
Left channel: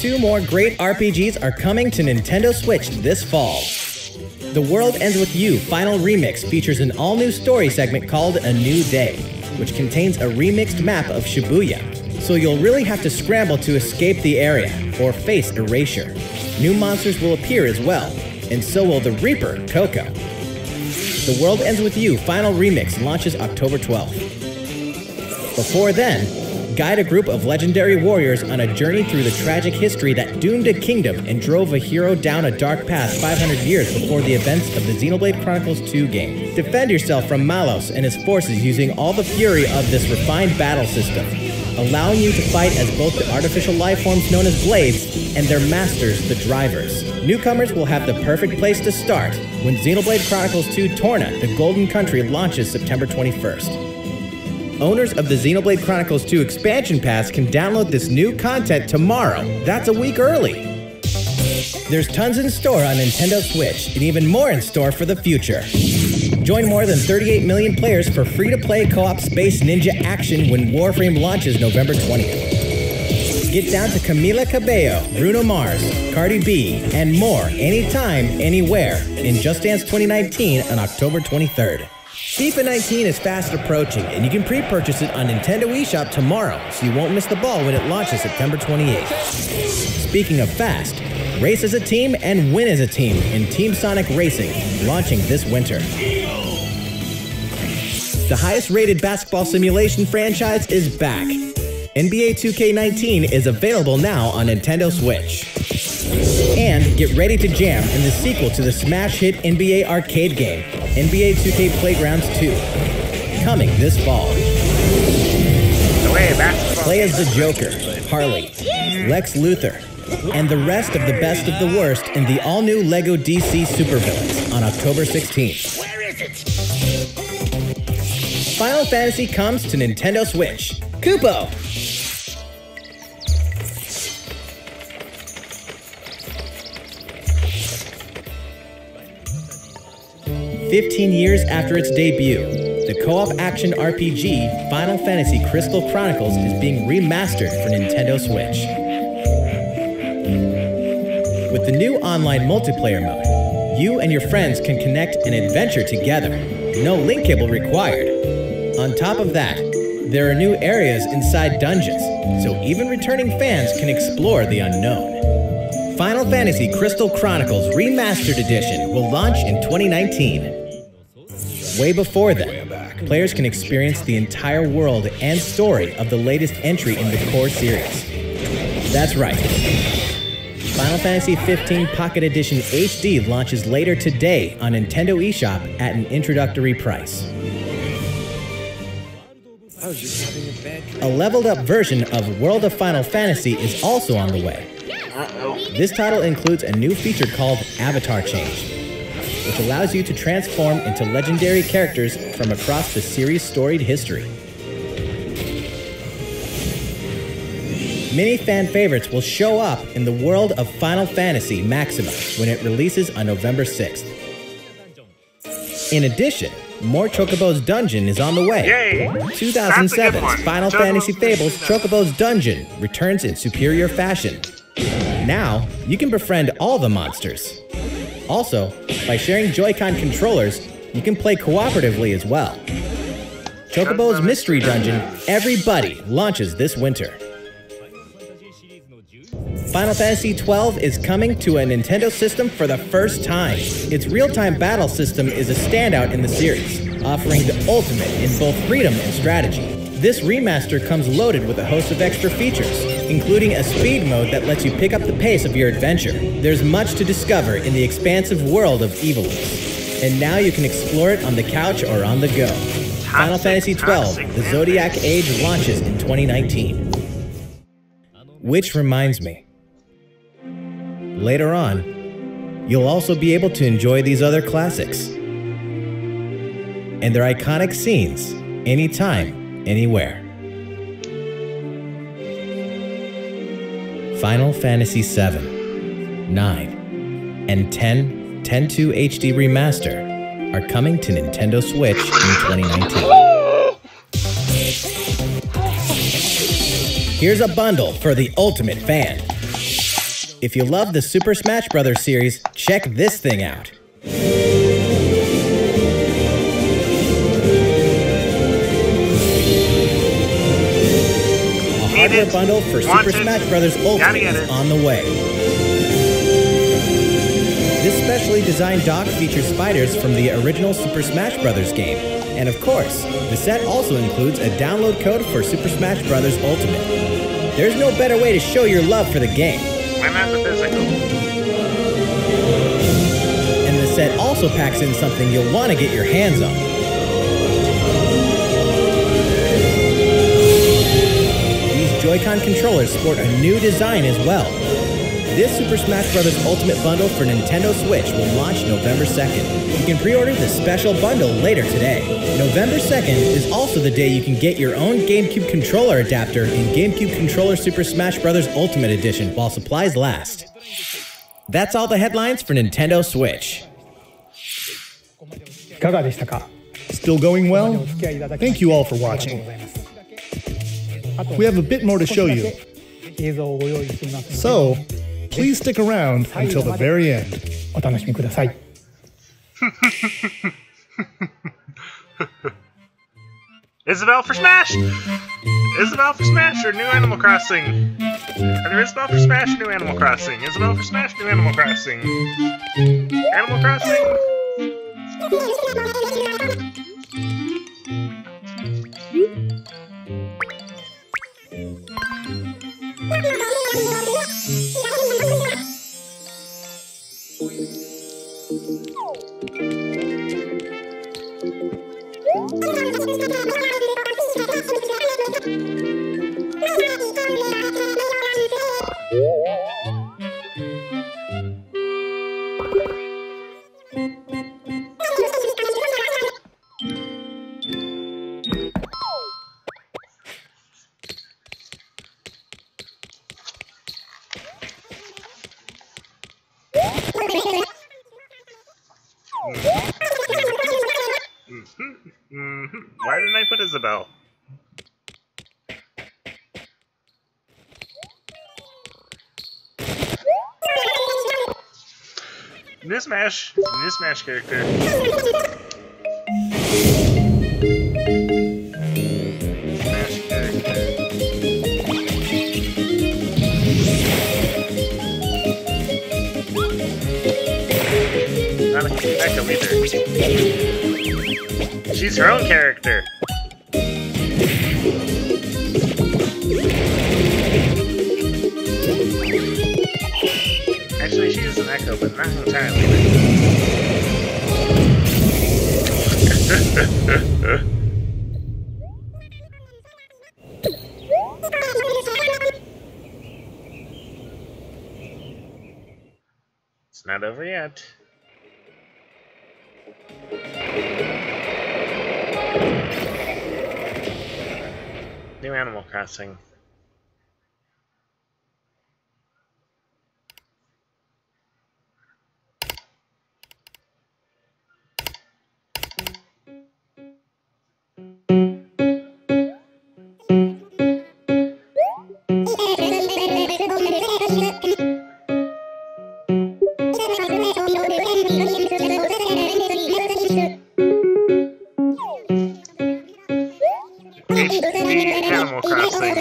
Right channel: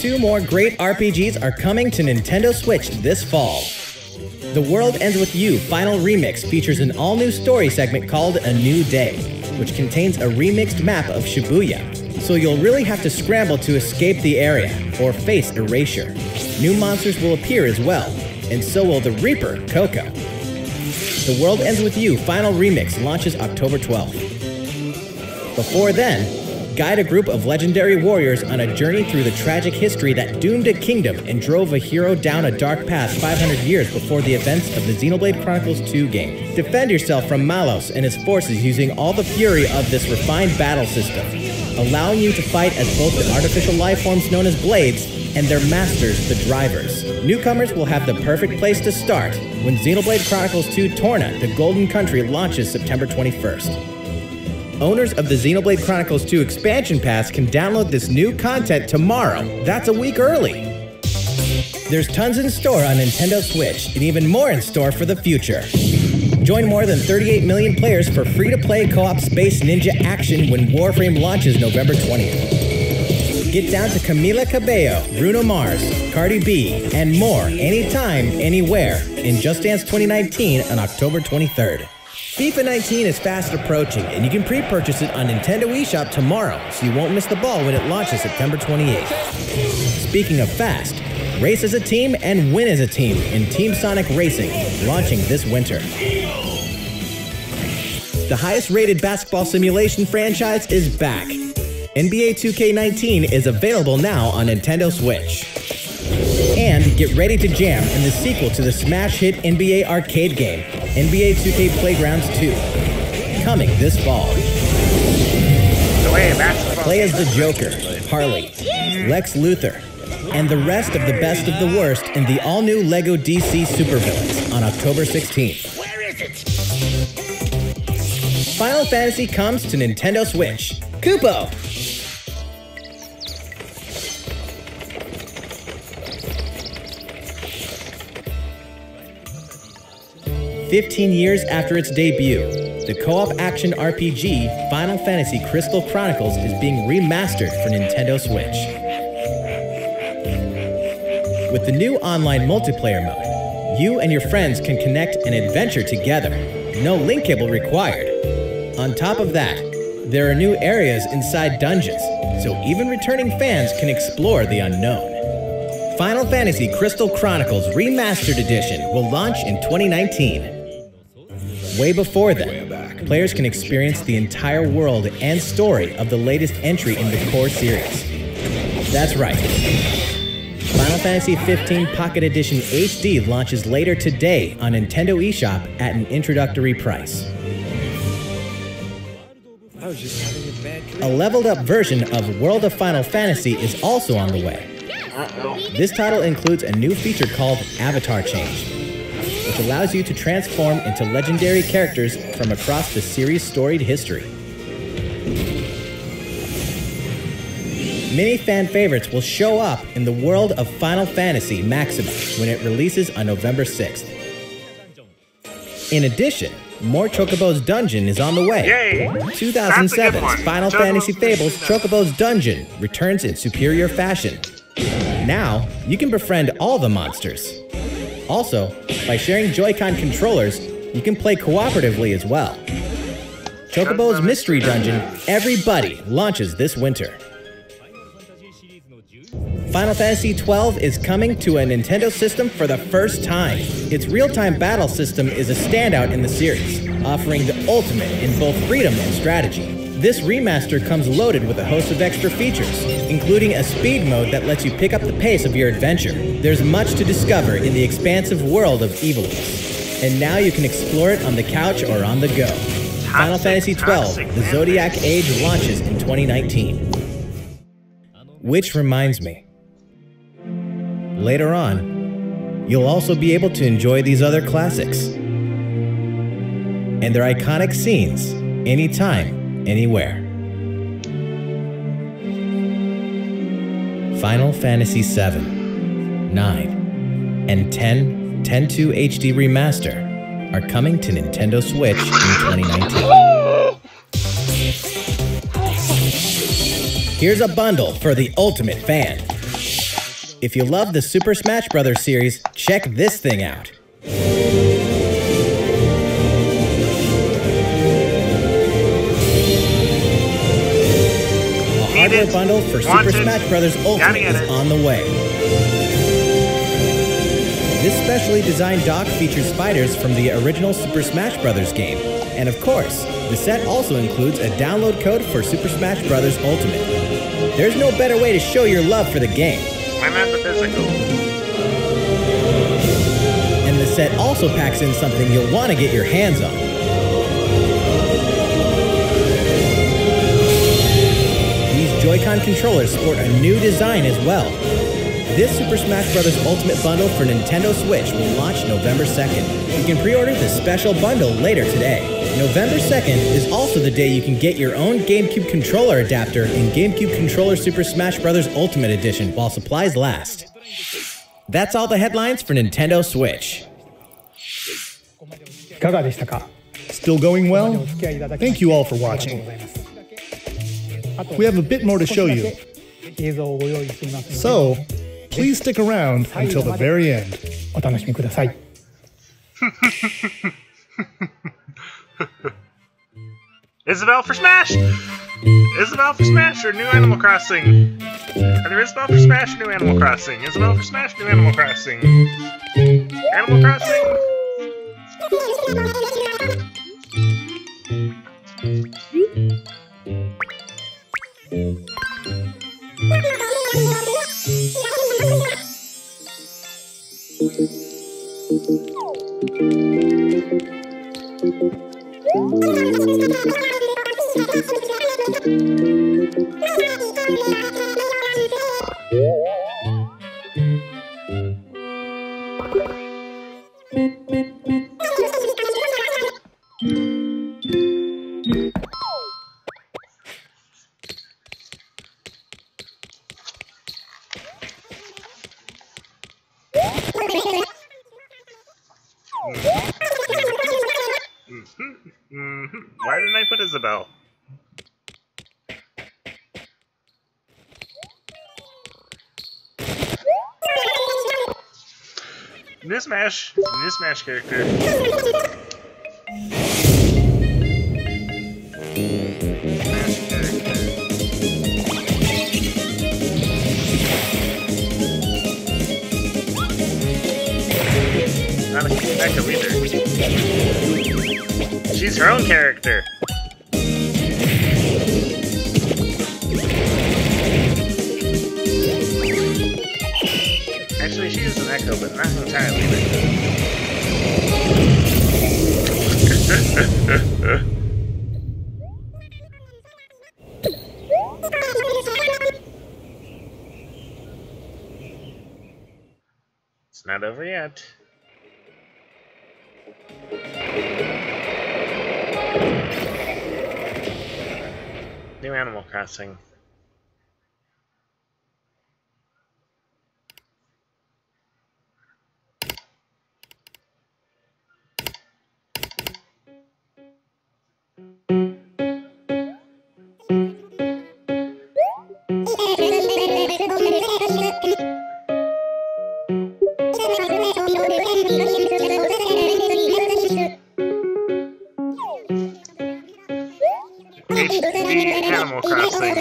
2 more great RPGs are coming to Nintendo Switch this fall. The World Ends With You Final Remix features an all-new story segment called A New Day, which contains a remixed map of Shibuya, so you'll really have to scramble to escape the area or face erasure. New monsters will appear as well, and so will the Reaper, Coco. The World Ends With You Final Remix launches October 12th. Before then, guide a group of legendary warriors on a journey through the tragic history that doomed a kingdom and drove a hero down a dark path 500 years before the events of the Xenoblade Chronicles 2 game. Defend yourself from Malos and his forces using all the fury of this refined battle system, allowing you to fight as both the artificial life forms known as Blades and their masters, the Drivers. Newcomers will have the perfect place to start when Xenoblade Chronicles 2 Torna, the Golden Country launches September 21st. Owners of the Xenoblade Chronicles 2 expansion pass can download this new content tomorrow. That's a week early. There's tons in store on Nintendo Switch and even more in store for the future. Join more than 38 million players for free-to-play co-op Space Ninja action when Warframe launches November 20th. Get down to Camila Cabello, Bruno Mars, Cardi B, and more anytime, anywhere in Just Dance 2019 on October 23rd. FIFA 19 is fast approaching, and you can pre-purchase it on Nintendo eShop tomorrow, so you won't miss the ball when it launches September 28th. Speaking of fast, race as a team and win as a team in Team Sonic Racing, launching this winter. The highest-rated basketball simulation franchise is back. NBA 2K19 is available now on Nintendo Switch. And get ready to jam in the sequel to the smash hit NBA arcade game, NBA 2K Playgrounds 2, coming this fall. Play as the Joker, Harley, Lex Luthor, and the rest of the best of the worst in the all-new LEGO DC Supervillains on October 16th. Where is it? Final Fantasy comes to Nintendo Switch. Kupo! "15 years after its debut, the co-op action RPG Final Fantasy Crystal Chronicles is being remastered for Nintendo Switch. With the new online multiplayer mode, you and your friends can connect and adventure together. No link cable required. On top of that, there are new areas inside dungeons, so even returning fans can explore the unknown. Final Fantasy Crystal Chronicles Remastered Edition will launch in 2019. Way before then, players can experience the entire world and story of the latest entry in the core series. That's right. Final Fantasy XV Pocket Edition HD launches later today on Nintendo eShop at an introductory price. I was just having a bad dream. A leveled up version of World of Final Fantasy is also on the way. This title includes a new feature called Avatar Change, which allows you to transform into legendary characters from across the series' storied history. Many fan favorites will show up in the world of Final Fantasy Maxima when it releases on November 6th. In addition, more Chocobo's Dungeon is on the way. Yay! 2007's Final Fantasy Fables Chocobo's Dungeon returns in superior fashion. Now, you can befriend all the monsters. Also, by sharing Joy-Con controllers, you can play cooperatively as well. Chocobo's Mystery Dungeon, everybody launches this winter. Final Fantasy XII is coming to a Nintendo system for the first time. Its real-time battle system is a standout in the series, offering the ultimate in both freedom and strategy. This remaster comes loaded with a host of extra features, including a speed mode that lets you pick up the pace of your adventure. There's much to discover in the expansive world of Ivalice, and now you can explore it on the couch or on the go. Final Fantasy XII, The Zodiac Age launches in 2019. Which reminds me, later on, you'll also be able to enjoy these other classics and their iconic scenes anytime, anywhere. Final Fantasy VII, 9, and 10 10.2 HD Remaster are coming to Nintendo Switch in 2019. Here's a bundle for the ultimate fan. If you love the Super Smash Bros. Series, check this thing out. A hardware bundle for Super Smash Bros. Ultimate is on the way. This specially designed dock features fighters from the original Super Smash Bros. Game. And of course, the set also includes a download code for Super Smash Bros. Ultimate. There's no better way to show your love for the game. Why not the physical? And the set also packs in something you'll want to get your hands on. These Joy-Con controllers sport a new design as well. This Super Smash Bros. Ultimate Bundle for Nintendo Switch will launch November 2nd. You can pre-order the special bundle later today. November 2nd is also the day you can get your own GameCube controller adapter and GameCube Controller Super Smash Bros. Ultimate Edition while supplies last. That's all the headlines for Nintendo Switch. Still going well? Thank you all for watching. We have a bit more to show you. So, please stick around until the very end. Isabelle for Smash! Isabelle for Smash or New Animal Crossing? Either Isabelle for Smash or New Animal Crossing. Isabelle for Smash, New Animal Crossing. Animal Crossing? Why didn't I put Isabelle? New Smash character. Not a Echo either. She's her own character. Actually, she is an Echo, but not entirely. It's not over yet. New Animal Crossing. Animal Crossing.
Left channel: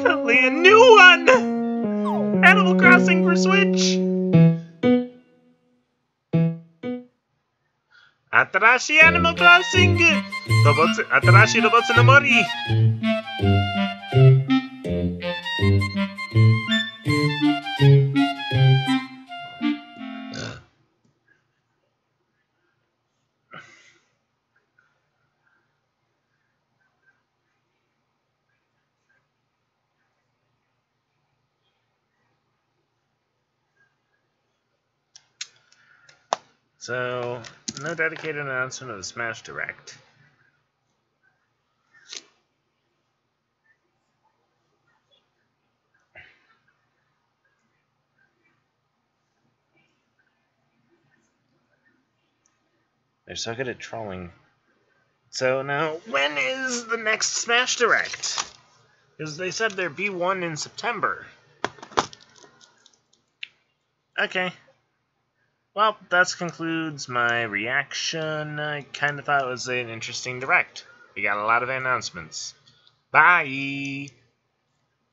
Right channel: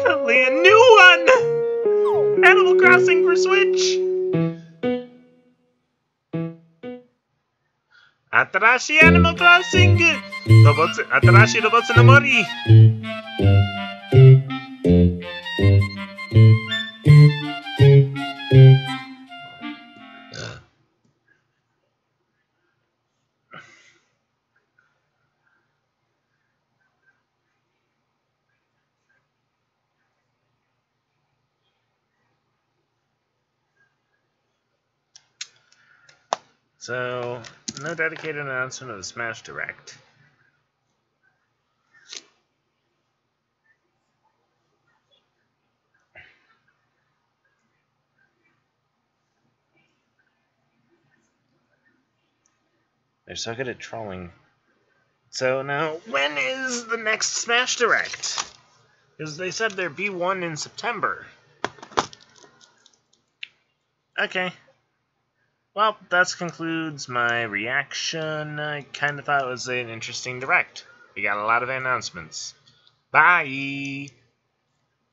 Finally, a new one! Animal Crossing for Switch! Atarashi Animal Crossing! Atarashi Robotsu no Mori! So, no dedicated announcement of the Smash Direct. They're so good at trolling. So now, when is the next Smash Direct? Because they said there'd be one in September. Okay. Well, that concludes my reaction. I kind of thought it was an interesting Direct. We got a lot of announcements. Bye!